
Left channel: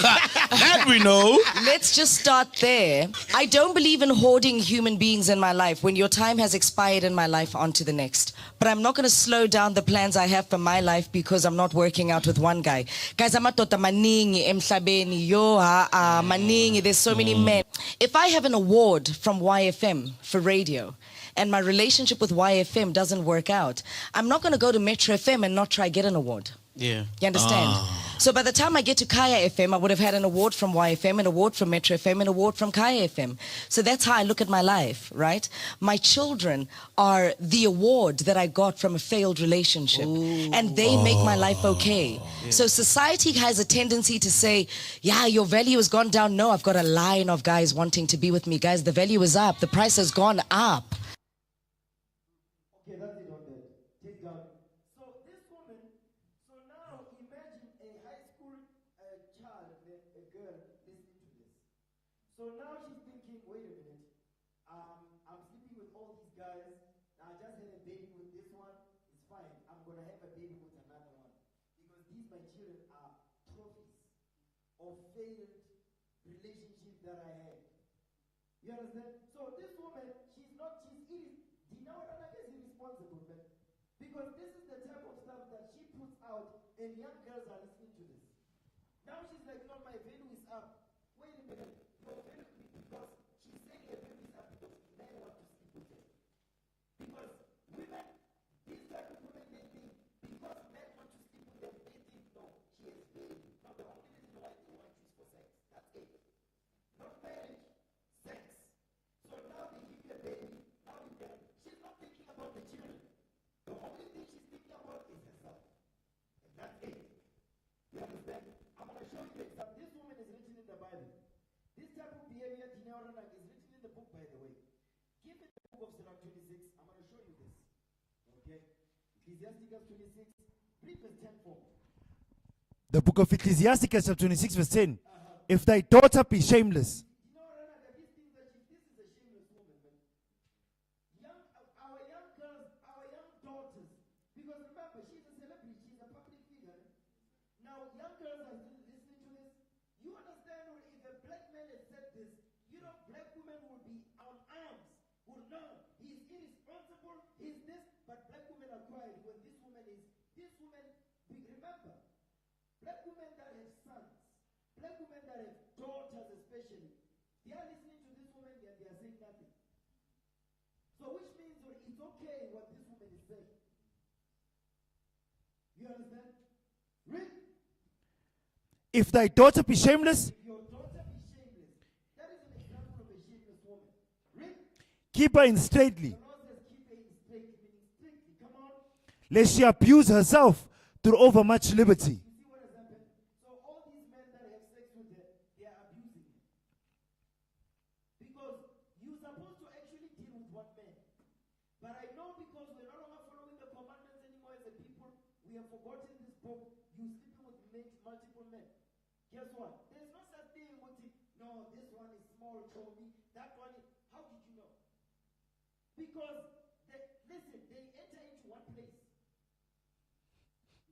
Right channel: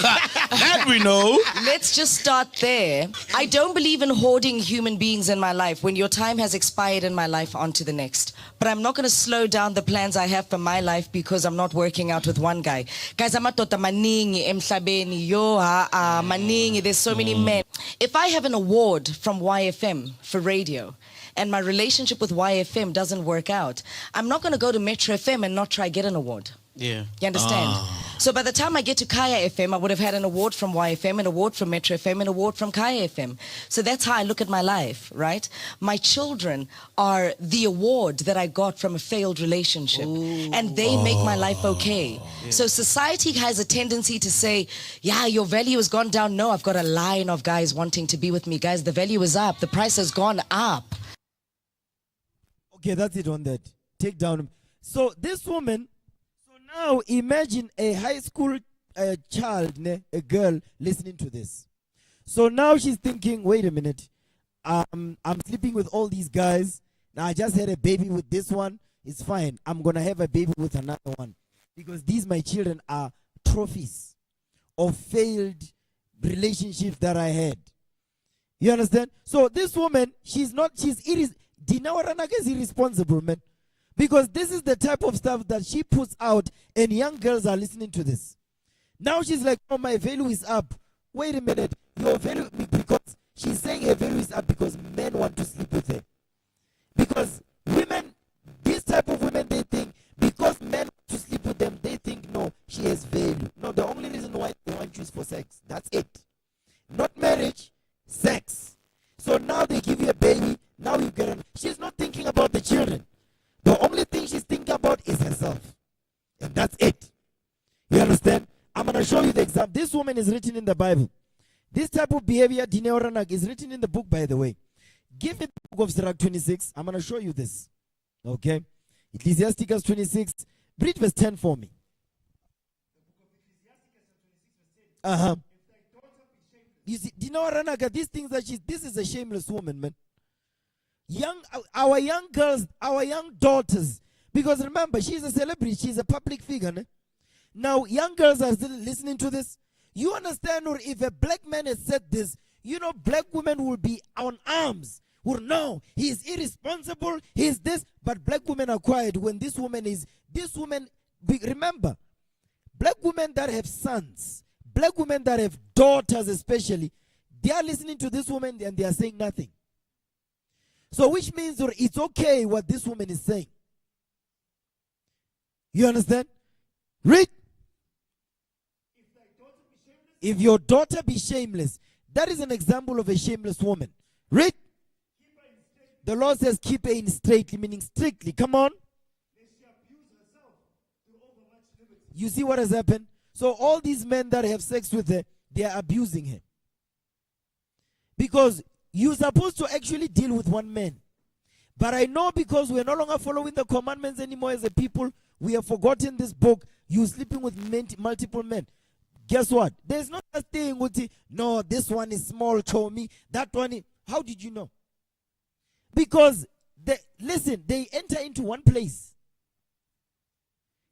That we know. Let's just start there. I don't believe in hoarding human beings in my life. When your time has expired in my life, on to the next. But I'm not going to slow down the plans I have for my life because I'm not working out with one guy. Guys, I'm maningi emhlabeni yo maningi. There's so many men. If I have an award from YFM for radio and my relationship with YFM doesn't work out, I'm not going to go to Metro FM and not try get an award. Yeah. You understand? So by the time I get to Kaya FM, I would have had an award from YFM, an award from Metro FM, an award from Kaya FM. So that's how I look at my life, right? My children are the award that I got from a failed relationship. Ooh. And they make my life okay. Yeah. So society has a tendency to say, yeah, your value has gone down. No, I've got a line of guys wanting to be with me. Guys, the value is up. The price has gone up. Okay, that's it on that. Take down. So this woman... Now imagine a high school child, a girl, listening to this. So now she's thinking, wait a minute, I'm sleeping with all these guys. Now I just had a baby with this one. It's fine. I'm going to have a baby with another one. Because these, my children, are trophies of failed relationships that I had. You understand? So this woman, Dina Waranaka is irresponsible, man. Because this is the type of stuff that she puts out and young girls are listening to this. Now she's like, oh, my value is up. Wait a minute. Your value, because she's saying her value is up because men want to sleep with her. Because women, this type of women, they think, because men want to sleep with them, they think, no, she has value. No, the only reason why they want you is for sex. That's it. Not marriage, sex. So now they give you a baby, now you get on. She's not thinking about the children. The only thing she's thinking about is herself. And that's it. You understand? I'm going to show you the example. This woman is written in the Bible. This type of behavior, Dineoranak, is written in the book, by the way. Give me the book of Sirach 26. I'm going to show you this. Okay? Ecclesiasticus 26. Read verse 10 for me. The book of Ecclesiasticus chapter 26 verse 10. If thy daughter be shameless. You see, Dineoranak, these things that this is a shameless woman, man. Our young girls, our young daughters, because remember, she's a celebrity, she's a public figure. Ne? Now, young girls are still listening to this. You understand, or if a black man has said this, you know, black women will be on arms. Will know he is irresponsible, he is this, but black women are quiet when this woman, remember, black women that have sons, black women that have daughters especially, they are listening to this woman and they are saying nothing. So which means it's okay what this woman is saying. You understand? Read. If thy daughter be shameless. If your daughter be shameless. That is an example of a shameless woman. Read. Keep her in straitly. The Lord says keep her in straitly, meaning strictly. Come on. Lest she abuse herself through overmuch liberty. You see what has happened? So all these men that have sex with her, they are abusing her. Because you're supposed to actually deal with one man. But I know because we're no longer following the commandments anymore as a people, we have forgotten this book. You're sleeping with multiple men. Guess what? There's not a thing with it. No, this one is small, show me. That one is. How did you know? Because, they enter into one place.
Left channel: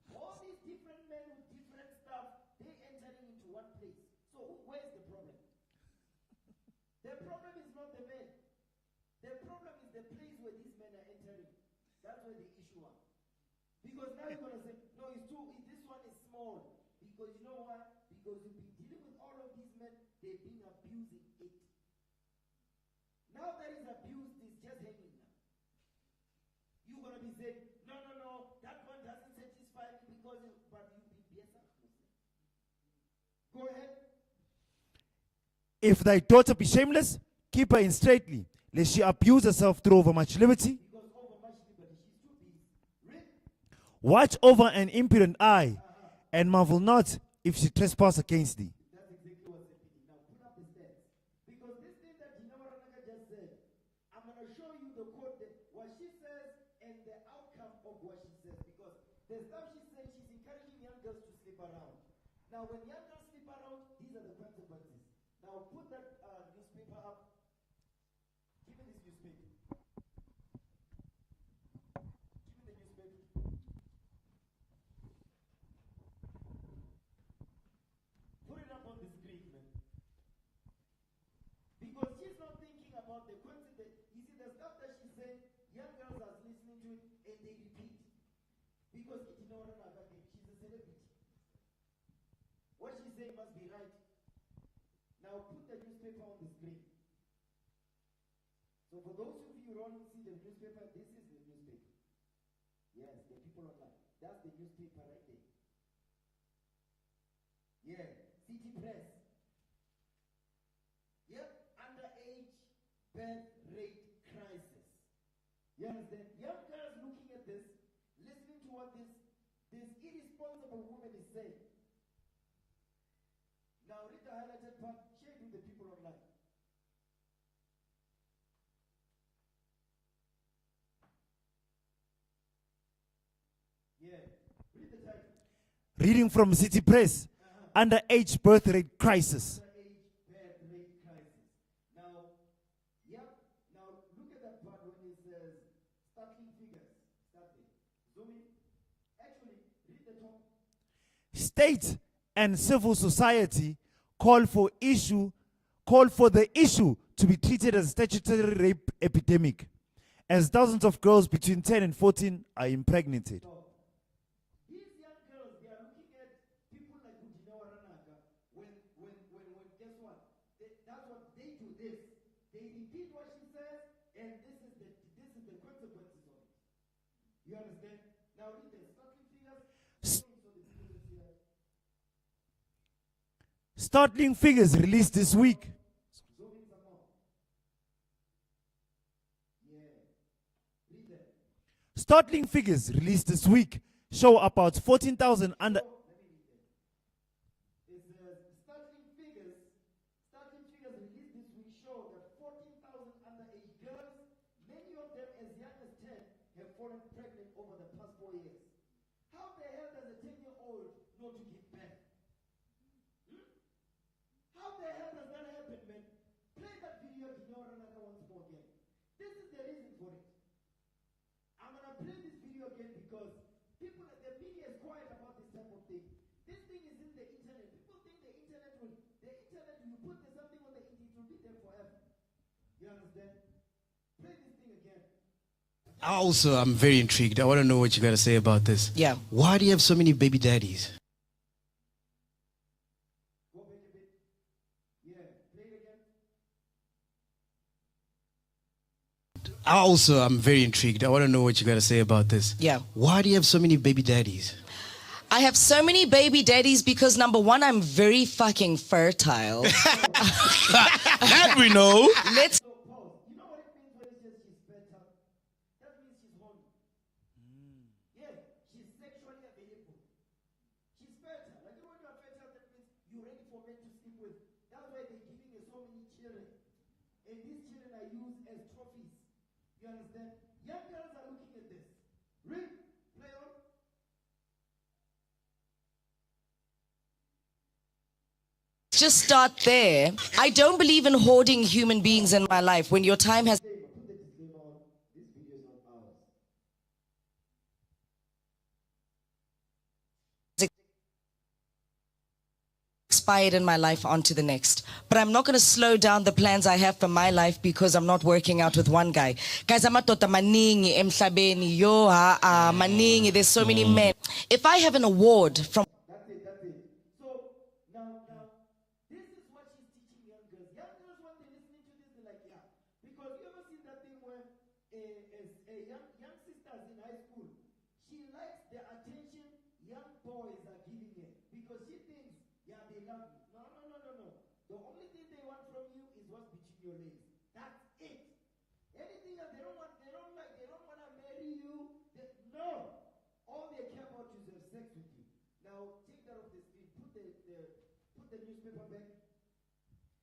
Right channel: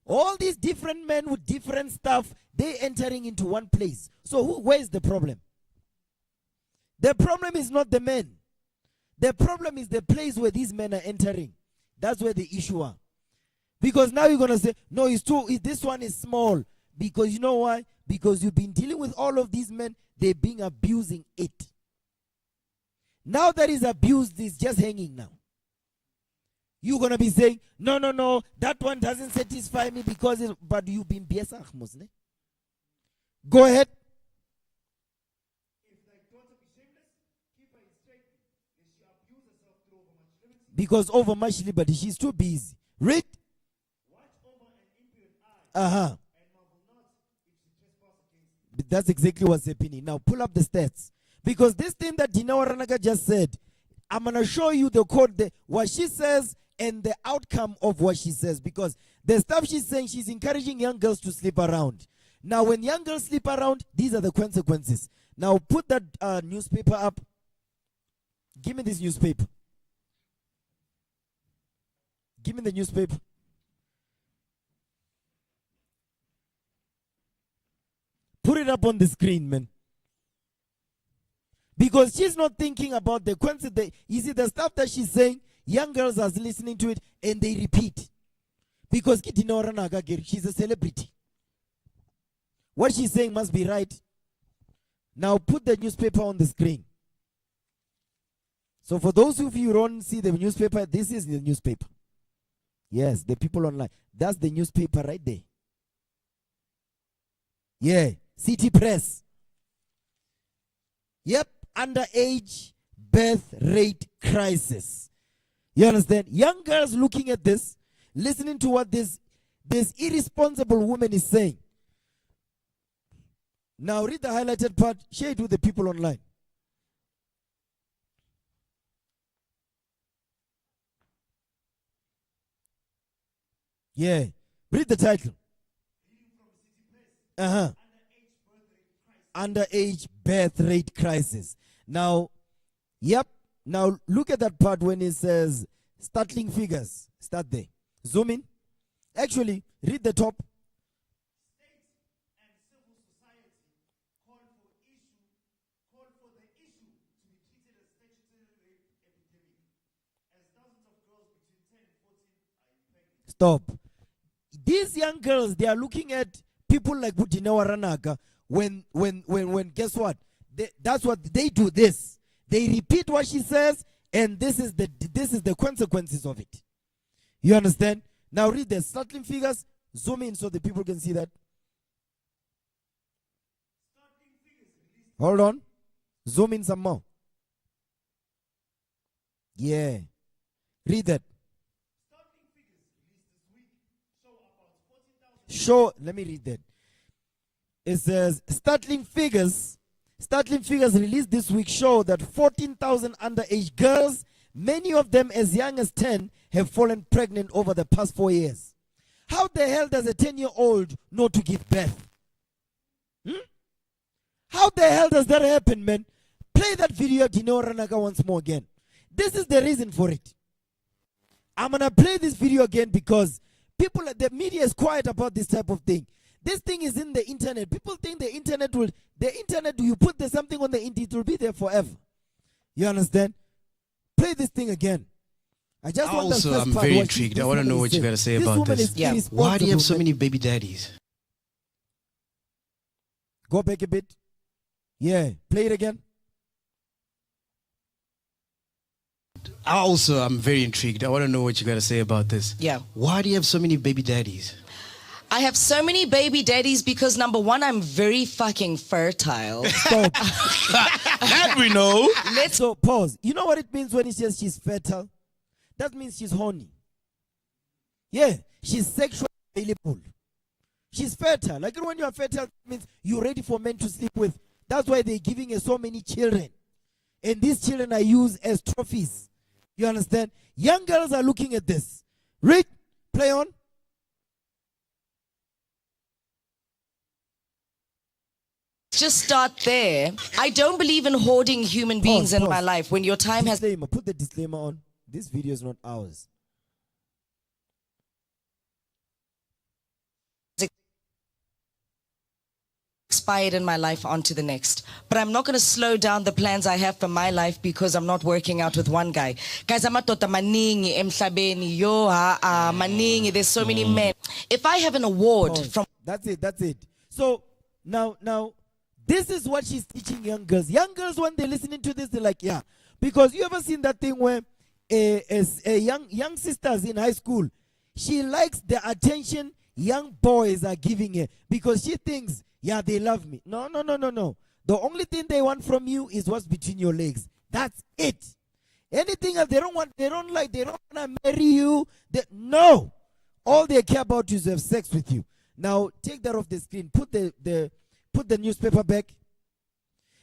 All these different men with different stuff, they entering into one place. So where's the problem? The problem is not the men. The problem is the place where these men are entering. That's where the issue are. Because now you're going to say, no, this one is small. Because you know why? Because you've been dealing with all of these men, they're being abusing it. Now that is abused, it's just hanging now. You're going to be saying, no, that one doesn't satisfy me because, but you've been biasach, Muslim. Go ahead. If thy daughter be shameless, keep her in straitly, lest she abuse herself through overmuch liberty. Because over much liberty, she's too busy. Read. Watch over an impudent eye, Uh-huh. and marvel not if she trespass against thee. But that's exactly what's happening. Now pull up the stats. Because this thing that Dina Waranaga just said, I'm going to show you the code, what she says and the outcome of what she says. Because the stuff she's saying, she's encouraging young girls to sleep around. Now when young girls sleep around, these are the consequences. Now put that newspaper up. Give me this newspaper. Give me the newspaper. Put it up on the screen, man. Because she's not thinking about the consequences. You see, the stuff that she's saying, young girls are listening to it and they repeat. Because she's a celebrity. What she's saying must be right. Now put the newspaper on the screen. So for those of you who don't see the newspaper, this is the newspaper. Yes, the people online. That's the newspaper right there. Yeah, City Press. Yep, underage birth rate crisis. You understand? Young girls looking at this, listening to what this irresponsible woman is saying. Now read the highlighted part, share it with the people online. Yeah, read the title. Reading from City Press. Underage birth rate crisis. Underage birth rate crisis. Now, yep. Now look at that part when it says startling figures. Start there. Zoom in. Actually, read the top. State and civil society call for the issue to be treated as a statutory rape epidemic, as thousands of girls between 10 and 14 are impregnated. Stop. These young girls, they are looking at people like Budina Waranaga when guess what? That's what they do this. They repeat what she says, and this is the consequences of it. You understand? Now read the startling figures. Zoom in so the people can see that. Startling figures released this Hold on. week. Zoom in some more. Yeah. Read that. Startling figures released this week show about 14,000. Let me read that. It says startling figures released this week show that 14,000 underage girls, many of them as young as 10, have fallen pregnant over the past 4 years. How the hell does a 10-year-old know to give birth? How the hell does that happen, man? Play that video of Dino Ranaka once more again. This is the reason for it. I'm going to play this video again because the media is quiet about this type of thing. This thing is in the internet. People think the internet, you put something on the internet, it will be there forever. You understand? Play this thing again. I'm very intrigued. I want to know what you got to say about this. Yeah. Why do you have so many baby daddies? Go back a bit. Yeah, play it again. I'm very intrigued. I want to know what you got to say about this. Yeah. Why do you have so many baby daddies? I have so many baby daddies because number one, I'm very fucking fertile. That we know. So pause. You know what it means when he says she's fertile? That means she's horny. Yeah, she's sexually available. She's fertile. Like when you are fertile, it means you're ready for men to sleep with. That's why they're giving her so many children. And these children are used as trophies. You understand? Young girls are looking at this. Read. Play on. Just start there. I don't believe in hoarding human beings in my life. When your time has Disclaimer. Put the disclaimer on. This video is not ours. expired in my life onto the next. But I'm not going to slow down the plans I have for my life because I'm not working out with one guy. Guys, amadoda maningi emhlabeni. Yo maningi. There's so many men. If I have an award from... That's it. So, now, this is what she's teaching young girls. Young girls, when they're listening to this, they're like, yeah. Because you ever seen that thing where young sisters in high school, she likes the attention young boys are giving her because she thinks, yeah, they love me. No. The only thing they want from you is what's between your legs. That's it. Anything else they don't want, they don't like, they don't want to marry you. No. All they care about is to have sex with you. Now take that off the screen. Put the newspaper back.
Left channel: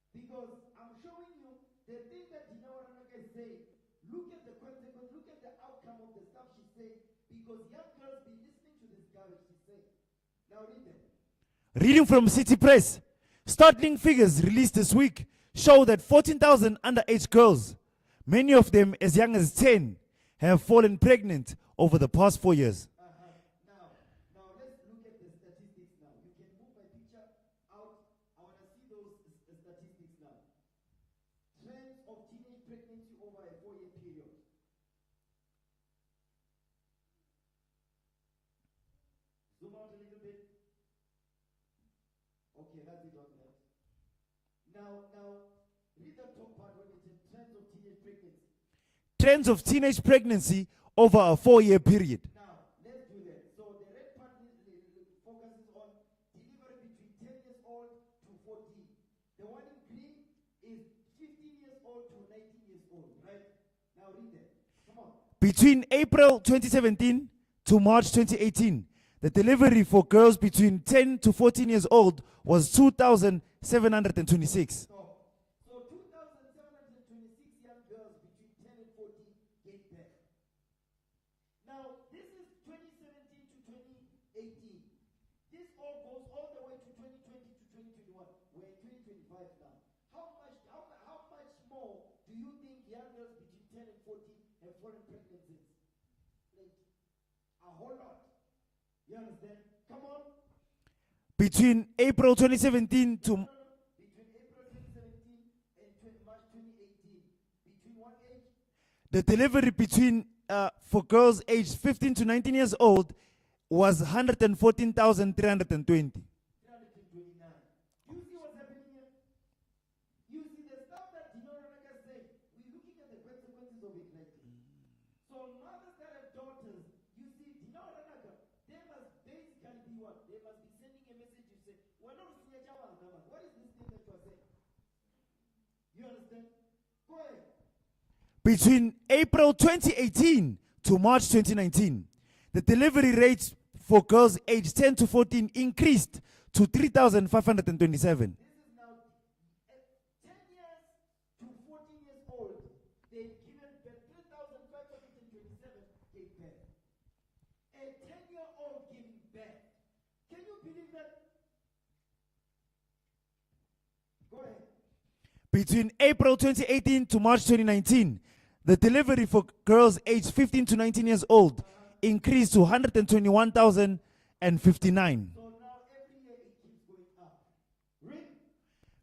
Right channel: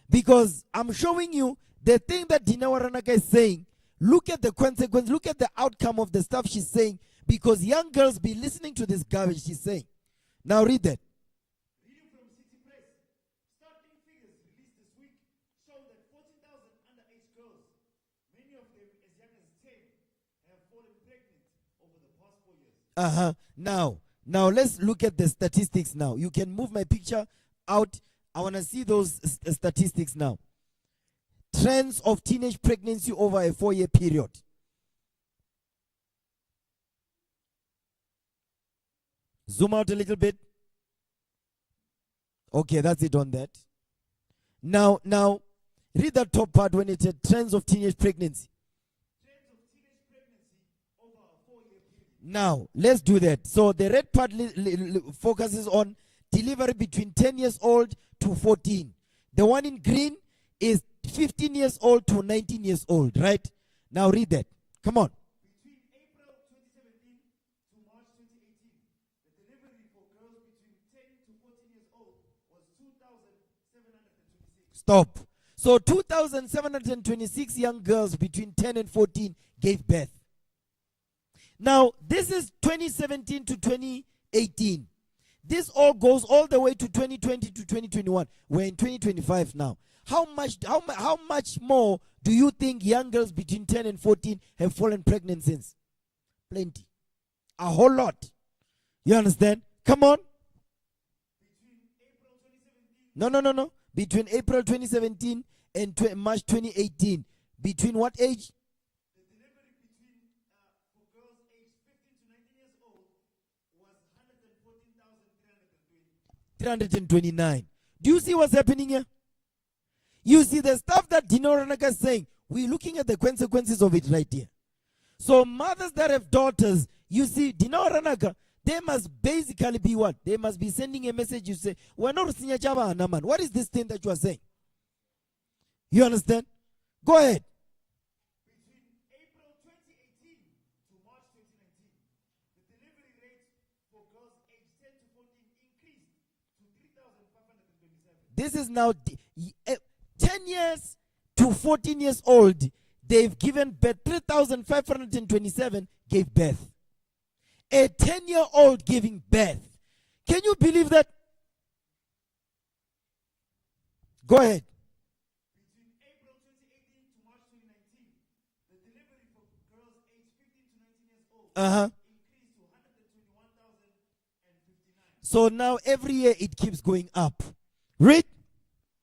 Because I'm showing you the thing that Dina Waranaka is saying. Look at the consequence. Look at the outcome of the stuff she's saying. Because young girls be listening to this garbage she's saying. Now read that. Reading from City Press. Startling figures released this week show that 14,000 underage girls, many of them as young as 10, have fallen pregnant over the past 4 years. Now let's look at the statistics now. You can move my picture out. I want to see those statistics now. Trends of teenage pregnancy over a 4-year period. Zoom out a little bit. Okay, that's it on that. Now, read that top part when it said trends of teenage pregnancy. Trends of teenage pregnancy over a 4-year period. Now, let's do that. So the red part focuses on delivery between 10 years old to 14. The one in green is 15 years old to 19 years old, right? Now read that. Come on. Between April 2017 to March 2018, the delivery for girls between 10 to 14 years old was 2,726. Stop. So 2,726 young girls between 10 and 14 gave birth. Now, this is 2017 to 2018. This all goes all the way to 2020 to 2021. We're in 2025 now. How much more do you think young girls between 10 and 14 have fallen pregnant since? Plenty. A whole lot. You understand? Come on. Between April 2017 No. Between April 2017 and March 2018. Between what age? The delivery between for girls aged 15 to 19 years old was 114,320. 329. Do you see what's happening here? You see the stuff that Dina Ranaka is saying. We're looking at the consequences of it right here. So mothers that have daughters, you see, Dina Ranaka, they must basically be what? They must be sending a message. You say, we're not Sinya Chaba Anaman. What is this thing that you are saying? You understand? Go ahead. Between April 2018 to March 2019, the delivery rates for girls aged 10 to 14 increased to 3,527. This is now 10 years to 14 years old. They've given birth. 3,527 gave birth. A 10-year-old giving birth. Can you believe that? Go ahead. Between April 2018 to March 2019, the delivery for girls aged 15 to 19 years old increased to 121,059. So now every year it keeps going up. Read.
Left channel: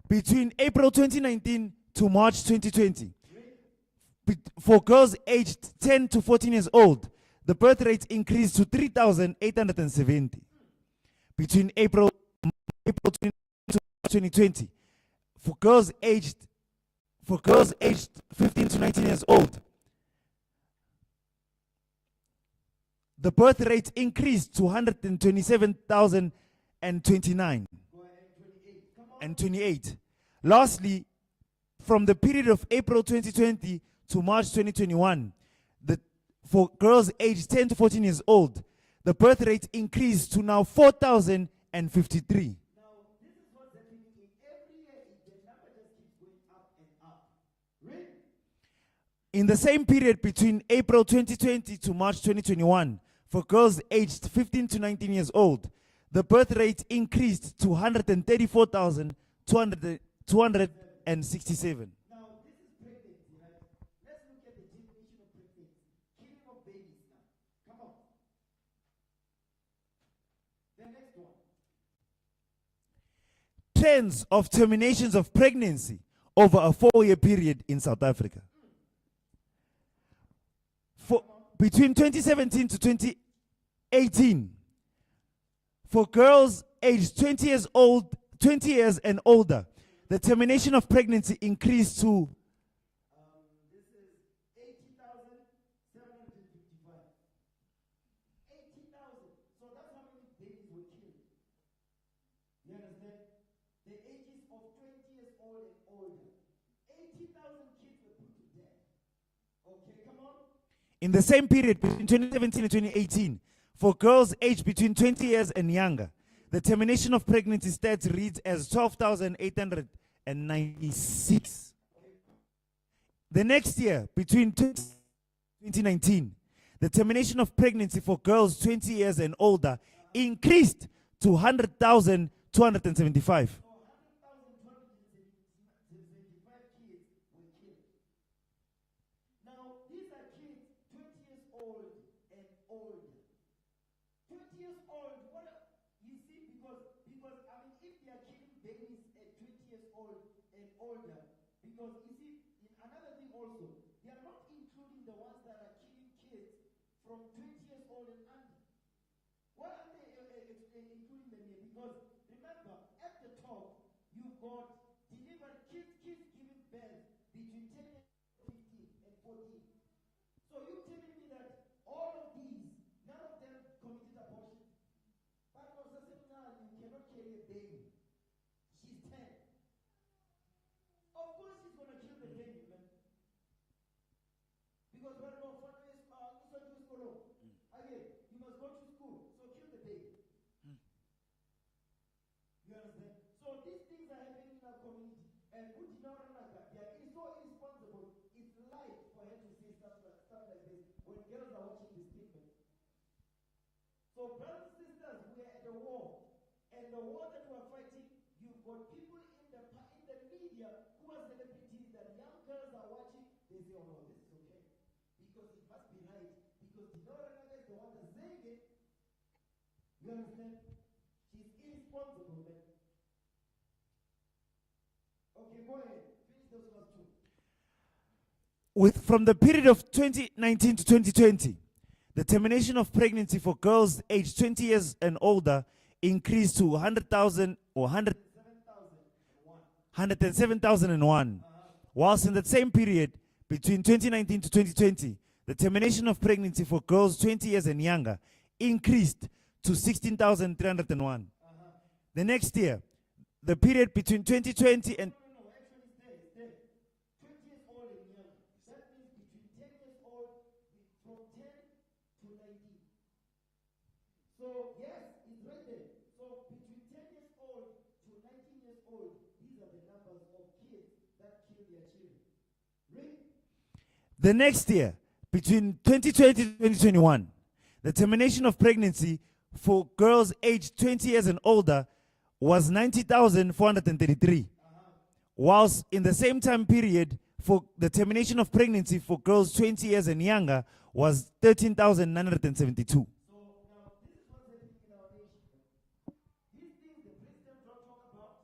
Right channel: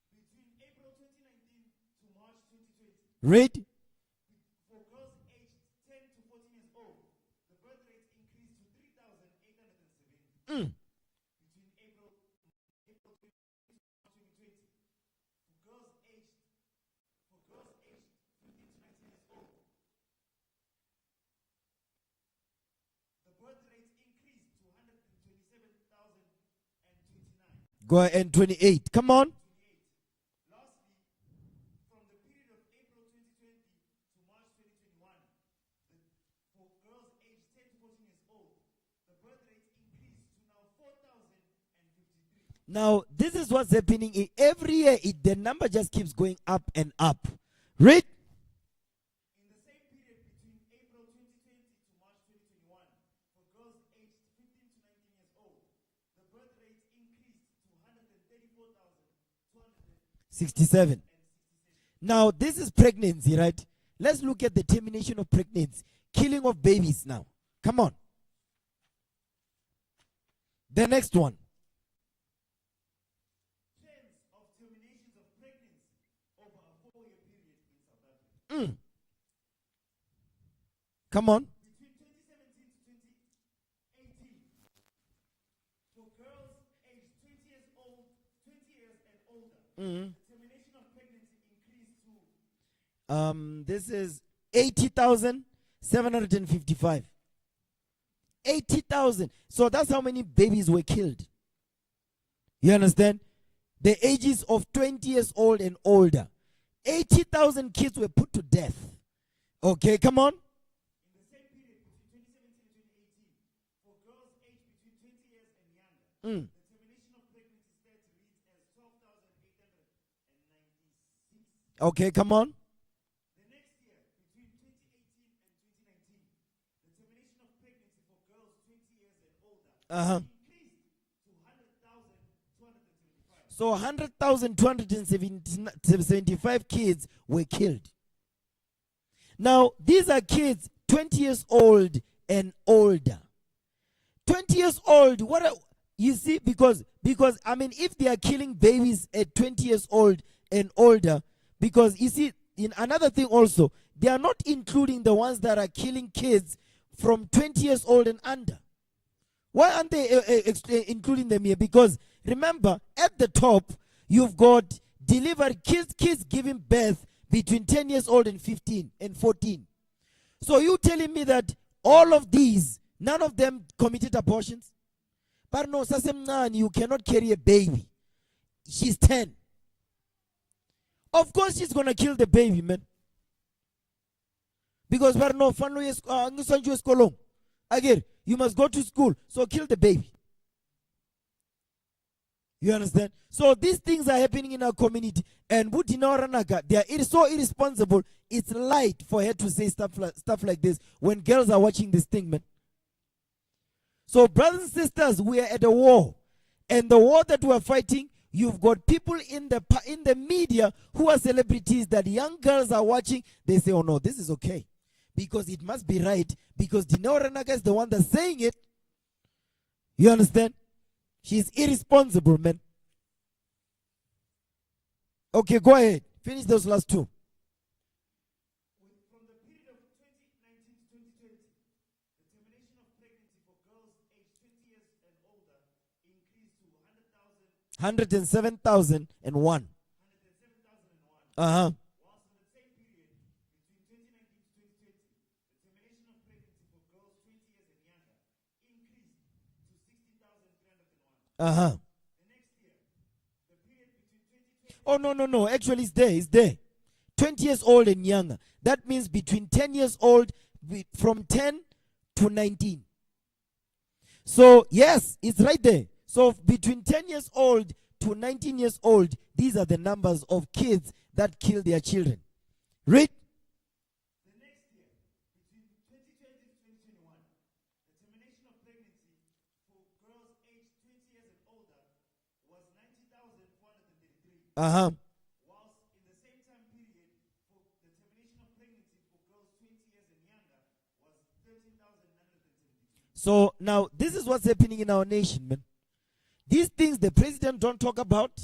Between April 2019 to March 2020, read. For girls aged 10 to 14 years old, the birth rate increased to 3,870. Between April 2020, for girls aged 15 to 19 years old, the birth rate increased to 127,029. Go ahead, and 28. Come on. And 28. Lastly, from the period of April 2020 to March 2021, for girls aged 10 to 14 years old, the birth rate increased to now 4,053. Now, this is what's happening. Every year, the number just keeps going up and up. Read. In the same period between April 2020 to March 2021, for girls aged 15 to 19 years old, the birth rate increased to 134,267. Now, this is pregnancy, right? Let's look at the termination of pregnancy. Killing of babies now. Come on. The next one. Trends of terminations of pregnancy over a 4-year period in South Africa. Come on. Between 2017 to 2018, for girls aged 20 years and older, the termination of pregnancy increased to this is 80,755. 80,000. So that's how many babies were killed. You understand? the ages of 20 years old and older. 80,000 kids were put to death. Okay, come on. In the same period between 2017 and 2018, for girls aged between 20 years and younger, the termination of pregnancy stats reads as 12,896. Okay, come on. The next year, between 2019, the termination of pregnancy for girls 20 years and older increased to 100,275. So 100,275 kids were killed. Now, these are kids 20 years old and older. 20 years old, you see, because I mean, if they are killing babies at 20 years old and older, because you see, in another thing also, they are not including the ones that are killing kids from 20 years old and under. Why aren't they including them here? Because remember, at the top, you've got delivered kids giving birth between 10 years old and 15 and 14. So you telling me that all of these, none of them committed abortions? But no, Sasemnan, you cannot carry a baby. She's 10. Of course she's going to kill the baby, man. Because again, you must go to school, so kill the baby. You understand? So these things are happening in our community. And they are so irresponsible, it's light for her to say stuff like this when girls are watching this thing, man. So brothers and sisters, we are at a war. And the war that we are fighting, you've got people in the media who are celebrities that young girls are watching. They say, oh no, this is okay. Because it must be right. Because Dineo Ranaka is the one that's saying it. You understand? She's irresponsible, man. Okay, go ahead. Finish those last two. From the period of 2019 to 2020, the termination of pregnancy for girls aged 20 years and older increased to 107,001. 107,001. Whilst in that same period, between 2019 to 2020, the termination of pregnancy for girls 20 years and younger increased to 16,301. The next year, the period between 2020 no. Actually, it's there. 20 years old and younger. That means between 10 years old, from 10 to 19. So, yes, it's right there. So, between 10 years old to 19 years old, these are the numbers of kids that kill their children. Read. The next year, between 2020 to 2021, the termination of pregnancy for girls aged 20 years and older was 90,433. Whilst in the same time period, for the termination of pregnancy for girls 20 years and younger was 13,972. So now this is what's happening in our nation, man. These things the president don't talk about.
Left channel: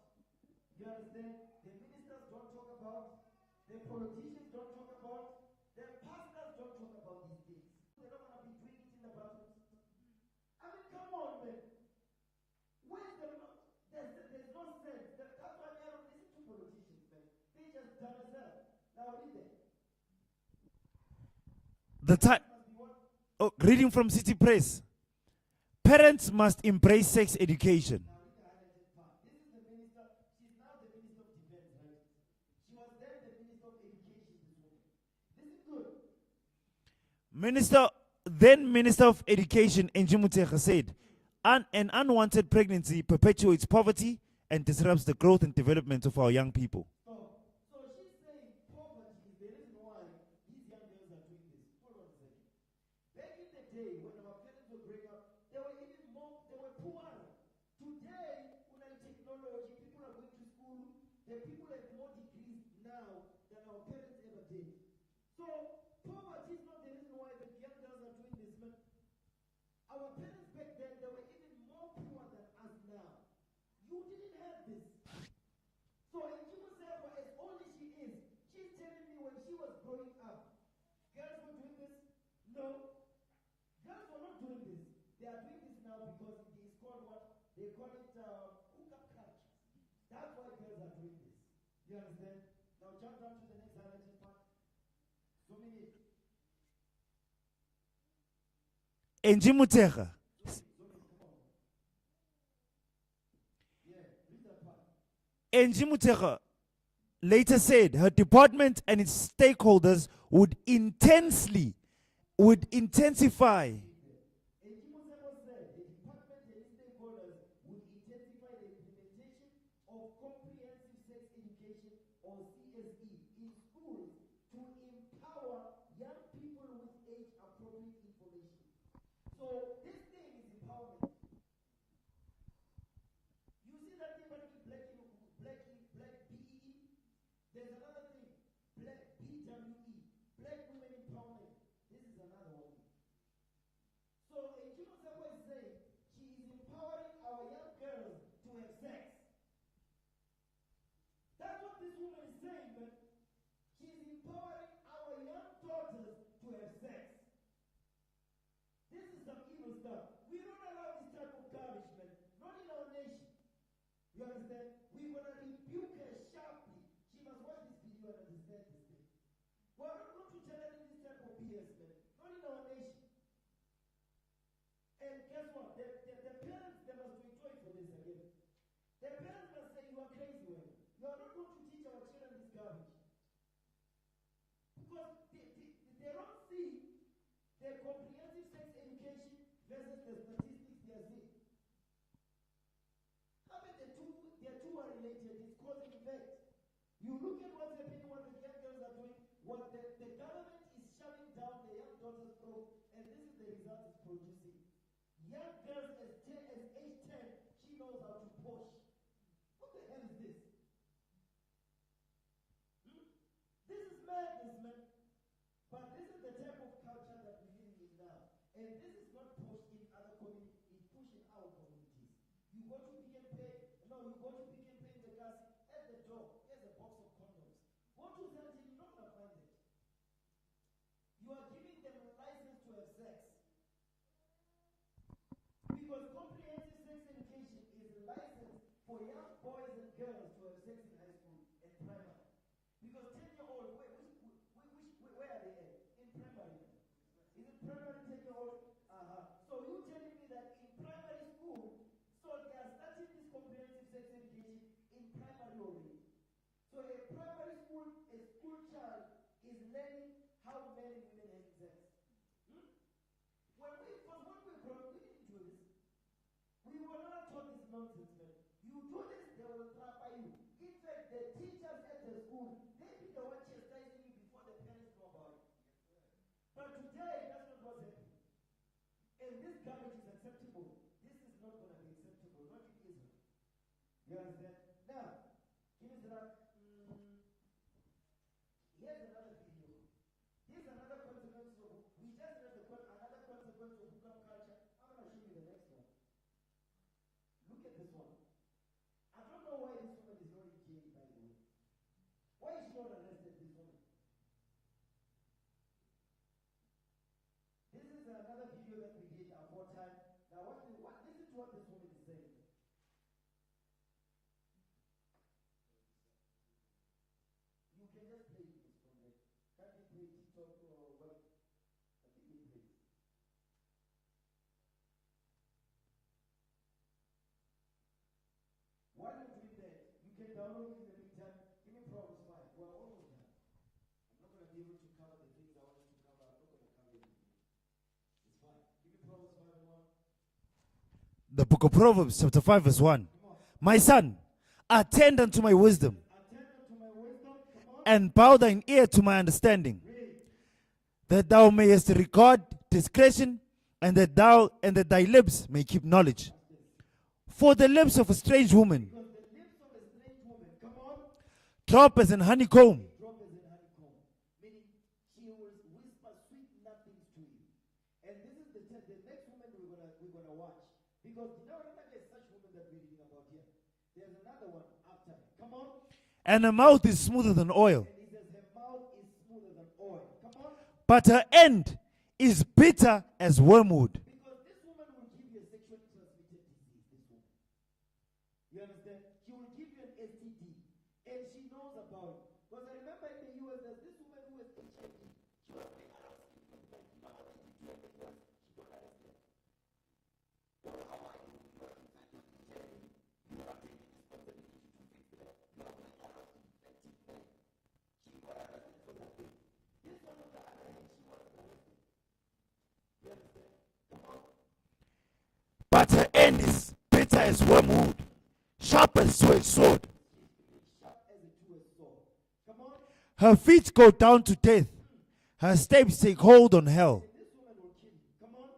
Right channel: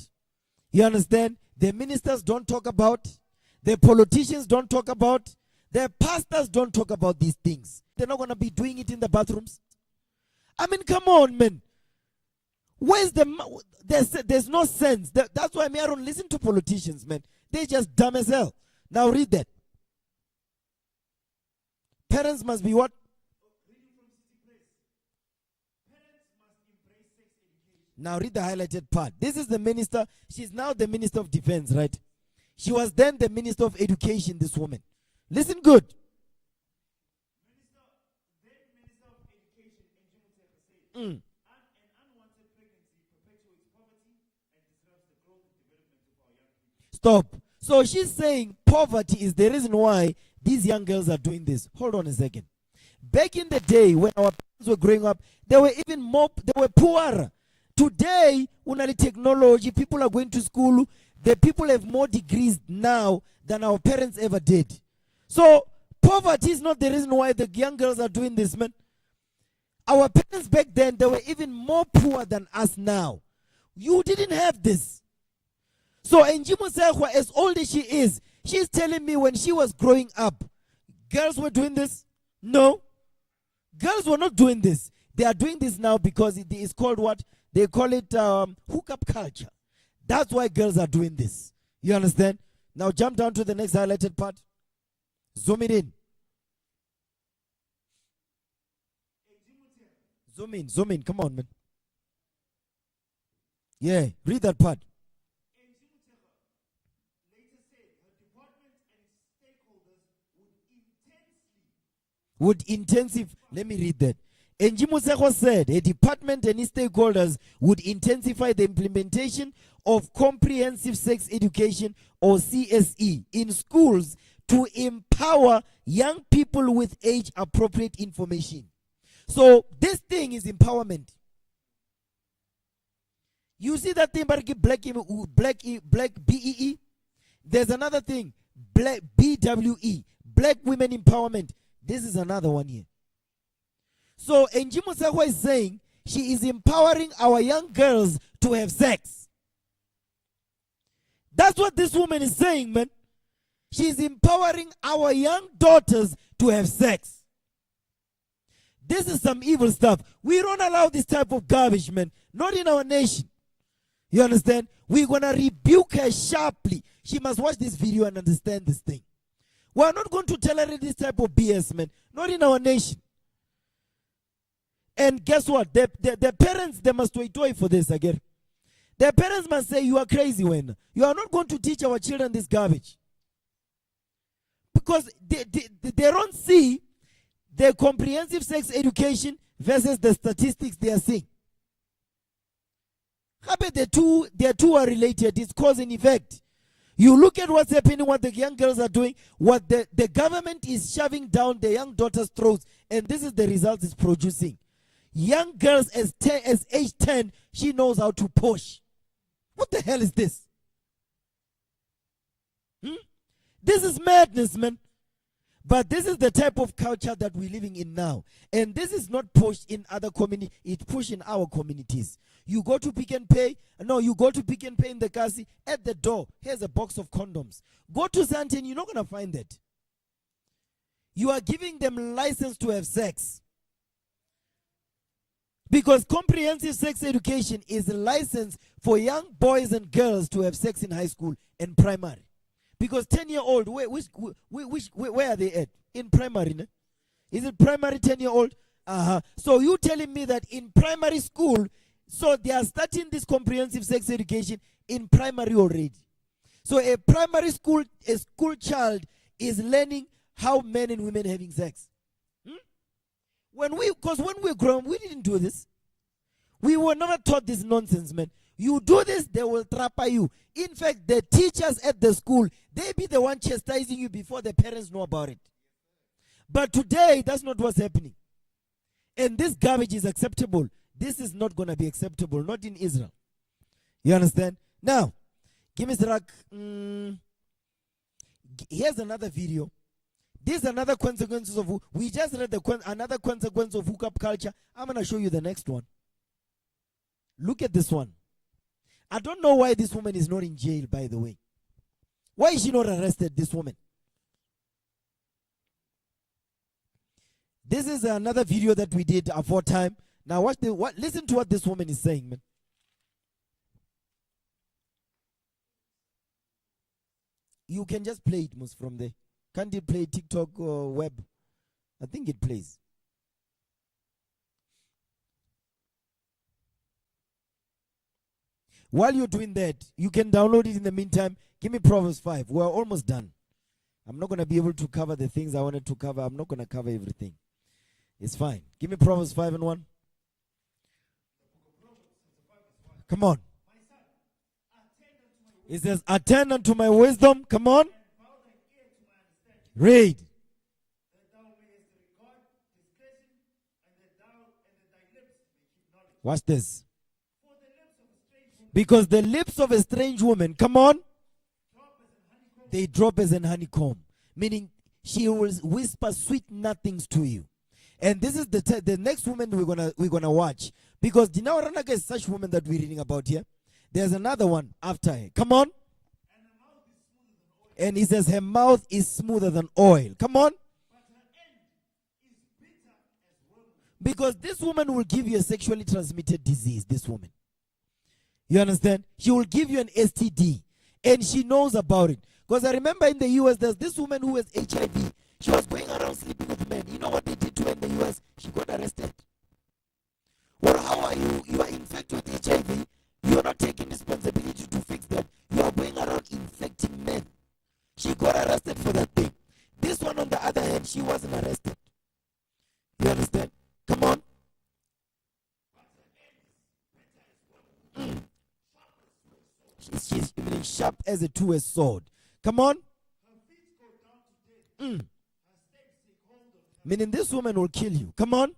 You understand? The ministers don't talk about. The politicians don't talk about. The pastors don't talk about these things. They're not going to be doing it in the bathrooms. I mean, come on, man. Where's there's no sense. That's why I don't listen to politicians, man. They're just dumb as hell. Now read that. Parents must be what? Oh, reading from City Press. Parents must embrace sex education. Now read the highlighted part. This is the minister. She's now the Minister of Defense, right? She was then the Minister of Education, this woman. Listen good. Then Minister of Education, Angie Motshekga, said, an unwanted pregnancy perpetuates poverty and disrupts the growth and development of our young people. Stop. So she's saying poverty is the reason why these young girls are doing this. Hold on a second. Back in the day when our parents were growing up, they were even more, they were poorer. Today, unali technology, people are going to school. The people have more degrees now than our parents ever did. So poverty is not the reason why the young girls are doing this, man. Our parents back then, they were even more poor than us now. You didn't have this. So Angie Motshekga, as old as she is, she's telling me when she was growing up, girls were doing this? No. Girls were not doing this. They are doing this now because it is called what? They call it hookup culture. That's why girls are doing this. You understand? Now jump down to the next highlighted part. Zoom it in. Angie Motshekga. Zoom in, come on, man. Yeah, read that part. Angie Muteka later said her department and its stakeholders would intensify. Let me read that. Angie Museko said a department and its stakeholders would intensify the implementation of comprehensive sex education or CSE in schools to empower young people with age appropriate information. So this thing is empowerment. You see that thing, black BEE? There's another thing, black BWE, black women empowerment. This is another one here. So Angie Musako is saying she is empowering our young girls to have sex. That's what this woman is saying, man. She's empowering our young daughters to have sex. This is some evil stuff. We don't allow this type of garbage, man. Not in our nation. You understand? We're going to rebuke her sharply. She must watch this video and understand this thing. We're not going to tolerate this type of BS, man. Not in our nation. And guess what? The parents, they must wait for this again. Their parents must say, you are crazy when you are not going to teach our children this garbage. Because they don't see the comprehensive sex education versus the statistics they are seeing. The two are related. It's cause and effect. You look at what's happening, what the young girls are doing, what the government is shoving down the young daughters' throats, and this is the result it's producing. Young girls as age 10, she knows how to push. What the hell is this? This is madness, man. But this is the type of culture that we're living in now. And this is not pushed in other communities, it's pushed in our communities. You go to Pick and Pay, you go to Pick and Pay in the Kasi, at the door, here's a box of condoms. Go to Santin, you're not going to find that. You are giving them license to have sex. Because comprehensive sex education is a license for young boys and girls to have sex in high school and primary. Because 10-year-old, where are they at? In primary, ne? Is it primary 10-year-old? So you telling me that in primary school, so they are starting this comprehensive sex education in primary already. So a primary school, a school child is learning how men and women are having sex. Because when we were grown, we didn't do this. We were never taught this nonsense, man. You do this, they will trap you. In fact, the teachers at the school, they be the one chastising you before the parents know about it. But today, that's not what's happening. And this garbage is acceptable. This is not going to be acceptable, not in Israel. You understand? Now, give me Zrak. Here's another video. These are another consequences of, we just read another consequence of hookup culture. I'm going to show you the next one. Look at this one. I don't know why this woman is not in jail, by the way. Why is she not arrested, this woman? This is another video that we did aforetime. Now listen to what this woman is saying, man. You can just play it, Mus, from there. Can't it play TikTok or web? I think it plays. While you're doing that, you can download it in the meantime. Give me Proverbs 5. We're almost done. I'm not going to be able to cover the things I wanted to cover. I'm not going to cover everything. It's fine. Give me Proverbs 5 and 1. The book of Proverbs, chapter 5, verse 1. Come on. My son, attend unto my wisdom. It says, attend unto my wisdom. Come on. And bow thine ear to my understanding. Read. That thou mayest regard discretion, and that thy lips may keep knowledge. Watch this. For the lips of a strange woman. Because the lips of a strange woman, come on, drop as an honeycomb. They drop as an honeycomb. Meaning, she will whisper sweet nothings to you. And this is the next woman we're gonna watch. Because Dinawaranaga is such woman that we're reading about here. There's another one after her. Come on. And her mouth is smoother than oil. And he says her mouth is smoother than oil. Come on. But her end is bitter as wormwood. Because this woman will give you a sexually transmitted disease, this woman. You understand? She will give you an STD. And she knows about it. Because I remember in the US, there's this woman who has HIV. She was going around sleeping with men. You know what they did to her in the US? She got arrested. Well, how are you? You are infected with HIV. You are not taking responsibility to fix that. sharp as a sword. She's even sharp as a two-edged sword. Come on. Her feet go down to death. Her steps take hold on hell. Meaning this woman will kill you. Come on.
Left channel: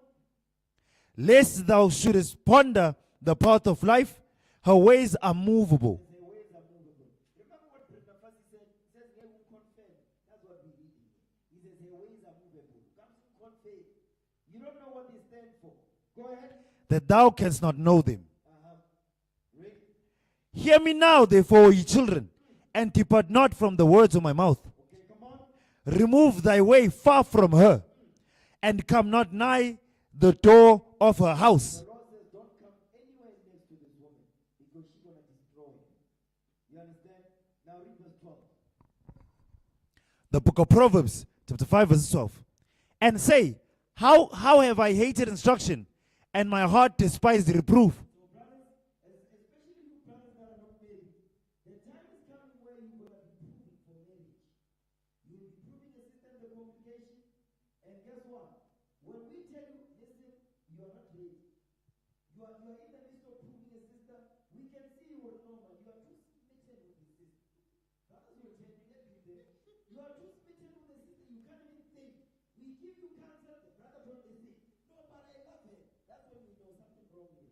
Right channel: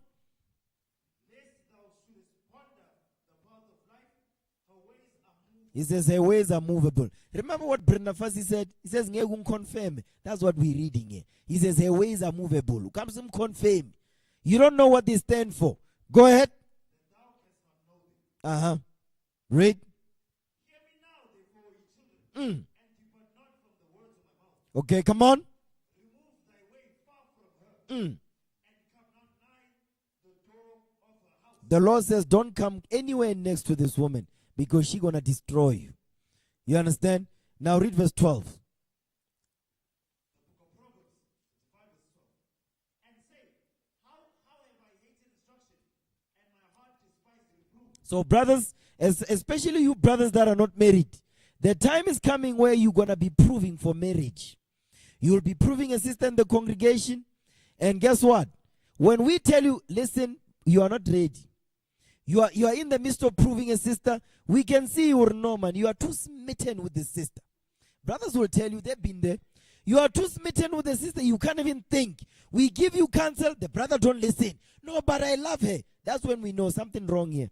Lest thou shouldest ponder the path of life, her ways are He movable. says her ways are movable. Remember what Brenda Fassi said? He says, "Ngeke confirm." That's what we're reading here. He says her ways are movable. Comes him confirm. You don't know what they stand for. Go ahead. That thou canst not know them. Read. Hear me now, therefore, ye children, and depart not from the words of my mouth. Okay, come on. Remove thy way far from her, and come not nigh the door of her house. The Lord says, don't come anywhere next to this woman because she's going to destroy you. You understand? Now read verse 12. The book of Proverbs, chapter 5, verse 12. And say, how have I hated instruction, and my heart despised reproof. So brothers, especially you brothers that are not married, the time is coming where you're going to be proving for marriage. You will be proving a sister in the congregation. And guess what? When we tell you, listen, you are not ready. You are in the midst of proving a sister. We can see you, Norman. You are too smitten with the sister. Brothers will tell you, they've been there. You are too smitten with the sister. You can't even think. We give you counsel. The brother don't listen. No, but I love her. That's when we know something wrong here.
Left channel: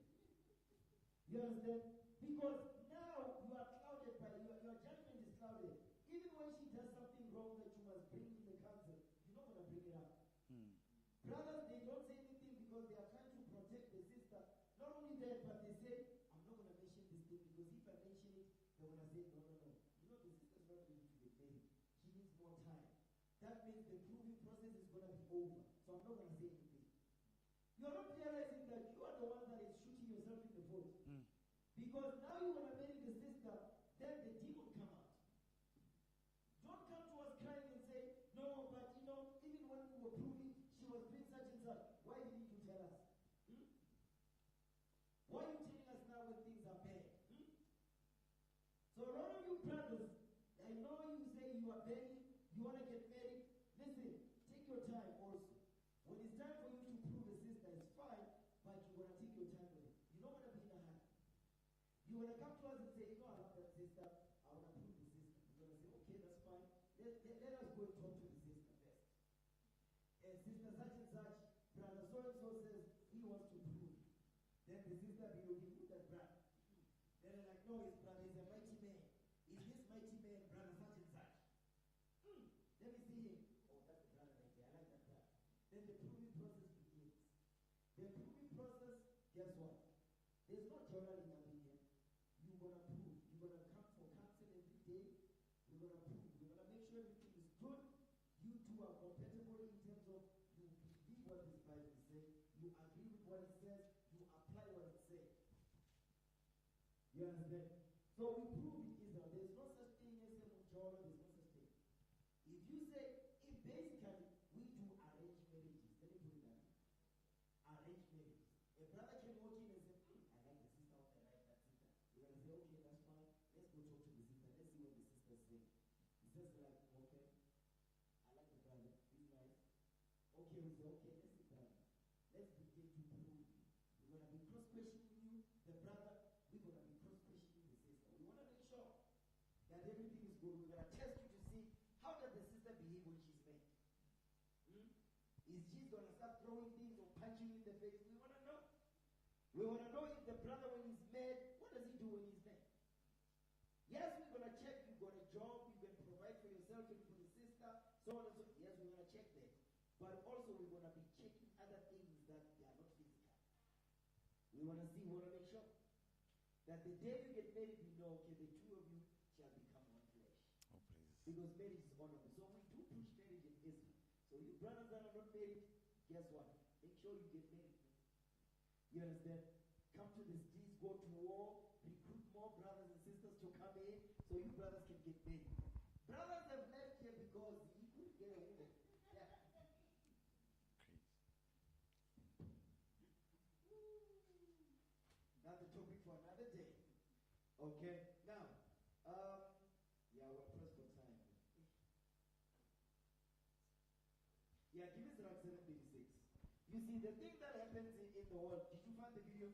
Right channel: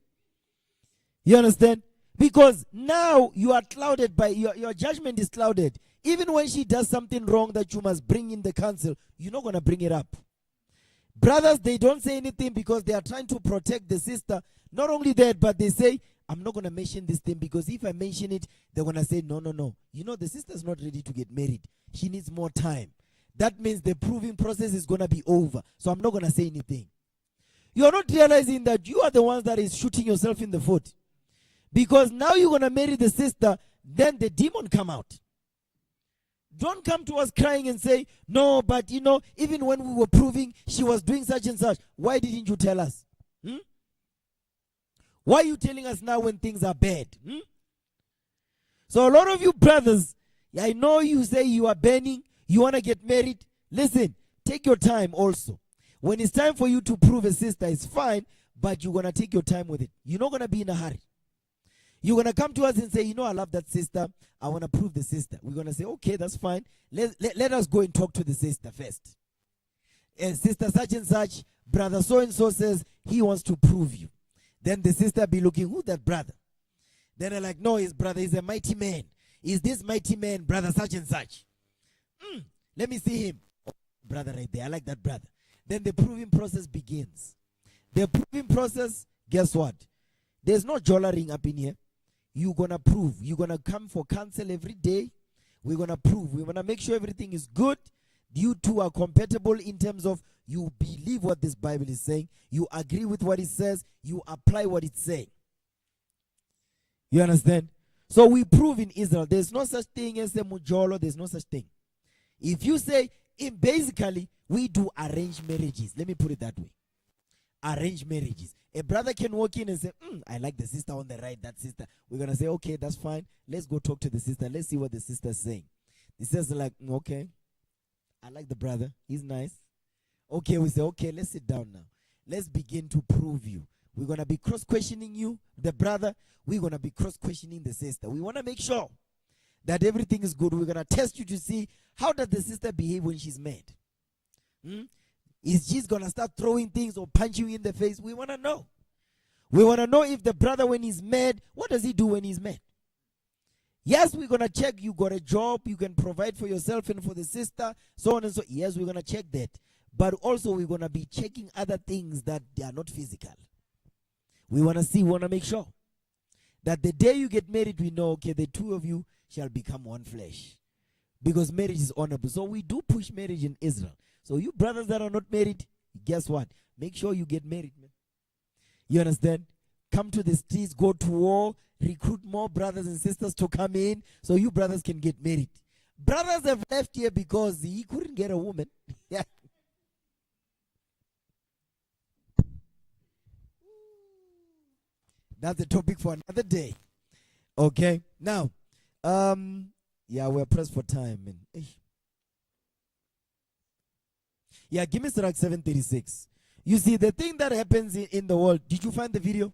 You understand? Because now you are clouded by, your judgment is clouded. Even when she does something wrong that you must bring in the council, you're not going to bring it up. Brothers, they don't say anything because they are trying to protect the sister. Not only that, but they say, I'm not going to mention this thing because if I mention it, they're going to say, no. You know, the sister's not ready to get married. She needs more time. That means the proving process is going to be over. So I'm not going to say anything. You're not realizing that you are the ones that is shooting yourself in the foot. Because now you're going to marry the sister, then the demon come out. Don't come to us crying and say, no, but you know, even when we were proving she was doing such and such, why didn't you tell us? Why are you telling us now when things are bad? So a lot of you brothers, I know you say you are burning, you want to get married. Listen, take your time also. When it's time for you to prove a sister, it's fine, but you're going to take your time with it. You're not going to be in a hurry. You're going to come to us and say, you know, I love that sister. I want to prove the sister. We're going to say, okay, that's fine. Let us go and talk to the sister first. And sister such and such, brother so-and-so says he wants to prove you. Then the sister be looking, who's that brother? Then they're like, no, his brother is a mighty man. Is this mighty man, brother such and such? Let me see him. Oh, brother right there, I like that brother. Then the proving process begins. The proving process, guess what? There's no jollering up in here. You're going to prove. You're going to come for counsel every day. We're going to prove. We're going to make sure everything is good. You two are compatible in terms of you believe what this Bible is saying. You agree with what it says. You apply what it's saying. You understand? So we prove in Israel. There's no such thing as a mujolo. There's no such thing. If you say, basically, we do arranged marriages. Let me put it that way. Arranged marriages. A brother can walk in and say, I like the sister on the right, that sister. We're going to say, okay, that's fine. Let's go talk to the sister. Let's see what the sister's saying. The sister's like, okay, I like the brother. He's nice. Okay, we say, okay, let's sit down now. Let's begin to prove you. We're going to be cross-questioning you, the brother. We're going to be cross-questioning the sister. We want to make sure that everything is good. We're going to test you to see how does the sister behave when she's mad. Is she going to start throwing things or punch you in the face? We want to know. We want to know if the brother, when he's mad, what does he do when he's mad? Yes, we're going to check you got a job, you can provide for yourself and for the sister, so on and so. Yes, we're going to check that. But also we're going to be checking other things that they are not physical. We want to see, we want to make sure that the day you get married, we know, okay, the two of you shall become one flesh. Because marriage is honorable. So we do push marriage in Israel. So you brothers that are not married, guess what? Make sure you get married, man. You understand? Come to the streets, go to war, recruit more brothers and sisters to come in so you brothers can get married. Brothers have left here because he couldn't get a woman. Yeah. That's the topic for another day. Okay? Now, yeah, we're pressed for time, man. Yeah, give me Sirach 7:36. You see, the thing that happens in the world, did you find the video?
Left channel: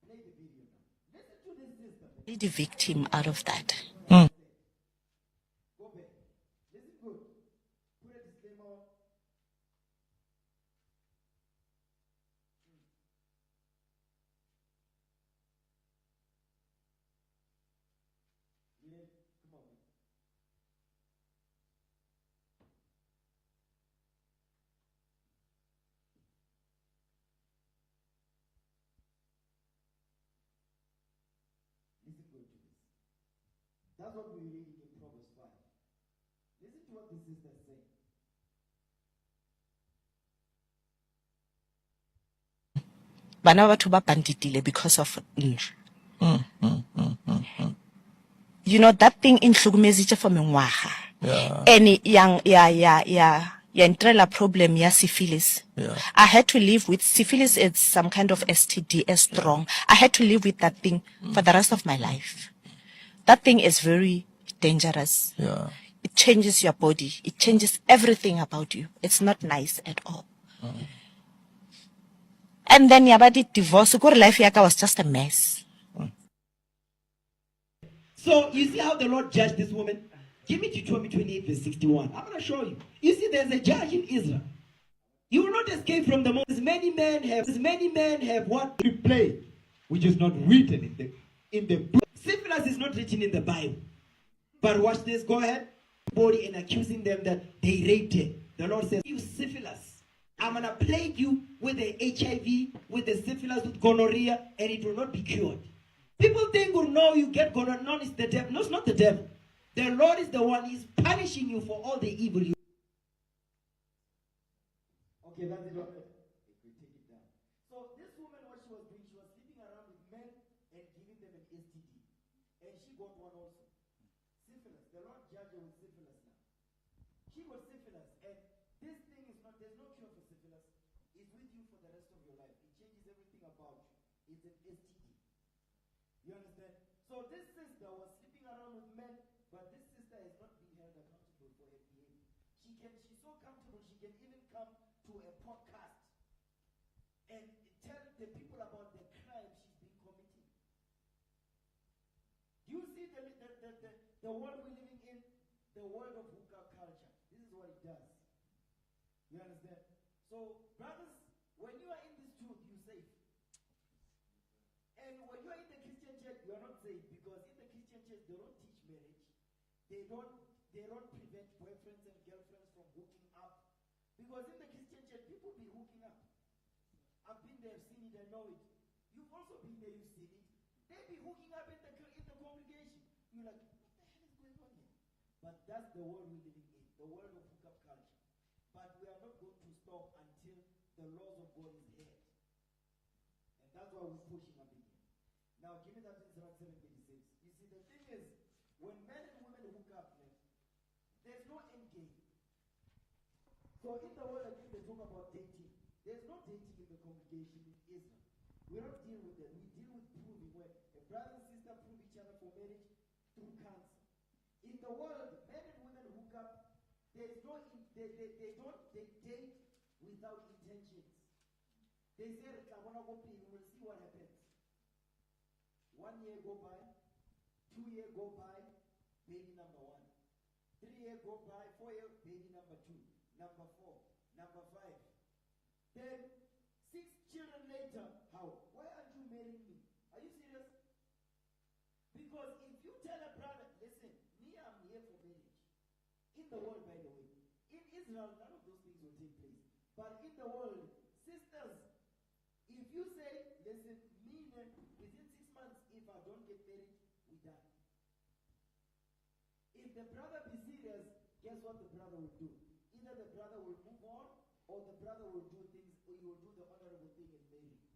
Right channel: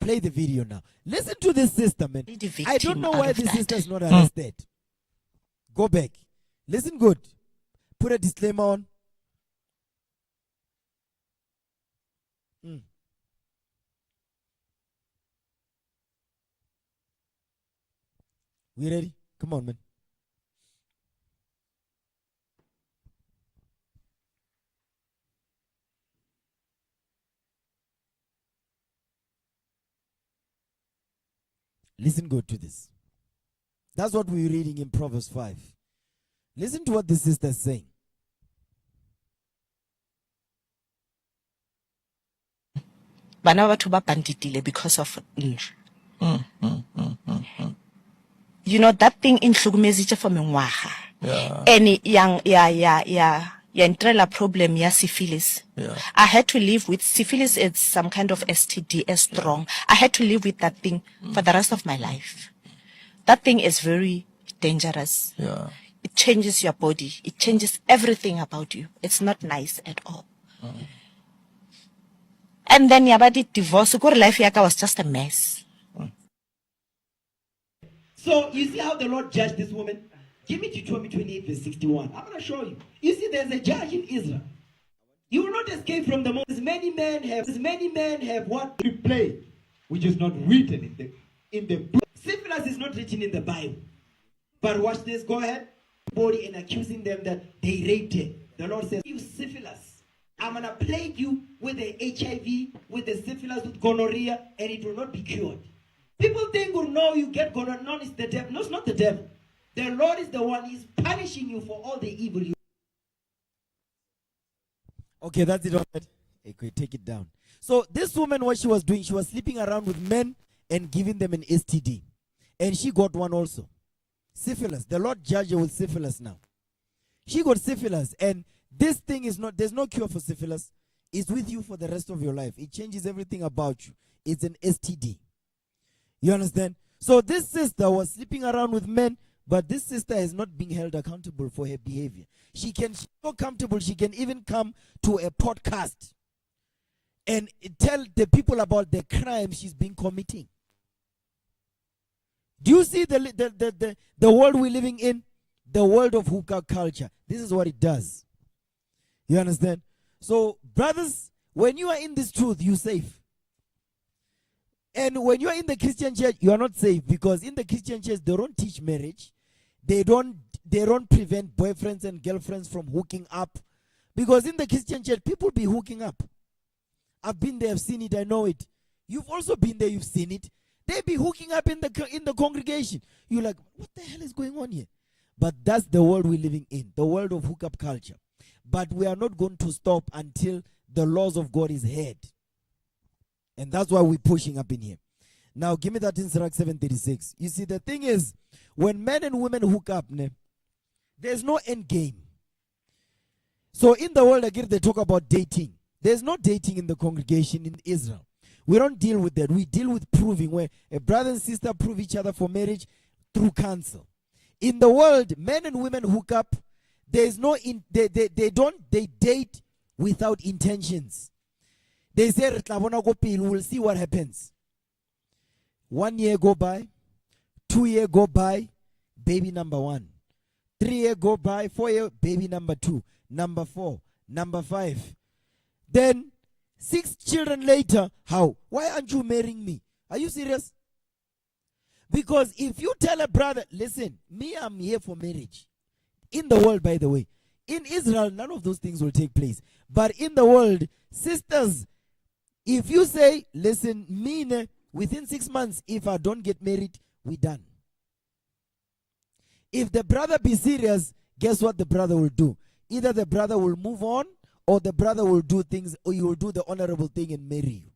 Play the video now. Listen to this sister, man. Be the I don't victim know out why of this that. sister is not arrested. Go back. Listen good. Put a disclaimer on. We ready? Come on, man. Listen good to this. That's what we're reading in Proverbs 5. Listen to what the sister is saying. Bana ba batho ba banditile because of nju. You know that thing in hlukumezitse for mengwaga. And ya ntrela problem ya syphilis. I had to live with syphilis. It's some kind of STD, as strong. I had to live with that thing for the rest of my life. That thing is very dangerous. It changes your body. It changes everything about you. It's not nice at all. And then yabadi divorce. Ukuri life yaka was just a mess. So you see how the Lord judged this woman? Give me Deuteronomy 28 verse 61. I'm going to show you. You see, there's a judge in Israel. You will not escape from the most. Many men have what we play, which is not written in the book. Syphilis is not written in the Bible. But watch this. Go ahead. Body and accusing them that they raped her. The Lord says, you syphilis, I'm going to plague you with the HIV, with the syphilis, with gonorrhea, and it will not be cured. People think, oh no, you get gonorrhea. No, it's the devil. No, it's not the devil. The Lord is the one. He's punishing you for all the evil you. Okay, that's it. Okay, take it down. So this woman, what she was doing, she was sleeping around with men and giving them an STD. And she got one also. Syphilis. The Lord judged her with syphilis now. She got syphilis. And this thing is not, there's no cure for syphilis. It's with you for the rest of your life. It changes everything about you. It's an STD. You understand? So this sister was sleeping around with men, but this sister is not being held accountable for her behavior. She's so comfortable, she can even come to a podcast and tell the people about the crime she's been committing. Do you see the world we're living in? The world of hookup culture. This is what it does. You understand? So, brothers, when you are in this truth, you're safe. And when you are in the Christian church, you are not safe, because in the Christian church, they don't teach marriage. They don't prevent boyfriends and girlfriends from hooking up. Because in the Christian church, people be hooking up. I've been there, I've seen it, I know it. You've also been there, you've seen it. They be hooking up in the congregation. You're like, what the hell is going on here? But that's the world we're living in, the world of hookup culture. But we are not going to stop until the laws of God is heard. And that's why we're pushing up in here. Now, give me that in Sirach 7:36. You see, the thing is, when men and women hook up, there's no end game. So in the world, again, they talk about dating. There's no dating in the congregation in Israel. We don't deal with that. We deal with proving, where a brother and sister prove each other for marriage through counsel. In the world, men and women hook up. There's no, they date without intentions. They say, we'll see what happens. 1 year go by, 2 year go by, baby number 1. 3 year go by, 4 year, baby number 2, number 4, number 5. Then 6 children later, how? Why aren't you marrying me? Are you serious? Because if you tell a brother, listen, me, I'm here for marriage. In the world, by the way. In Israel, none of those things will take place. But in the world, sisters, if you say, listen, me, within 6 months, if I don't get married, we're done. If the brother be serious, guess what the brother will do? Either the brother will move on, or the brother will do things, or you will do the honorable thing and marry you.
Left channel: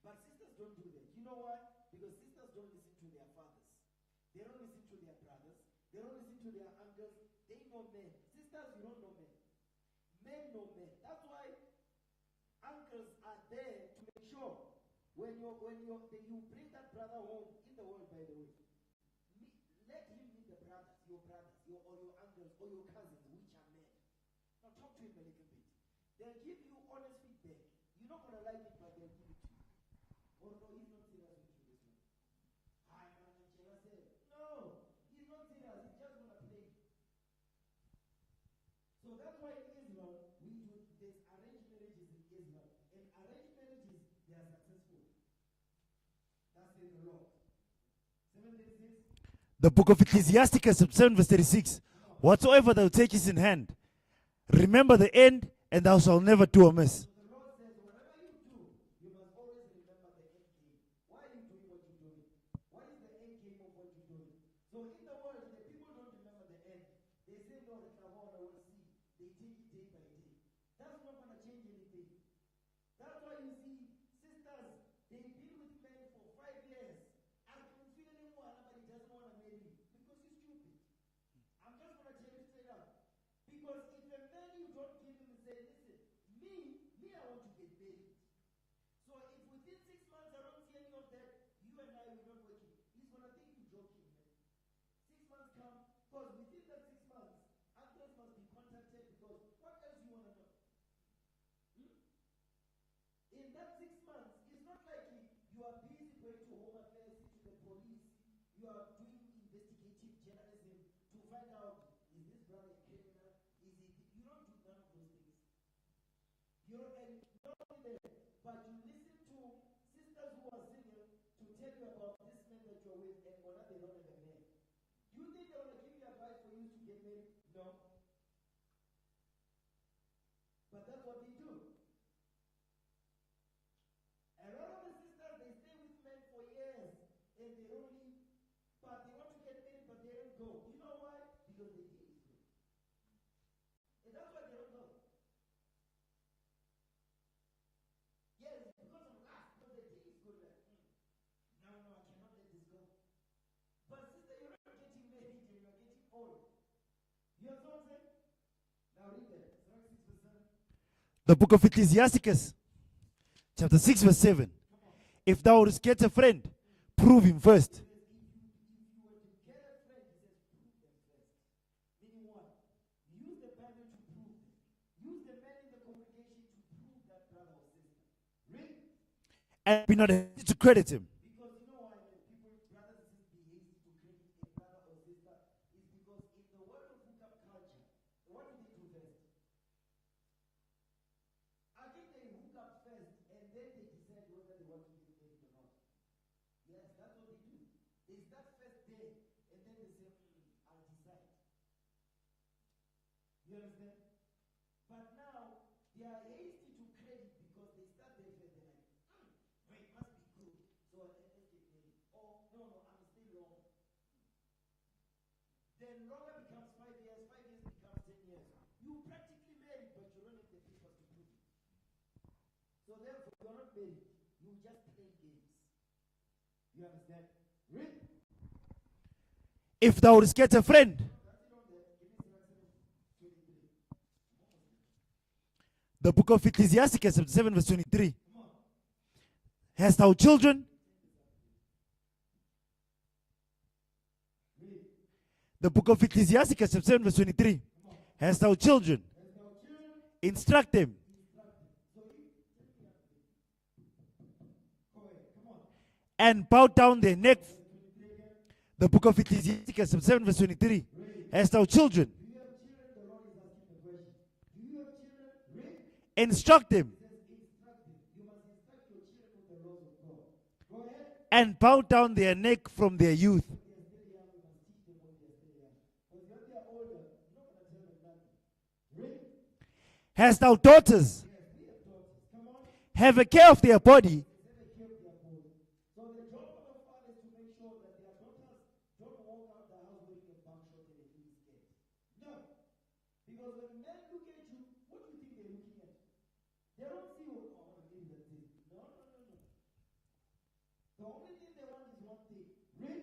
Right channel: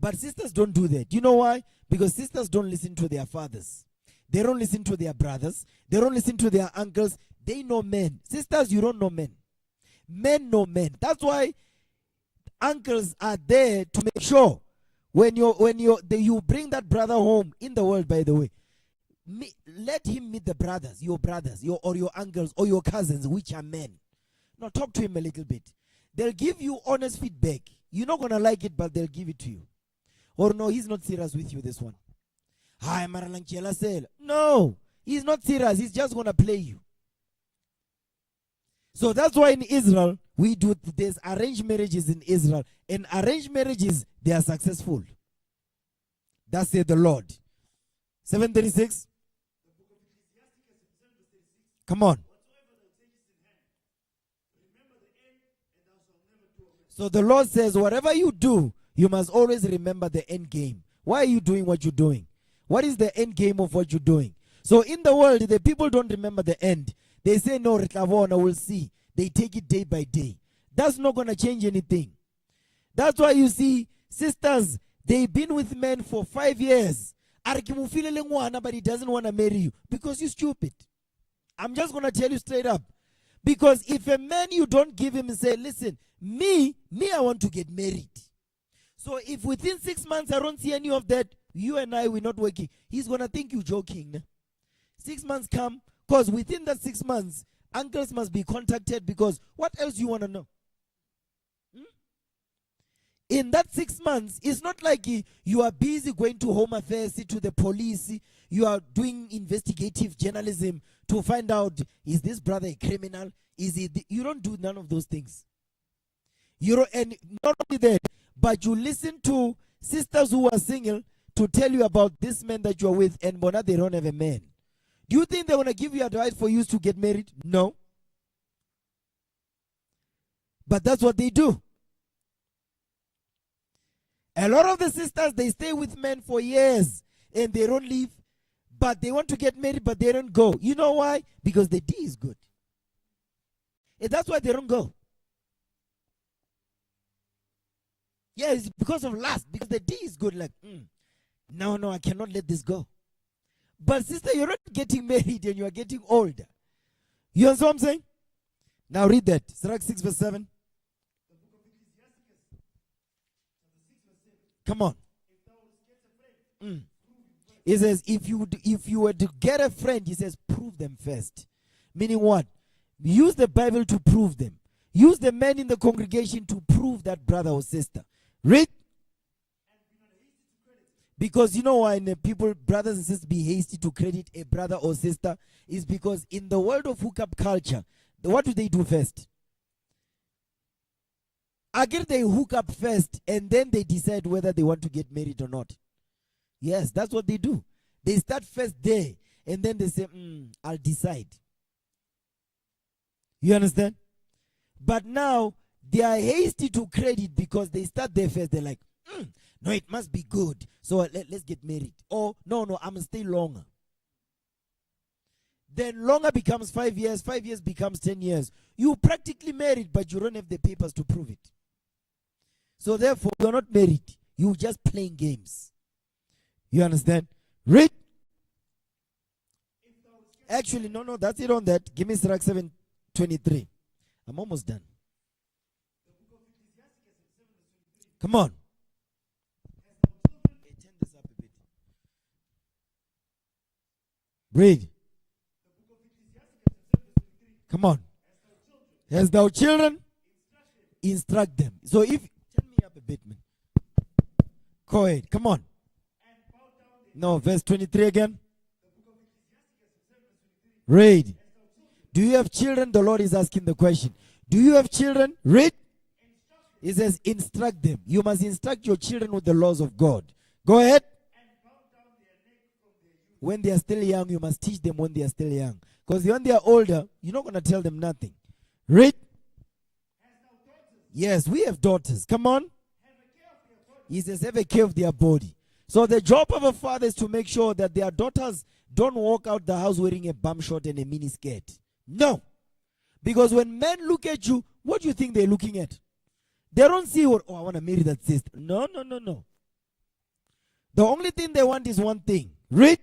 But sisters don't do that. You know why? Because sisters don't listen to their fathers. They don't listen to their brothers. They don't listen to their uncles. They know men. Sisters, you don't know men. Men know men. That's why uncles are there to make sure when you bring that brother home in the world, by the way, let him meet the brothers, your uncles, or your cousins, which are men. Now talk to him a little bit. They'll give you honest feedback. You're not going to like it, but they'll give it to you. Or no, he's not serious with you, this one. Hi, no, he's not serious. He's just going to play you. So that's why in Israel, there's arranged marriages in Israel. And arranged marriages, they are successful. That's the Lord. 736. The book of Ecclesiasticus, 7 verse 36. Come on. Whatsoever thou takest in hand, remember the end, and thou shalt never do amiss. So the Lord says, whatever you do, you must always remember the end game. Why are you doing what you're doing? What is the end game of what you're doing? So in the world, the people don't remember the end. They say, no, we'll see. They take it day by day. That's not going to change anything. That's why you see sisters, they've been with men for 5 years. But he doesn't want to marry you because you're stupid. I'm just going to tell you straight up. Because if a man, you don't give him and say, listen, me, I want to get married. So if within 6 months I don't see any of that, you and I, we're not working, he's going to think you're joking. 6 months come, because within that 6 months, uncles must be contacted, because what else you want to know? In that 6 months, it's not like you are busy going to Home Affairs, to the police, you are doing investigative journalism to find out, is this brother a criminal? You don't do none of those things. And not only that, but you listen to sisters who are single to tell you about this man that you are with, and Bona, they don't have a man. Do you think they want to give you advice for you to get married? No. But that's what they do. A lot of the sisters, they stay with men for years and they don't leave, but they want to get married, but they don't go. You know why? Because the D is good. And that's why they don't go. Yeah, it's because of lust, because the D is good. Like, no, I cannot let this go. But sister, you're not getting married and you are getting older. You understand what I'm saying? Now read that. Sirach 6 verse 7. The book of Ecclesiasticus, chapter 6 verse 7. Come on. If thou wouldst get a friend, prove him first. He says, if you were to get a friend, he says, prove them first. Meaning what? Use the Bible to prove them. Use the men in the congregation to prove that brother or sister. Read. And be not hasty to credit him. Because you know why people, brothers and sisters, be hasty to credit a brother or sister? Is because in the world of hookup culture, what do they do first? Again, they hook up first, and then they decide whether they want to get married or not. Yes, that's what they do. They start first there, and then they say, I'll decide. You understand? But now, they are hasty to credit because they start there first. They're like, no, it must be good. So let's get married. Or, no, I'm going to stay longer. Then longer becomes 5 years. 5 years becomes 10 years. You practically married, but you don't have the papers to prove it. So therefore, you're not married. You're just playing games. You understand? Read. If thou wouldst get a friend. No, that's it on that. Give me Sirach 7:23. I'm almost done. The book of Ecclesiasticus, 7 verse 23. Come on. Hast thou children? Read. The book of Ecclesiasticus, 7 verse 23. Come on. Hast thou children? Hast thou children? Instruct them. Instruct them. So if, turn me up a bit, man. Go ahead. Come on. And bow down their neck. No, verse 23 again. The book of Ecclesiasticus, 7 verse 23. Read. Hast thou children? Do you have children? The Lord is asking the question. Do you have children? Read. Instruct them. He says, instruct them. You must instruct your children with the laws of God. Go ahead. And bow down their neck from their youth. When they are still young, you must teach them when they are still young. Because when they are older, you're not going to tell them nothing. Read. Hast thou daughters? Yes, we have daughters. Come on. Have a care of their body. He says, have a care of their body. So the job of a father is to make sure that their daughters don't walk out the house wearing a bum short and a mini skirt. No. Because when men look at you, what do you think they're looking at? They don't see what, I want to marry that sister. No. The only thing they want is one thing. Read.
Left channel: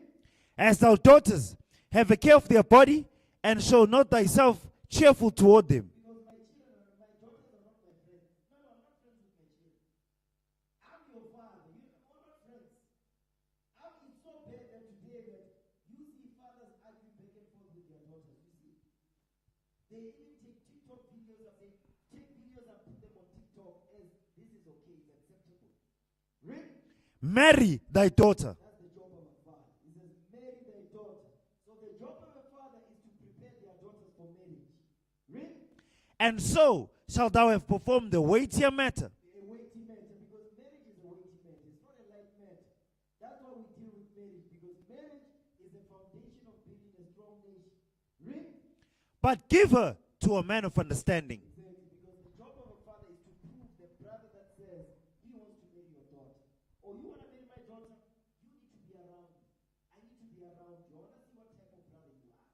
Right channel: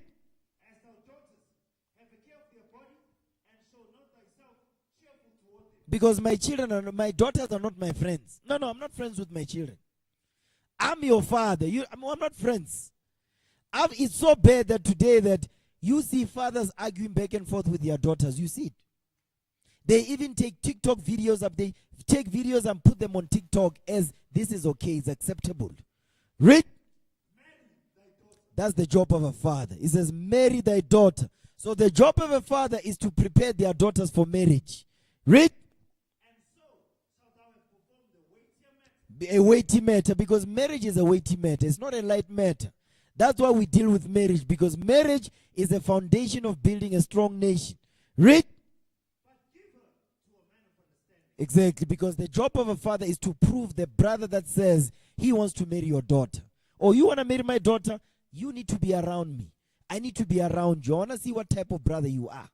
As thou daughters, have a care of their body, and show not thyself cheerful toward them. Because my my daughters are not my friends. No, I'm not friends with my children. I'm your father. I'm not friends. It's so bad that today that you see fathers arguing back and forth with their daughters. You see it. They even take TikTok videos up. They take videos and put them on TikTok as this is okay, it's acceptable. Read. marry thy daughter. That's the job of a father. He says, marry thy daughter. So the job of a father is to prepare their daughters for marriage. Read. And so shalt thou have performed the weightier matter. A weighty matter, because marriage is a weighty matter. It's not a light matter. That's why we deal with marriage, because marriage is the foundation of building a strong nation. Read. But give her to a man of understanding. Exactly, because the job of a father is to prove the brother that says he wants to marry your daughter. Or you want to marry my daughter, you need to be around me. I need to be around you. I want to see what type of brother you are.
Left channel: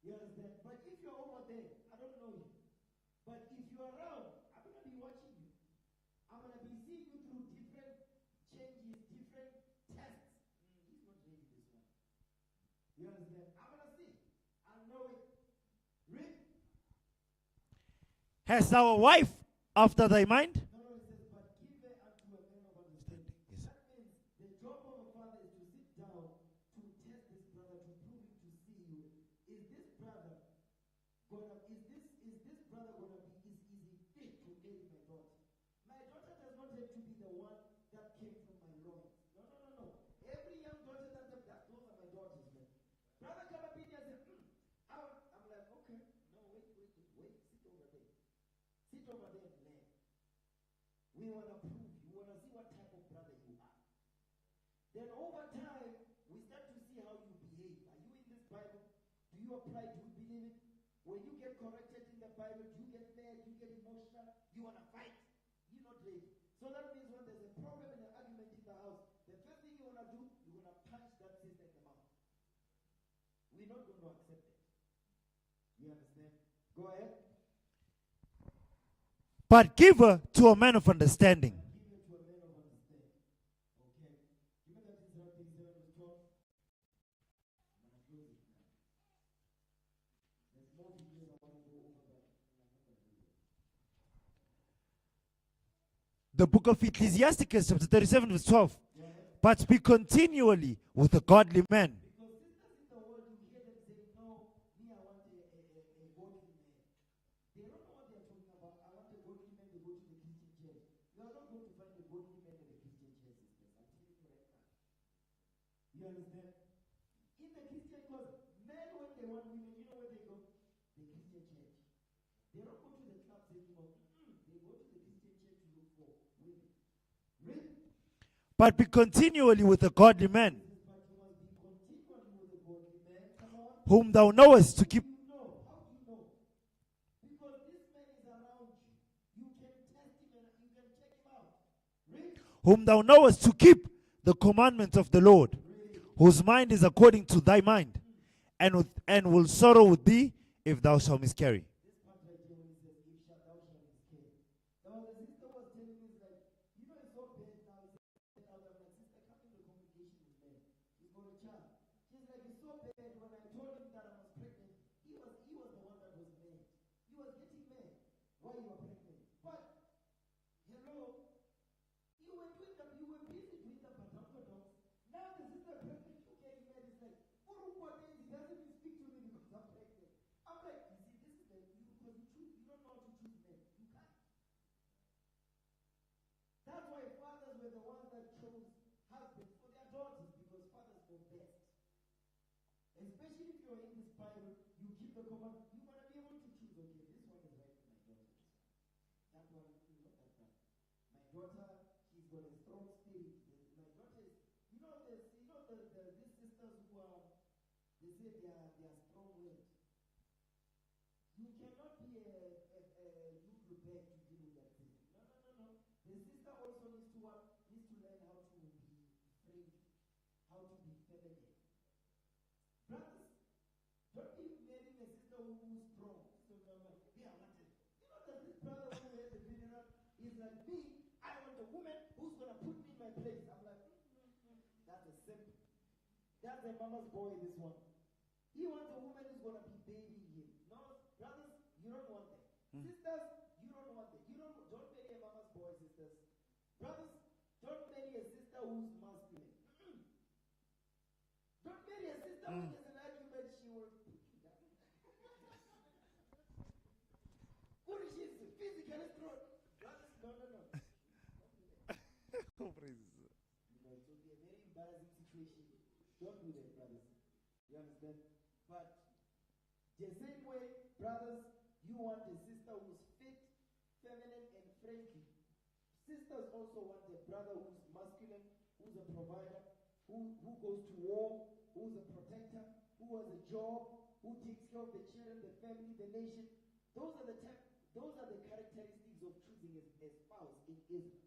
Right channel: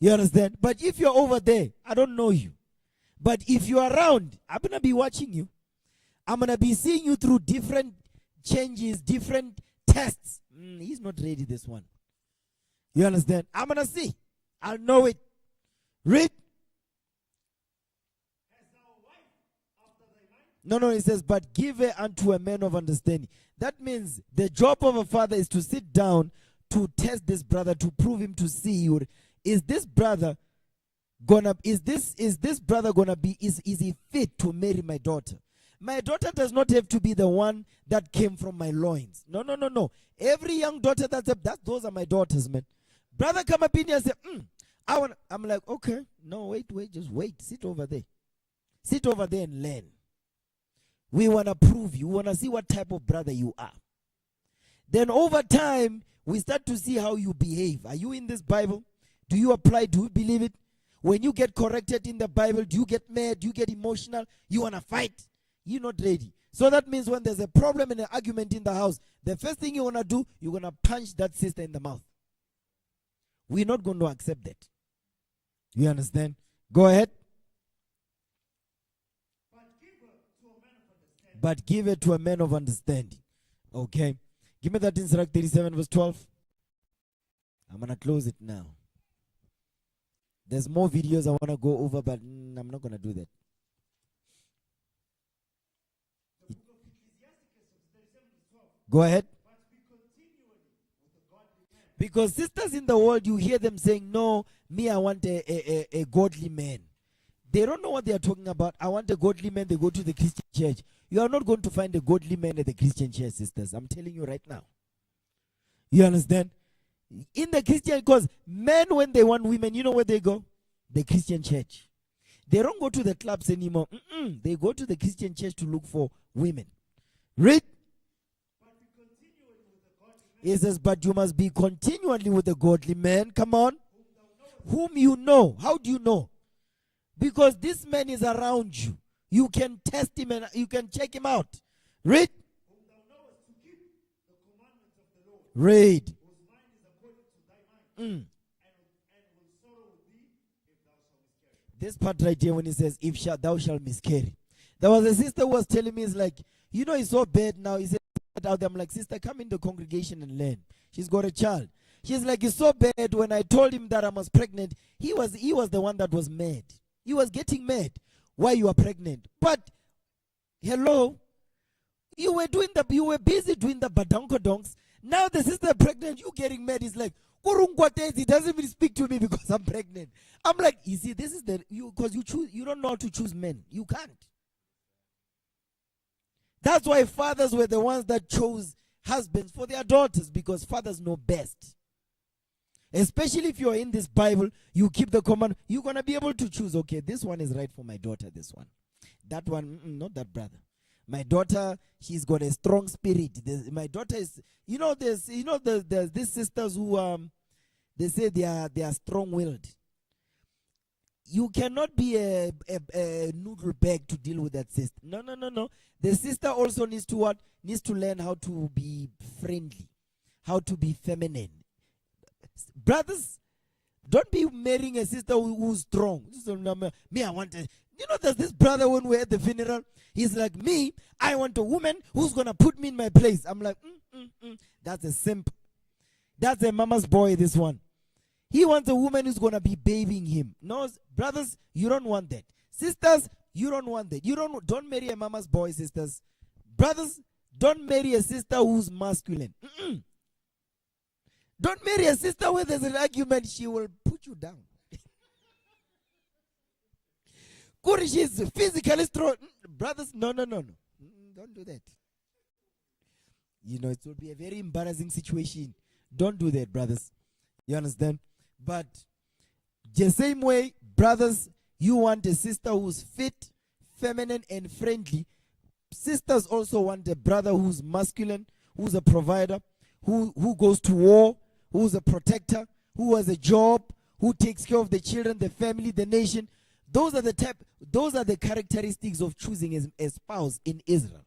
You understand? But if you're over there, I don't know you. But if you're around, I'm going to be watching you. I'm going to be seeing you through different changes, different tests. He's not ready, this one. You understand? I'm going to see. I'll know it. Read. Hast thou a wife after thy mind? No, it says, but give her unto a man of understanding. That means the job of a father is to sit down to test this brother, to prove him, to see, is this brother gonna be, is he fit to marry my daughter? My daughter does not have to be the one that came from my loins. No. Every young daughter those are my daughters, man. Brother come up in here and say, I'm like, okay, no, wait, just wait. Sit over there. Sit over there and learn. We want to prove you. We want to see what type of brother you are. Then over time, we start to see how you behave. Are you in this Bible? Do you apply? Do you believe it? When you get corrected in the Bible, do you get mad? Do you get emotional? You want to fight? You're not ready. So that means when there's a problem and an argument in the house, the first thing you want to do, you're going to punch that sister in the mouth. We're not going to accept that. You understand? Go ahead. But give her to a man of understanding. But give it to a man of understanding. Okay. Give me that in Sirach 37 verse 12. I'm going to close it now. There's more videos I want to go over, but I'm not going to do that. The book of Ecclesiasticus, chapter 37, verse 12. Go ahead. But be continually with a godly man. Because sisters in the world, you hear them saying, no, me, I want a godly man. They don't know what they are talking about. I want a godly man. They go to the Christian church. You are not going to find a godly man at the Christian church, sisters. I'm telling you right now. You understand? In the Christian, because men, when they want women, you know where they go? The Christian church. They don't go to the clubs anymore. They go to the Christian church to look for women. Read. But be continually with a godly man. He says, but you must be continually with a godly man. Come on. Whom thou knowest. Whom you know. How do you know? Because this man is around you. You can test him and you can check him out. Read. Whom thou knowest to keep the commandments of the Lord. Read. Whose mind is according to thy mind. And will sorrow with thee if thou shalt miscarry. This part right here when he says, if thou shalt miscarry. There was a sister who was telling me, it's like, you know, it's so bad now. He said out there, I'm like, sister, come in the congregation and learn. She's got a child. She's like, it's so bad. When I told him that I was pregnant, he was the one that was mad. He was getting mad. Why you are pregnant? But hello, you were busy doing the badonkodonks. Now the sister pregnant, you getting mad. It's like, he doesn't even speak to me because I'm pregnant. I'm like, you see, this is because you don't know how to choose men. You can't. That's why fathers were the ones that chose husbands for their daughters, because fathers know best. Especially if you're in this Bible, you keep the command, you're going to be able to choose, okay, this one is right for my daughter, this one. That one, not that brother. My daughter, she's got a strong spirit. My daughter is, there's these sisters who, they say they are strong-willed. You cannot be a noodle bag to deal with that sister. No. The sister also needs to what? Needs to learn how to be friendly, how to be feminine. Brothers, don't be marrying a sister who's strong. Me, I want a, there's this brother when we're at the funeral. He's like, me, I want a woman who's going to put me in my place. I'm like, that's a simp. That's a mama's boy, this one. He wants a woman who's going to be bathing him. No, brothers, you don't want that. Sisters, you don't want that. Don't marry a mama's boy, sisters. Brothers, don't marry a sister who's masculine. Don't marry a sister where there's an argument. She will put you down. She's physically strong. Brothers, no. Don't do that. You know, it will be a very embarrassing situation. Don't do that, brothers. You understand? But the same way, brothers, you want a sister who's fit, feminine, and friendly. Sisters also want a brother who's masculine, who's a provider, who goes to war, who's a protector, who has a job, who takes care of the children, the family, the nation. Those are the characteristics of choosing a spouse in Israel.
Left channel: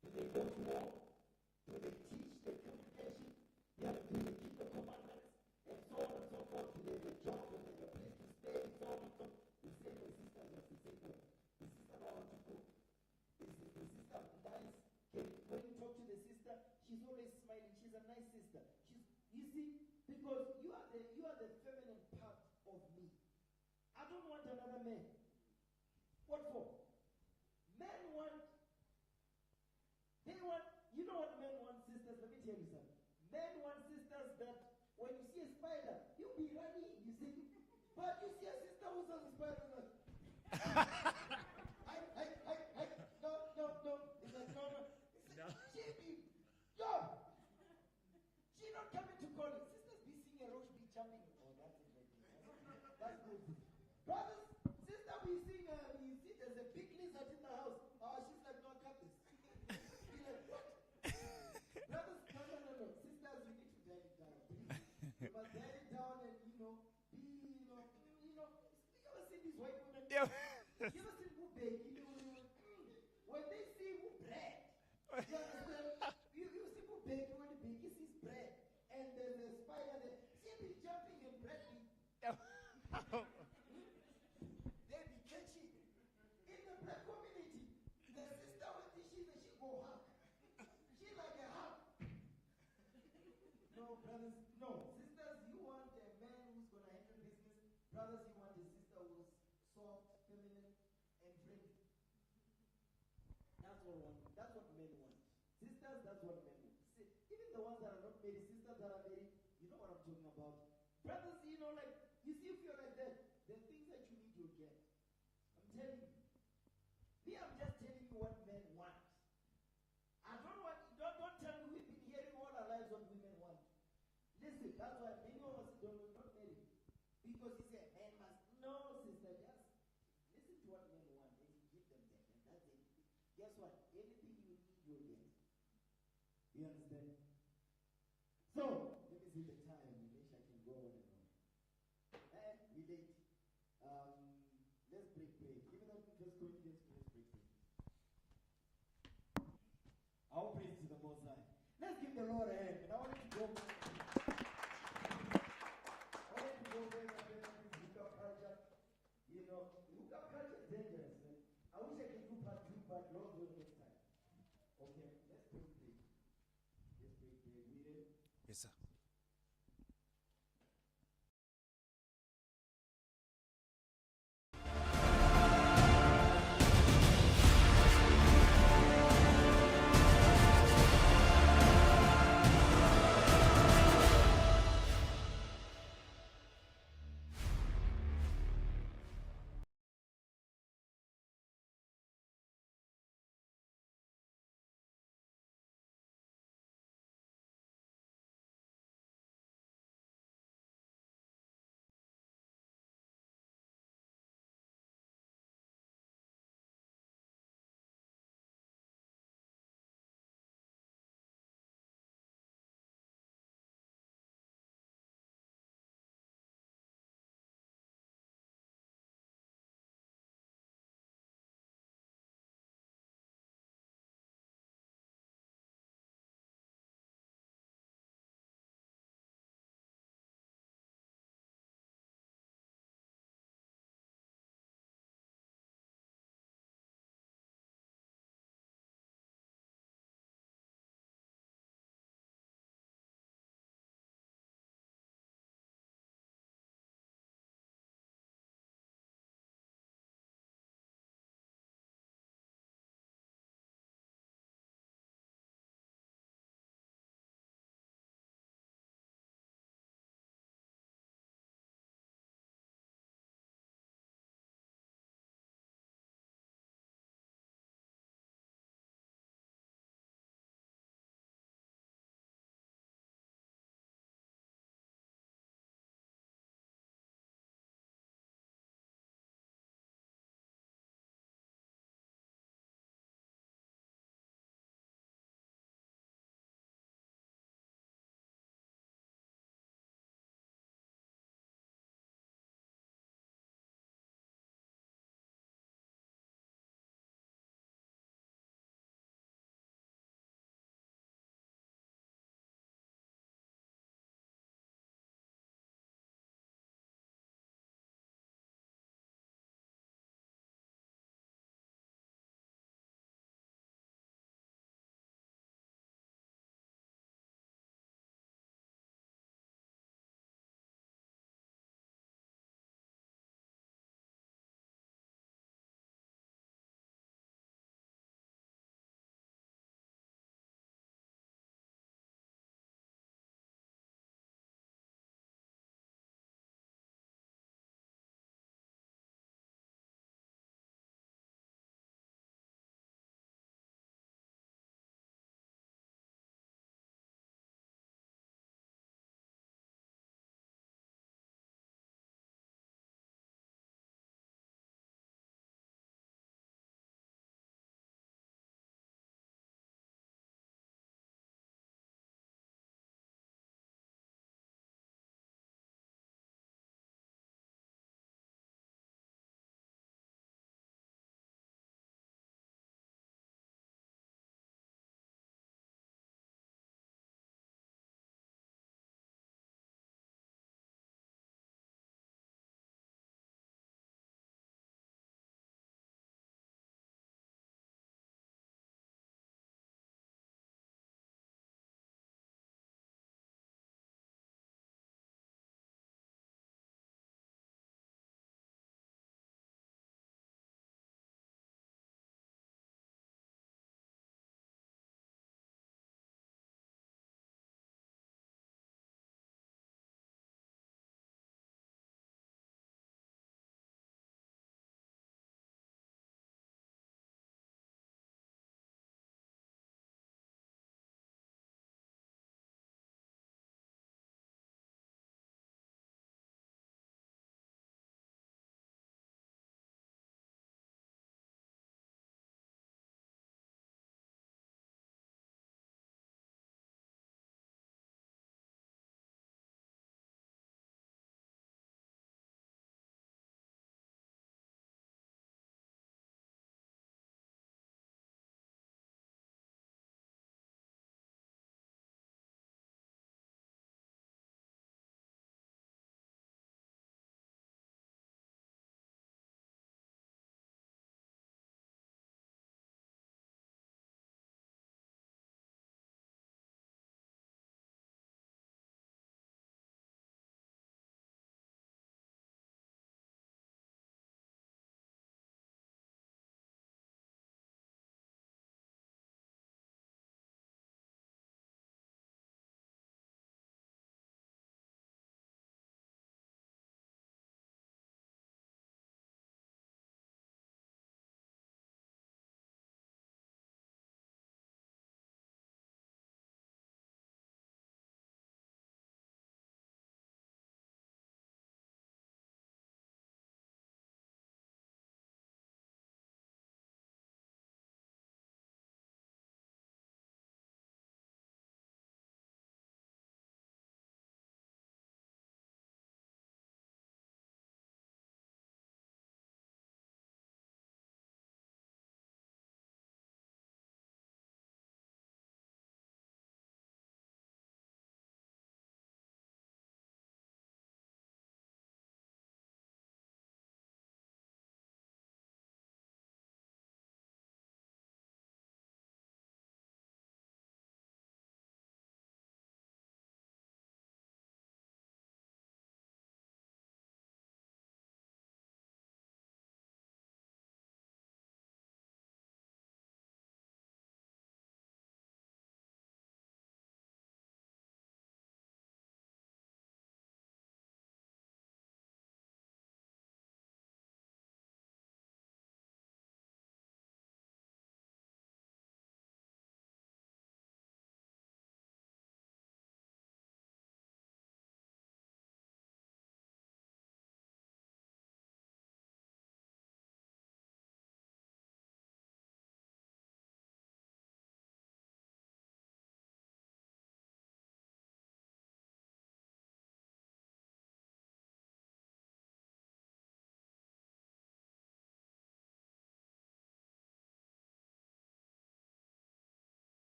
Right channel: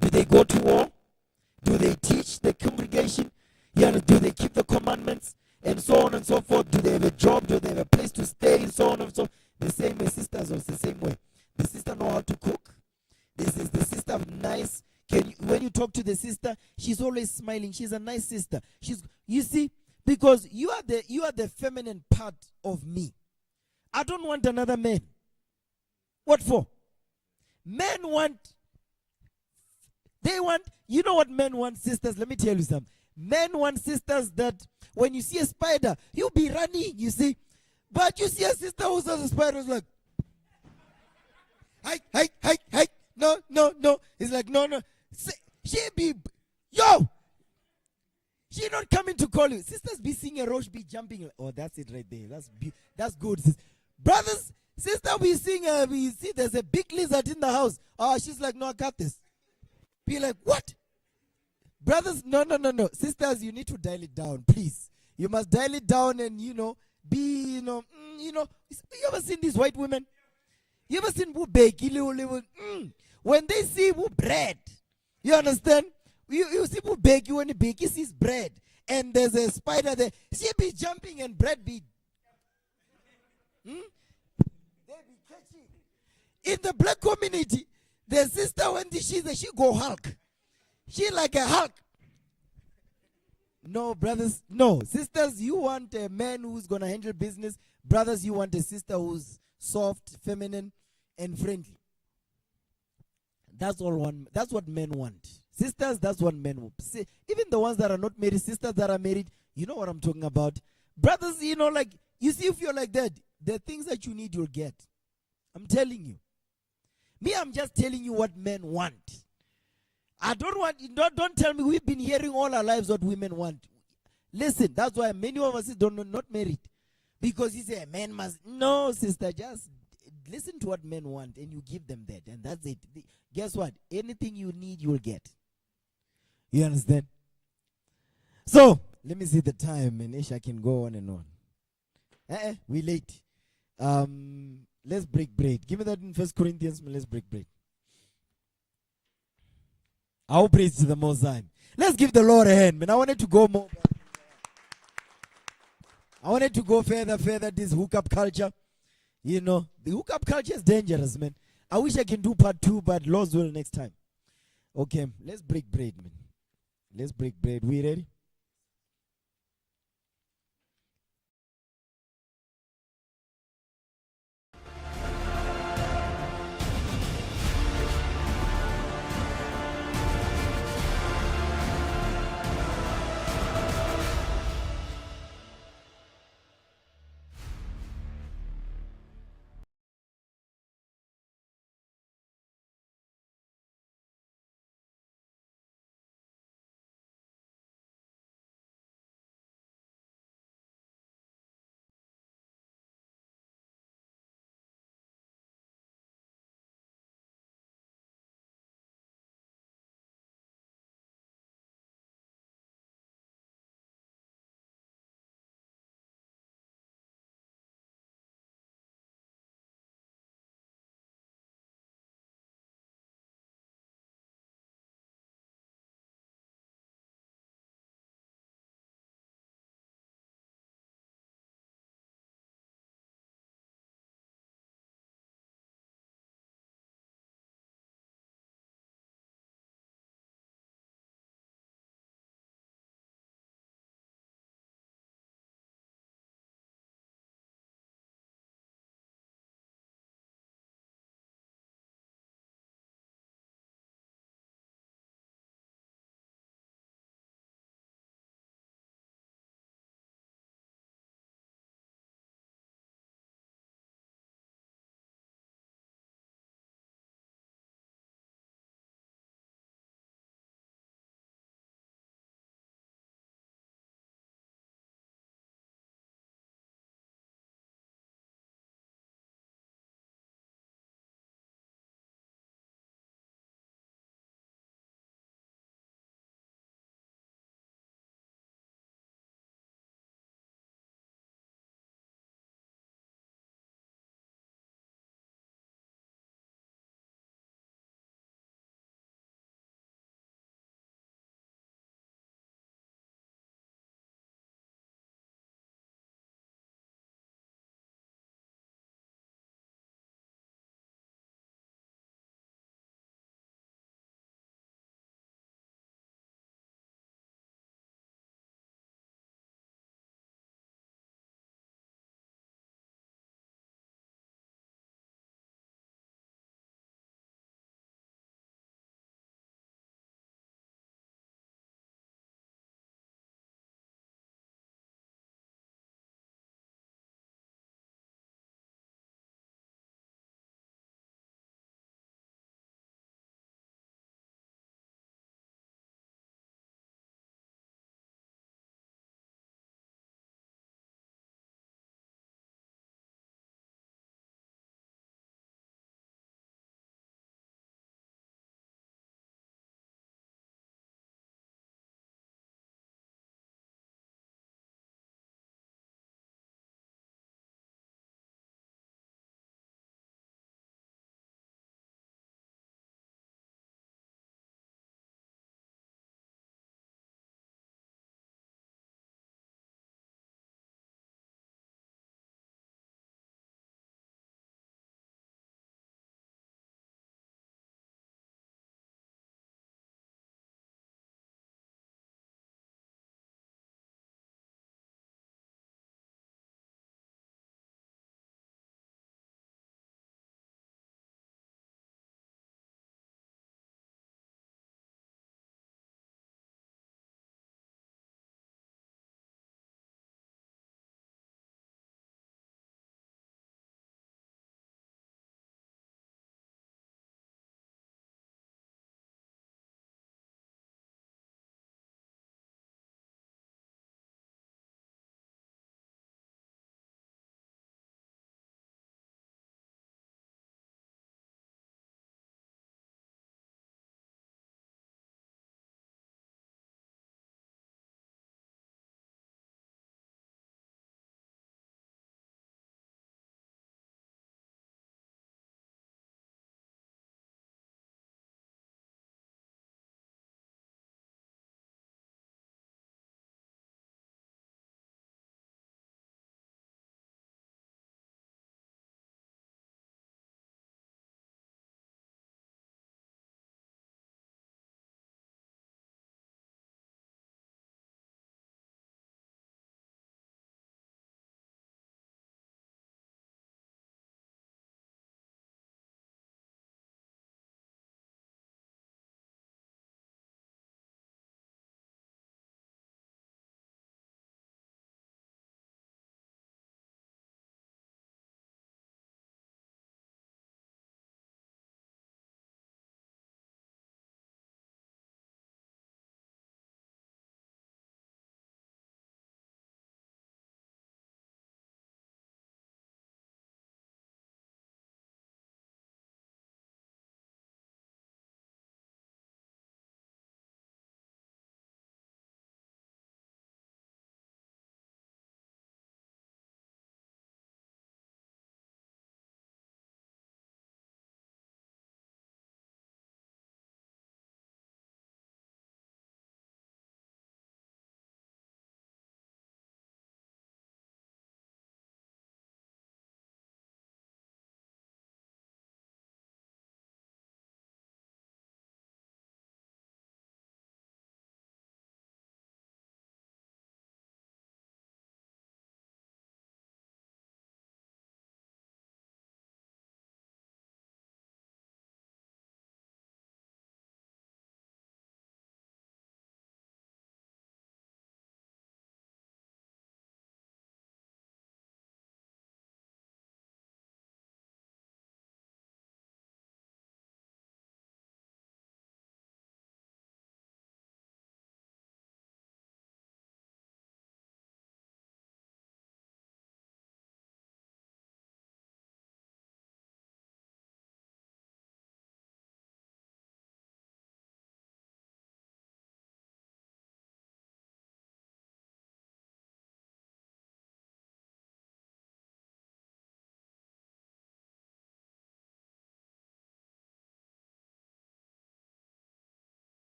Do they go to war? Do they teach the congregation? Yeah, do they keep the commandments? And so on and so forth. Do they have a job? Do they have a place to stay? And so on and so forth. The same way sisters are the same way. The sister know how to cook. This is the sister nice. When you talk to the sister, she's always smiling. She's a nice sister. You see, because you are the feminine part of me. I don't want another man. What for? Men want, you know what men want, sisters? Let me tell you something. Men want sisters that when you see a spider, you'll be running, you see. But you see a sister who says a spider is like, hi. No. It's like, no. She be, yo! She not coming to call you. Sisters be seeing a roach, be jumping. Oh, that's it right there. That's good. Brothers, sister we see there's a big lizard in the house. Oh, she's like, no, I got this. Be like, what? Brothers, no. Sisters, you need to dial it down, please. You must dial it down and, be, you ever seen these white women? You ever seen who bake? When they see who bread, you understand? You see who bake, you want to bake, he sees bread. And there's a spider there. She be jumping and bread be. They be catchy. In the black community, the sister, when she's there, she go Hulk. She like a Hulk. No, brothers, no. Sisters, you want a man who's going to handle business. Brothers, you want a sister who's soft, feminine, and friendly. That's what men want. Sisters, that's what men want. See, even the ones that are not married, sisters that are married, you know what I'm talking about. Brothers, you see, if you're like that, the things that you need, you'll get. I'm telling you. Me, I'm just telling you what men want. I don't tell me we've been hearing all our lives what women want. Listen, that's why many of us not married. Because you say, a man must. No, sister, just listen to what men want and you give them that. And that's it. Guess what? Anything you need, you will get. You understand? So, let me see the time and Isha can go on and on. We late. Let's break bread. Give me that in 1 Corinthians, let's break bread. Our praise to the Most High. Let's give the Lord a hand, man. I wanted to go more. I wanted to go further, this hookup culture. The hookup culture is dangerous, man. I wish I can do part 2, but Lord's will next time. Okay, let's break bread, man. Let's break bread. We ready?